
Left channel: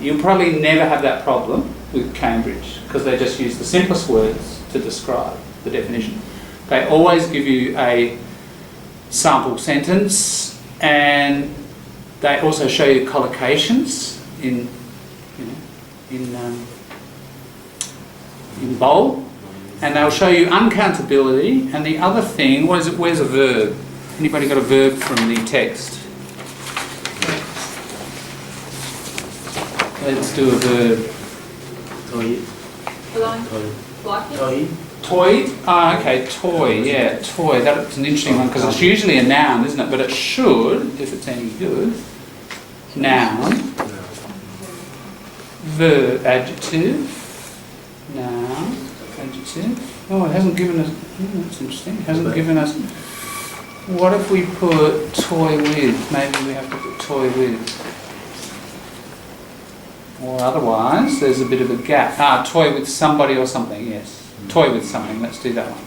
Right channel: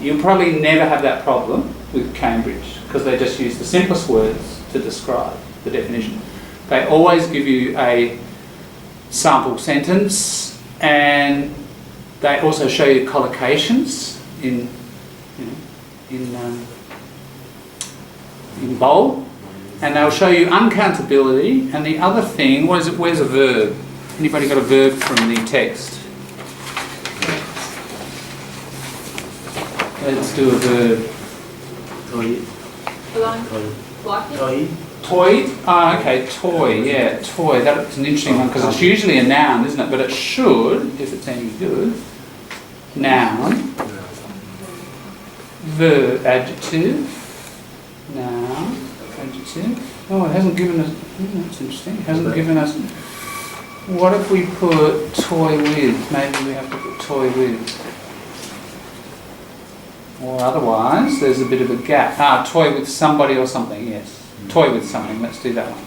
You'll probably never have that problem with Cambridge because they just use the simplest words to describe the definition. They always give you a sample sentence and they also show you collocations in bold. And they'll show you uncountability, and the other thing, what is it? Where's a verb? Anybody got a verb from the text? Let's do a verb. Toy? Ah, okay, toy, yeah, toy. That's an interesting one, because it's usually a noun, isn't it? But it should, if it's any good, noun, verb, adjective, noun, adjective. Oh, it hasn't given us, that's interesting, it hasn't given us, what if we put toy with? Maybe we have to put toy with. Or otherwise, there's a bit of a gap. Ah, toy with somebody or something, yes. Toy with something, let's do that one.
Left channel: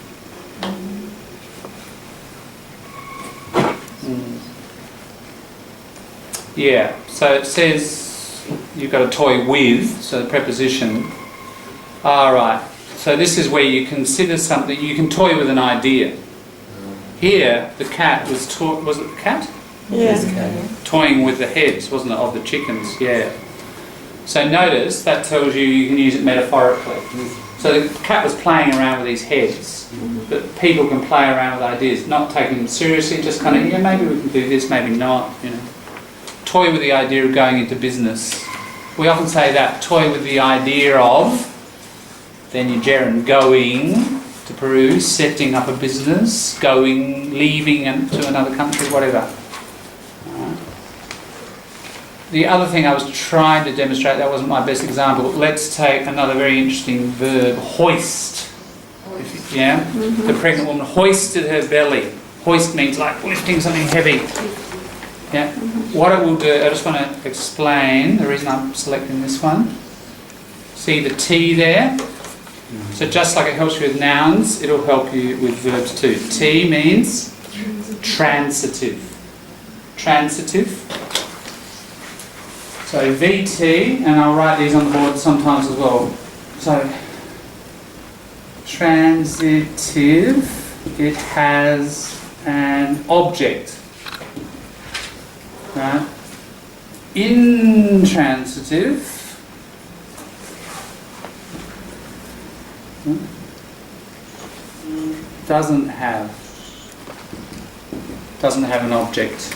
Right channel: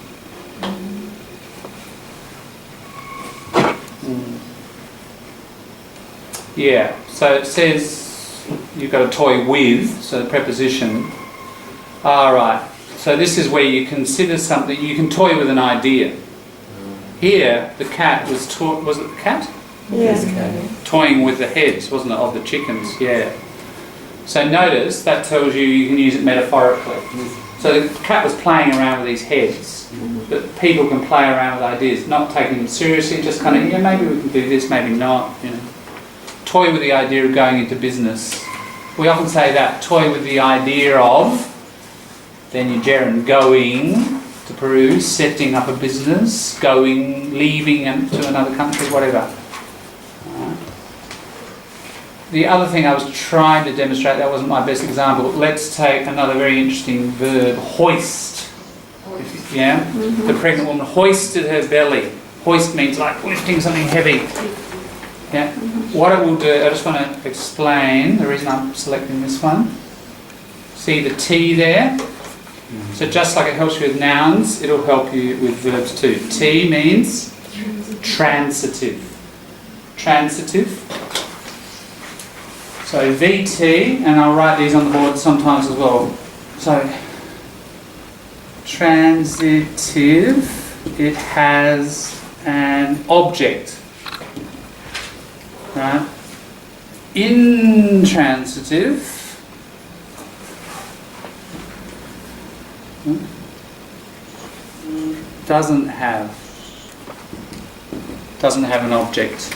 Yeah, so it says you've got a toy with, so the preposition. Alright, so this is where you consider something, you can toy with an idea. Here, the cat was was it the cat? Yes. Toying with the heads, wasn't it, of the chickens, yeah. So notice, that tells you can use it metaphorically. So the cat was playing around with these heads, but people can play around with ideas, not taking them seriously, just kind of, yeah, maybe we can do this, maybe not, you know. Toy with the idea of going into business. We often say that, toy with the idea of, then your gerund, going to Peru, setting up a business, going, leaving to another country, whatever. the other thing I was trying to demonstrate, that wasn't my best example. Let's take another very interesting verb, hoist. Yeah? The pregnant woman hoisted her belly. Hoist means like lifting something heavy. Yeah? What it will do, I just want to explain the reason I'm selecting this one. See the T there? So just like it helps you with nouns, it'll help you with verbs too. T means transitive. Transitive. So VT, and I'll write these on the board sometimes as well. So transitive, it has an object. Right? Intransitive, doesn't have an object.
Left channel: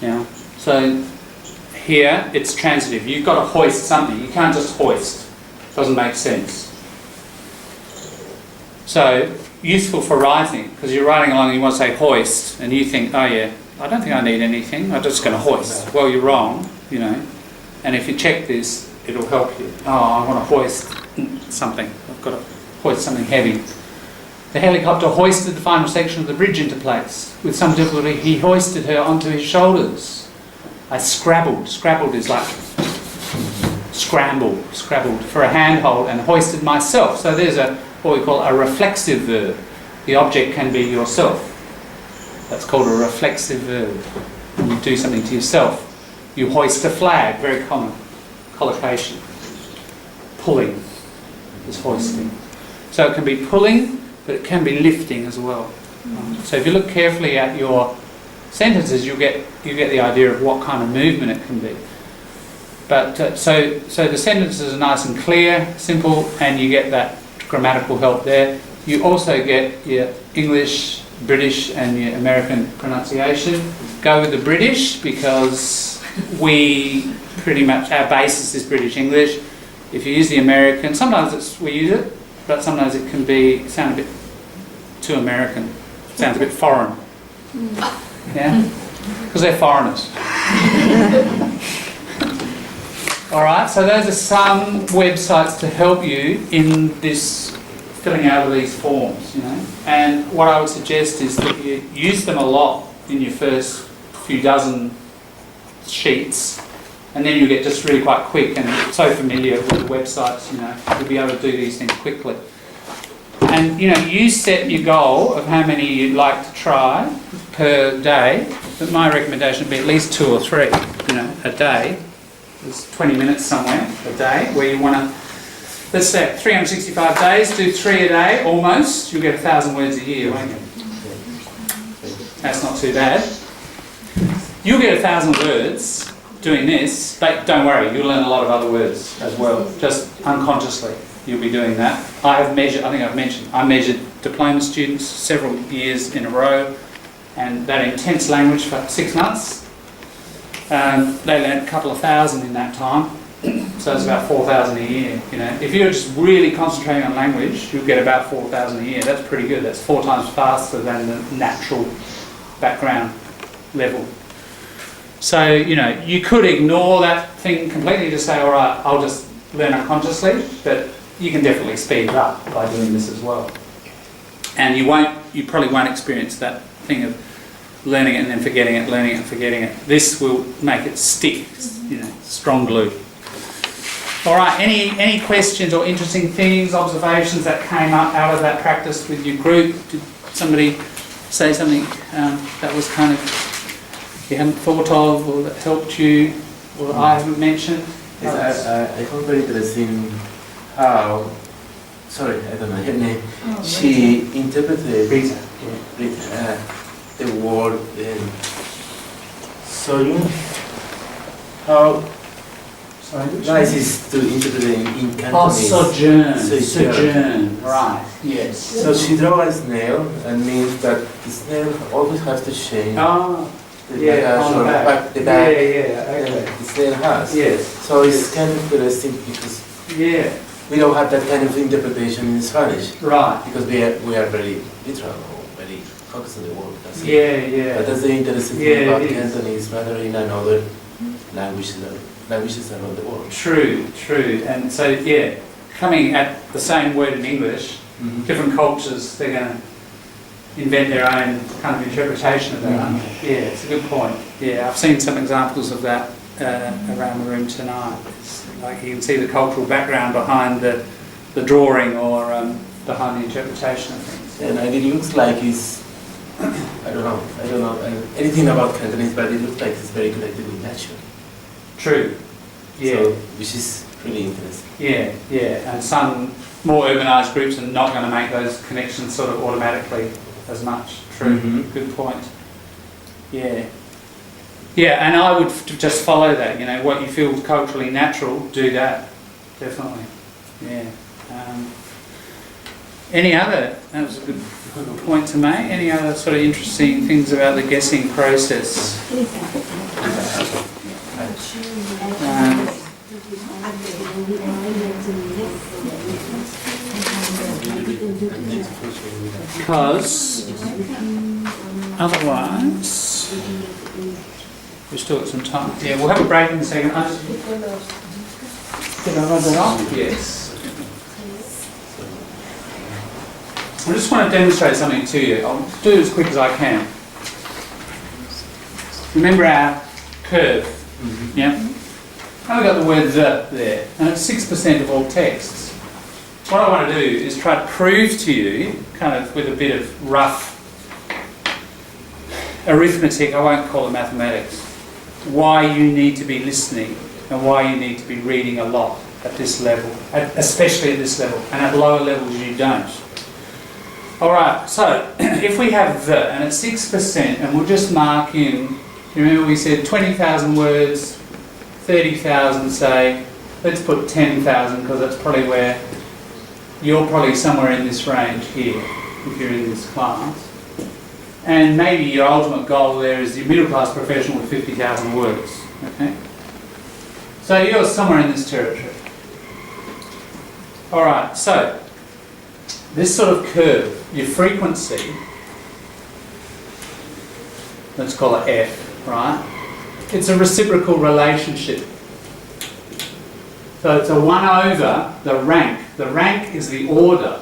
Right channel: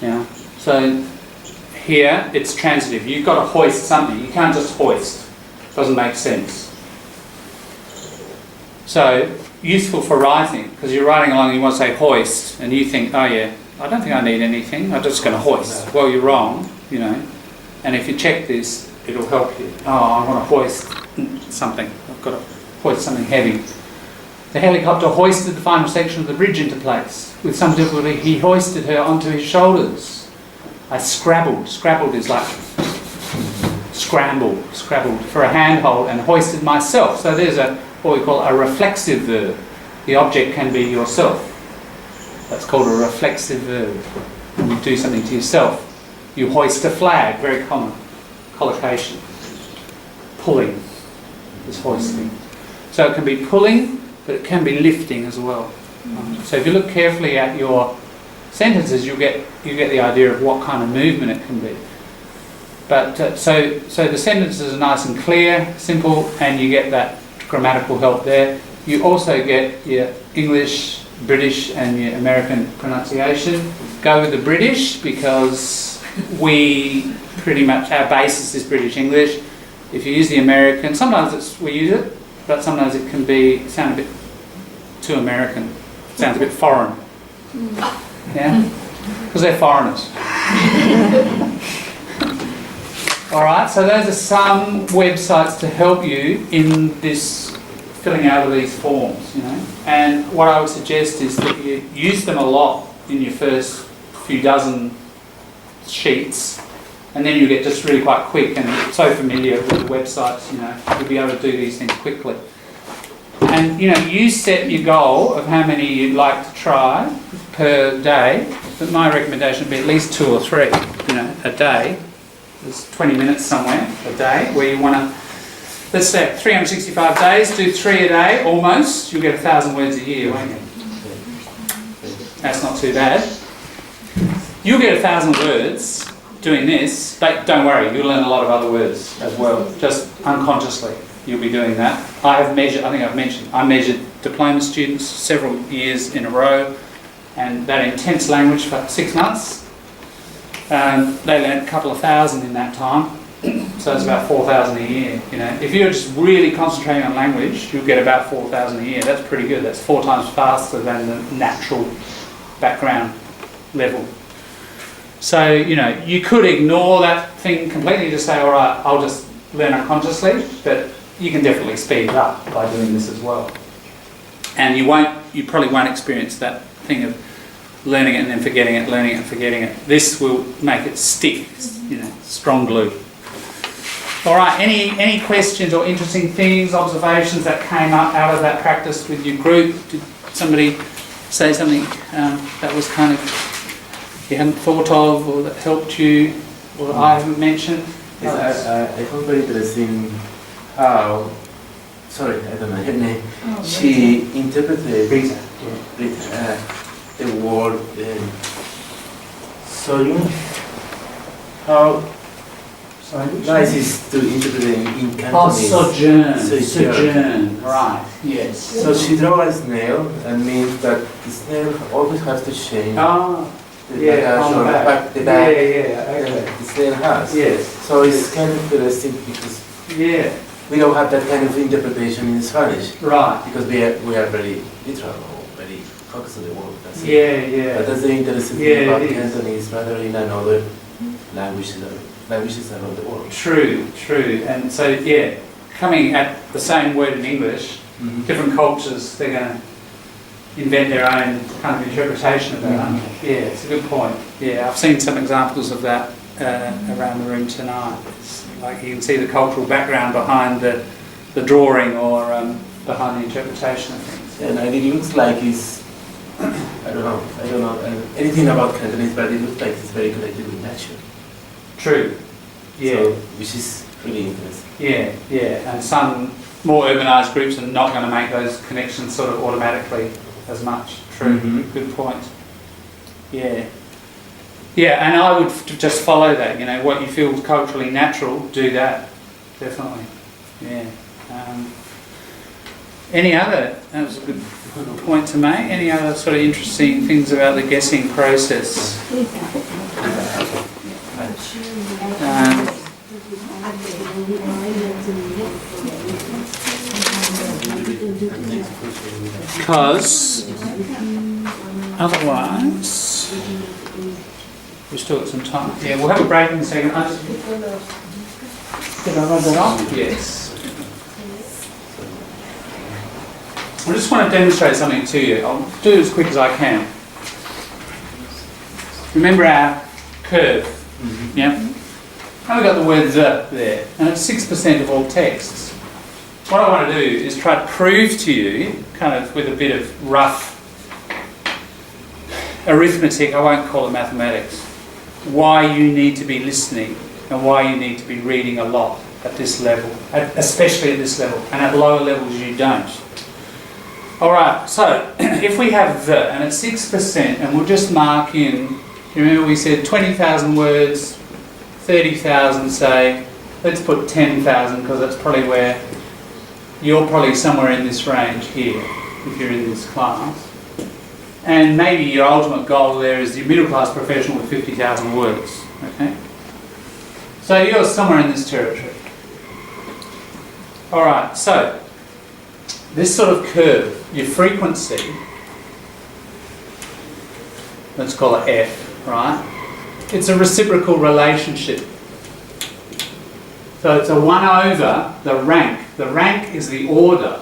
Yeah. So here it's transitive. You've got to hoist something. You can't just hoist. Doesn't make sense. So useful for writing, because you're writing along and you want to say hoist, and you think, oh yeah, I don't think I need anything. I'm just going to hoist. Well, you're wrong, you know. And if you check this, it'll help you. Oh, I want to hoist something. I've got to hoist something heavy. The helicopter hoisted the final section of the bridge into place. With some difficulty, he hoisted her onto his shoulders. I scrabbled. Scrabbled is like scrambled for a handhold, and hoisted myself. So there's what we call a reflexive verb. The object can be yourself. That's called a reflexive verb. When you do something to yourself. You hoist a flag, very common. Collocation. Pulling is hoisting. So it can be pulling, but it can be lifting as well. So if you look carefully at your sentences, you get the idea of what kind of movement it can be. But so the sentences are nice and clear, simple, and you get that grammatical help there. You also get your English, British, and your American pronunciation. Go with the British because we pretty much, our basis is British English. If you use the American, sometimes we use it, but sometimes it can sound a bit too American. Sounds a bit foreign. Yeah? Because they're foreigners. Alright, so those are some websites to help you in this filling out of these forms, you know. And what I would suggest is that you use them a lot in your first few dozen sheets, and then you get just really quite quick and so familiar with the websites, you know, you'll be able to do these things quickly. And, you know, you set your goal of how many you'd like to try per day, but my recommendation would be at least 2 or 3, you know, a day. There's 20 minutes somewhere a day where you want to, let's say 365 days, do 3 a day almost, you'll get 1,000 words a year, won't you? That's not too bad. You'll get 1,000 words doing this, but don't worry, you'll learn a lot of other words as well, just unconsciously you'll be doing that. I measured diploma students several years in a row, and that intense language for 6 months. They learned a couple of thousand in that time, so it's about 4,000 a year. You know, if you're just really concentrating on language, you'll get about 4,000 a year. That's pretty good. That's 4 times faster than the natural background level. So, you know, you could ignore that thing completely to say, all right, I'll just learn unconsciously, but you can definitely speed it up by doing this as well. And you probably won't experience that thing of learning it and then forgetting it, learning it and forgetting it. This will make it stick, you know, strong glue. All right, any questions or interesting things, observations that came up out of that practice with your group? Did somebody say something that was kind of you hadn't thought of, or that helped you, or I haven't mentioned? Yes, I found very interesting how, sorry, I don't know her name, she interpreted Rita. The word sojourn. How nice is to interpret in Cantonese. Sojourn, right, yes. So she drew a snail, and means that the snail always has to change. Oh, The yeah, on the back. the back Okay. the snail has. Yes. So it's kind of interesting because we don't have that kind of interpretation in Spanish. Right. Because we are very literal or very focus on the word. That's it. Yeah. But that's the interesting Yeah, thing about it is. Cantonese, rather in another languages around the world. True. And so, yeah, coming at the same word in English, different cultures, they're going to invent their own kind of interpretation of that, aren't they? Yeah, it's a good point. Yeah, I've seen some examples of that around the room tonight. It's like you can see the cultural background behind the drawing or behind the interpretation of things. And it looks like it's, I don't know anything about Cantonese, but it looks like it's very connected with nature. True. Yeah. So, which is really interesting. Yeah. And some more urbanised groups are not going to make those connections sort of automatically as much. True. Good point. Yeah. Yeah, and I would just follow that. You know, what you feel culturally natural, do that. Definitely. Yeah. Any other? That was a good point to make. Any other sort of interesting things about the guessing process? Because otherwise we've still got some time. Yeah, we'll have a break in a second. Did I run that off? Yes. I just want to demonstrate something to you. I'll do it as quick as I can. Remember our curve? Yeah? And we've got the word the there, and it's 6% of all texts. What I want to do is try to prove to you, kind of with a bit of rough arithmetic, I won't call it mathematics, why you need to be listening and why you need to be reading a lot at this level, especially at this level, and at lower levels you don't. Alright, so if we have the, and it's 6%, and we'll just mark in, remember we said 20,000 words, 30,000 say, let's put 10,000 because that's probably where, you're probably somewhere in this range here, if you're in this class. And maybe your ultimate goal there is your middle class professional with 50,000 words, okay? So you're somewhere in this territory. Alright, so, this sort of curve, your frequency, let's call it F, right? It's a reciprocal relationship. So it's a 1 over the rank. The rank is the order.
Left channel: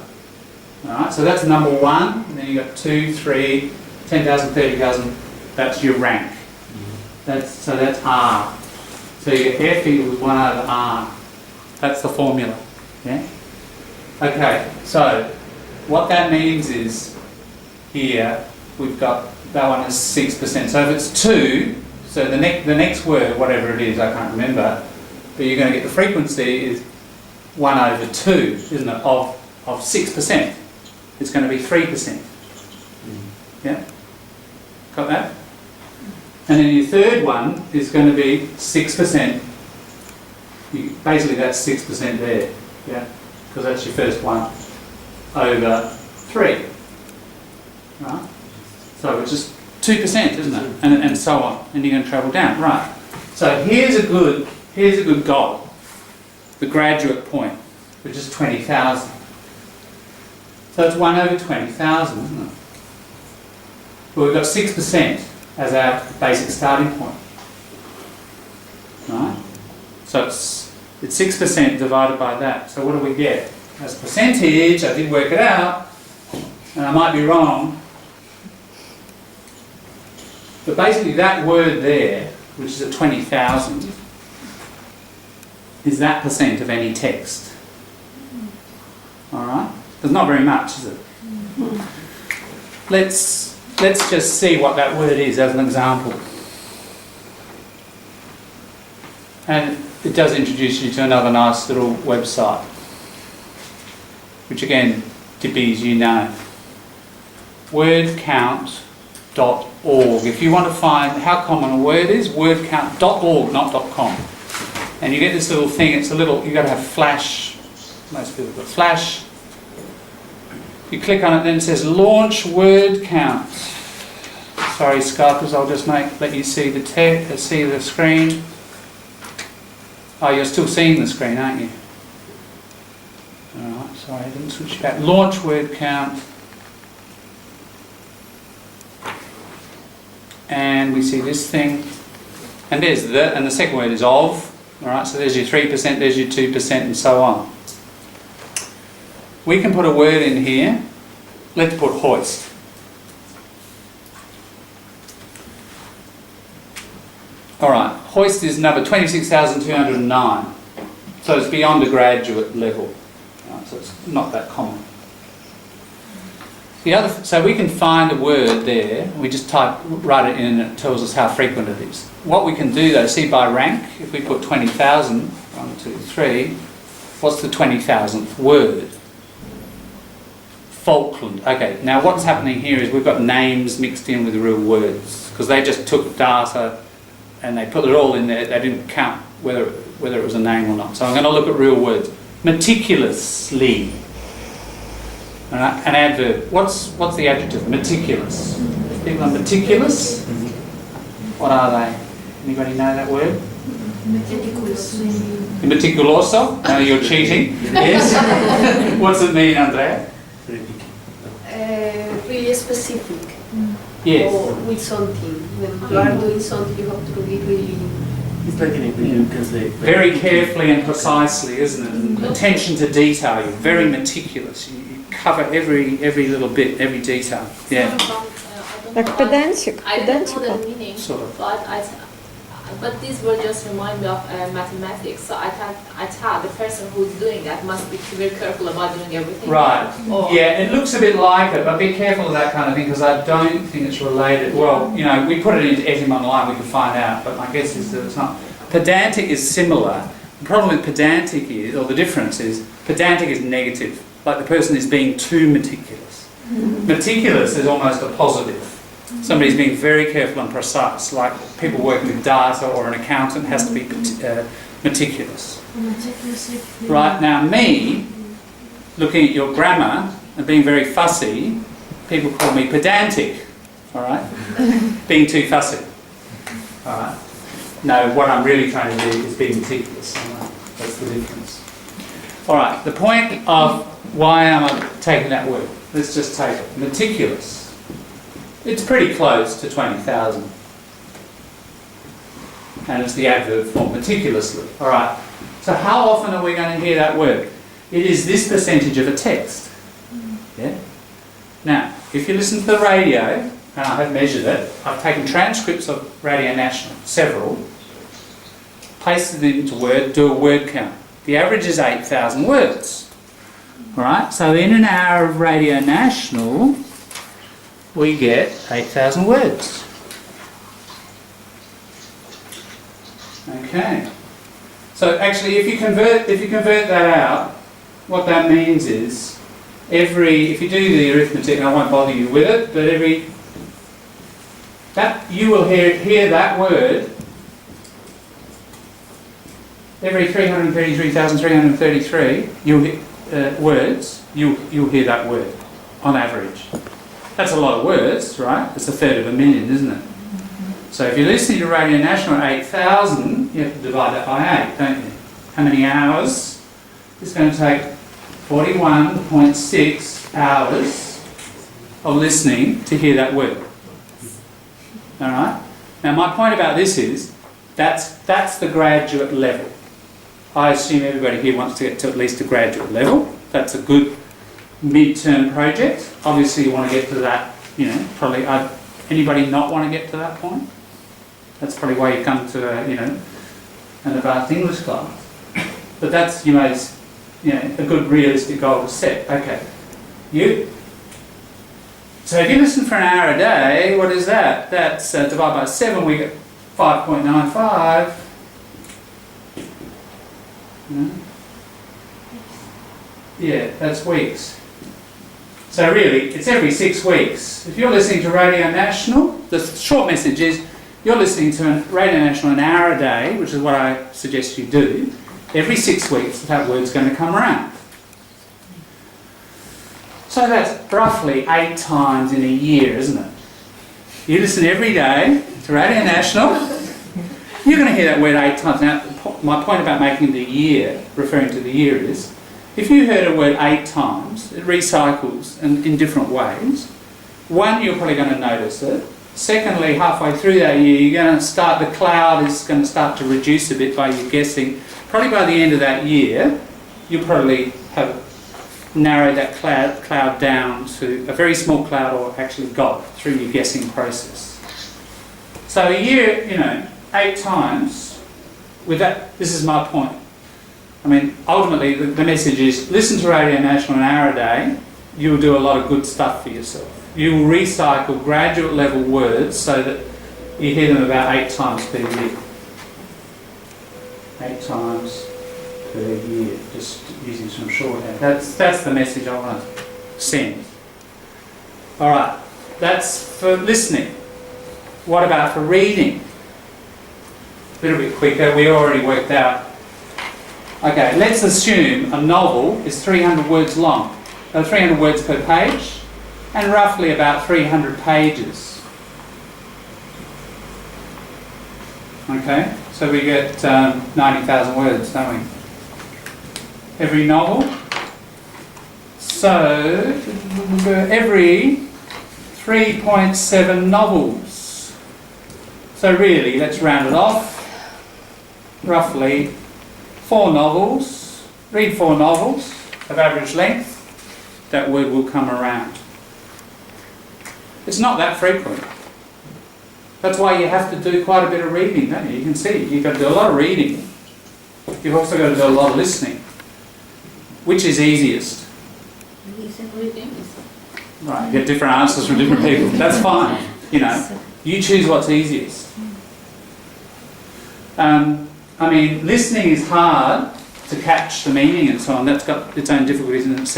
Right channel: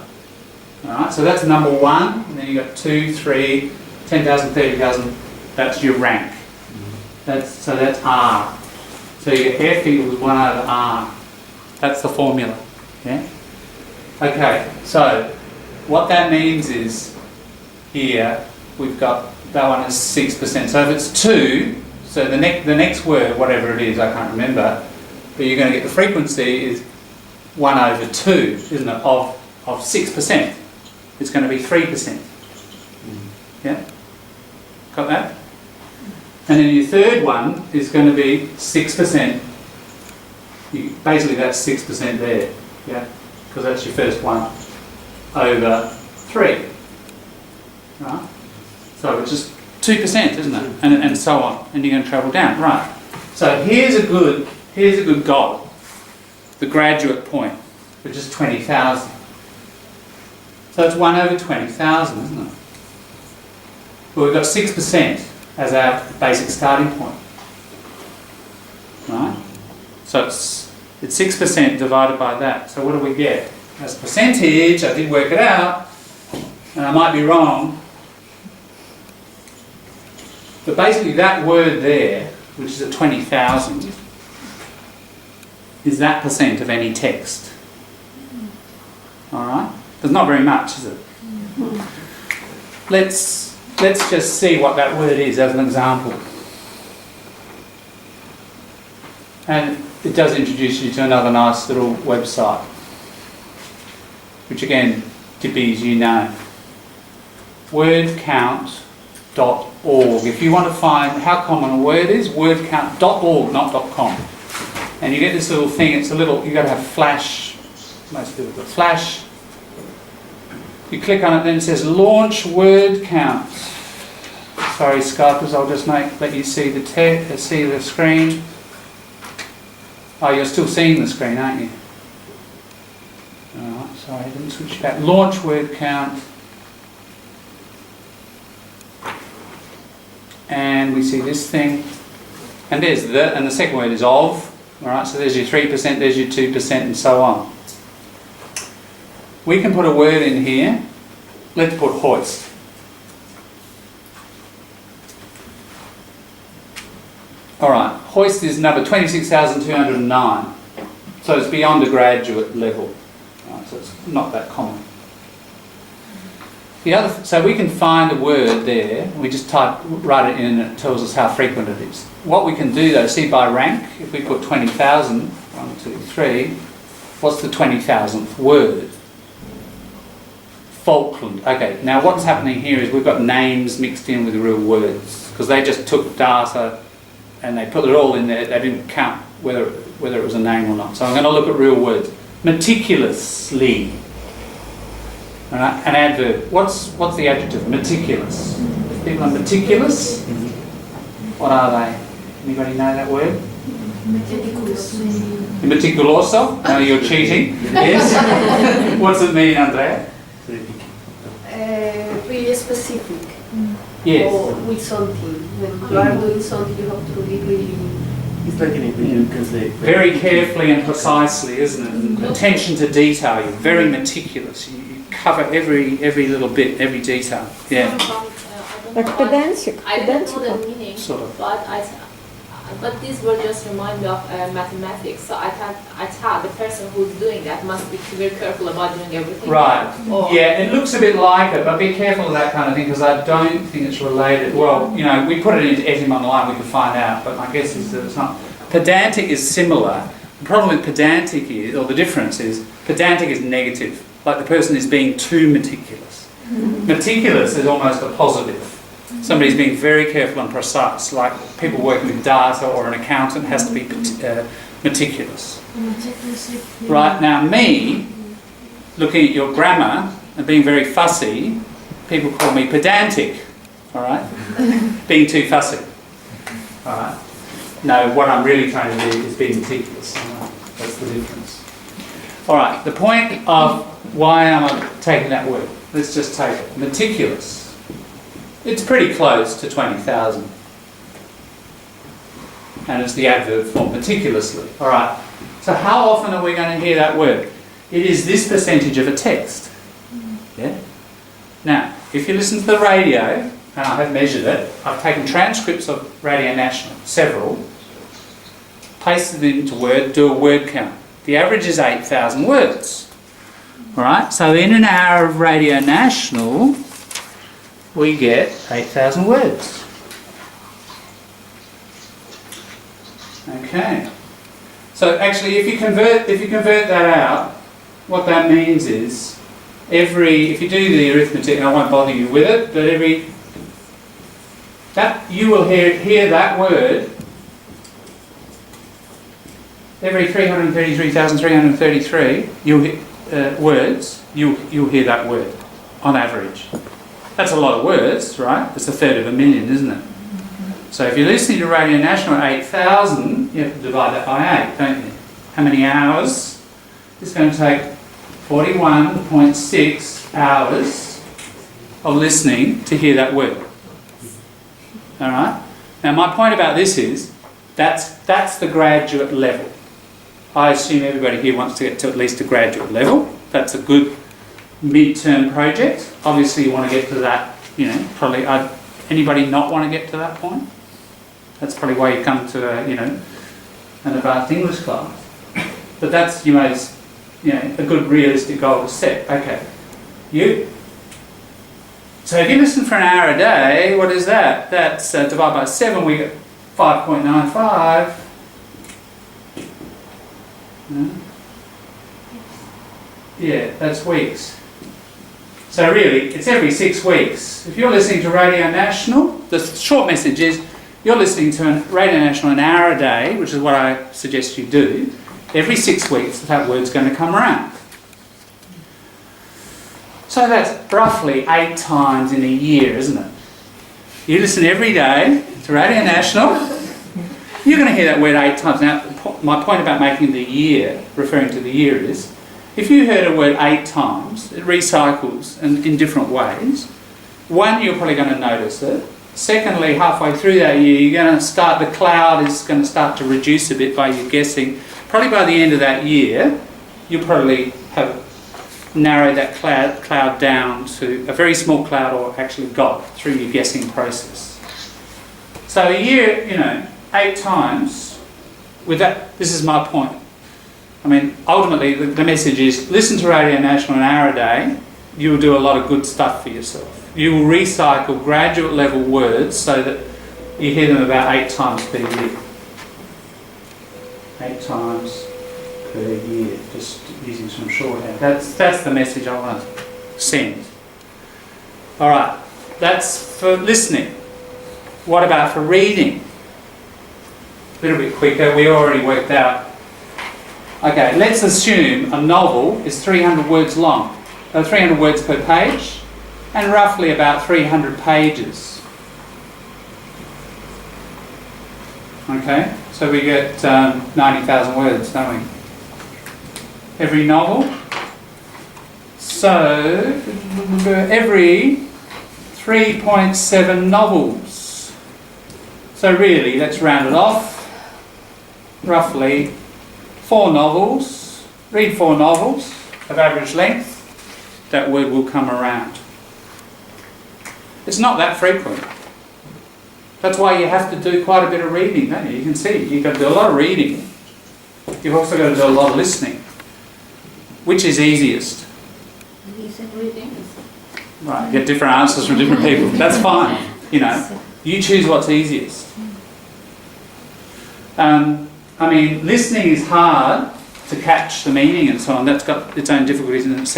Alright, so that's number 1, and then you've got 2, 3, 10,000, 30,000, that's your rank. So that's R. So your F equals 1 over R. That's the formula. Yeah? Okay, so what that means is here we've got that one is 6%. So if it's 2, so the next word, whatever it is, I can't remember, but you're going to get the frequency is 1 over 2, isn't it, of 6%. It's going to be 3%. Yeah? Got that? And then your third one is going to be 6%. Basically that's 6% there. Yeah? Because that's your first one over 3. Right? So it's just 2%, isn't it? And so on. And you're going to travel down. Right. So here's a good goal. The graduate point, which is 20,000. So it's 1 over 20,000, isn't it? Well, we've got 6% as our basic starting point. Right? So it's 6% divided by that. So what do we get? As a percentage, I did work it out, and I might be wrong, but basically that word there, which is at 20,000, is that percent of any text. Alright? There's not very much, is it? Let's just see what that word is as an example. And it does introduce you to another nice little website, which again, Dippy, you know. Wordcount.org. If you want to find how common a word is, wordcount.org, not .com. And you get this little thing, it's a little, you've got to have Flash, most people have got Flash. You click on it, then it says launch word count. Sorry Skypers, I'll just let you see the screen. Oh, you're still seeing the screen, aren't you? Alright, sorry, I didn't switch back. Launch word count. and we see this thing, and there's the, and the second word is of. All right, so there's your 3%, there's your 2%, and so on. We can put a word in here. Let's put hoist. All right, hoist is number 26,209. So it's beyond the graduate level. Right, so it's not that common. The other, so we can find a word there. We just write it in, and it tells us how frequent it is. What we can do though, see by rank, if we put 20,000, 1, 2, 3, what's the 20,000th word? Falkland. Okay, now what's happening here is we've got names mixed in with real words, because they just took data and they put it all in there. They didn't count whether it was a name or not. So I'm going to look at real words. Meticulously. All right, an adverb. What's the adjective? Meticulous. If people are meticulous, what are they? Anybody know that word? Meticuloso? No, you're cheating. Yes. What's it mean, Andrea? Really specific. Yes. Or with something. When you are doing something, you have to be really. It's like in English, you can say. Very carefully and precisely, isn't it? And attention to detail. You're very meticulous. You cover every little bit, every detail. Yeah. Like pedantic. I don't know the meaning, Sort of. but this word just remind me of mathematics. So I thought the person who's doing that must be very careful about doing everything. Right. Or Yeah, it looks a bit like it, but be careful of that kind of thing, because I don't think it's related. Well, you know, we put it into Etym online, we can find out, but my guess is that it's not. Pedantic is similar. The problem with pedantic is, or the difference is, pedantic is negative. Like the person is being too meticulous. Meticulous is almost a positive. Somebody's being very careful and precise, like people working with data or an accountant has to be meticulous. Right, now me, looking at your grammar and being very fussy, people call me pedantic, all right? Being too fussy, all right? No, what I'm really trying to do is be meticulous, all right? That's the difference. All right, the point of why am I taking that word? Let's just take it, meticulous. It's pretty close to 20,000. And it's the adverb form, meticulously. All right. So how often are we going to hear that word? It is this percentage of a text. Yeah? Now, if you listen to the radio, and I have measured it, I've taken transcripts of Radio National, several, pasted it into Word, do a word count. The average is 8,000 words. All right. So in an hour of Radio National, we get 8,000 words. Okay. So actually, if you convert that out, what that means is if you do the arithmetic, and I won't bother you with it, but you will hear that word every 333,333 words. You'll hear that word on average. That's a lot of words, right? It's 1/3 isn't it? So if you're listening to Radio National at 8,000, you have to divide that by 8, don't you? How many hours? It's going to take 41.6 hours of listening to hear that word. All right? Now my point about this is, that's the graduate level. I assume everybody here wants to get to at least a graduate level. That's a good mid-term project. Obviously you want to get to that, you know, probably, anybody not want to get to that point? That's probably why you come to an advanced English class. But that's a good realistic goal to set. Okay. So if you listen for an hour a day, what is that? That's divided by 7, we get 5.95. Yeah, that's weeks. So really, it's every 6 weeks. If you're listening to Radio National, the short message is you're listening to Radio National an hour a day, which is what I suggest you do. Every 6 weeks, that word's going to come around. So that's roughly 8 times in a year, isn't it? You listen every day to Radio National, you're going to hear that word 8 times. Now, my point about making the year, referring to the year is, if you heard a word 8 times, it recycles in different ways. 1, you're probably going to notice it. Secondly, halfway through that year, you're going to start, the cloud is going to start to reduce a bit by your guessing. Probably by the end of that year, you'll probably have narrowed that cloud down to a very small cloud, or actually got through your guessing process. So a year, 8 times, with that, this is my point. I mean, ultimately, the message is, listen to Radio National an hour a day, you'll do a lot of good stuff for yourself. You will recycle graduate level words so that you hear them about 8 times per year. 8 times per year, just using some shorthand. That's the message I want to send. All right, that's for listening. What about for reading? A little bit quicker, we already worked out. Okay, let's assume a novel is 300 words long. 300 words per page, and roughly about 300 pages. Okay, so we get 90,000 words, don't we? Every novel. So, every 3.7 novels. So really, let's round it off. Roughly 4 novels. Read 4 novels of average length. That word will come around. It's not that frequent. That's why you have to do quite a bit of reading, don't you? You can see, you've got to do a lot of reading. You've also got to do a lot of listening. Which is easiest? Reading. Right, you get different answers from different people. That's fine. You choose what's easiest. I mean, listening is hard to catch the meaning and so on. That's got its own difficulties in itself.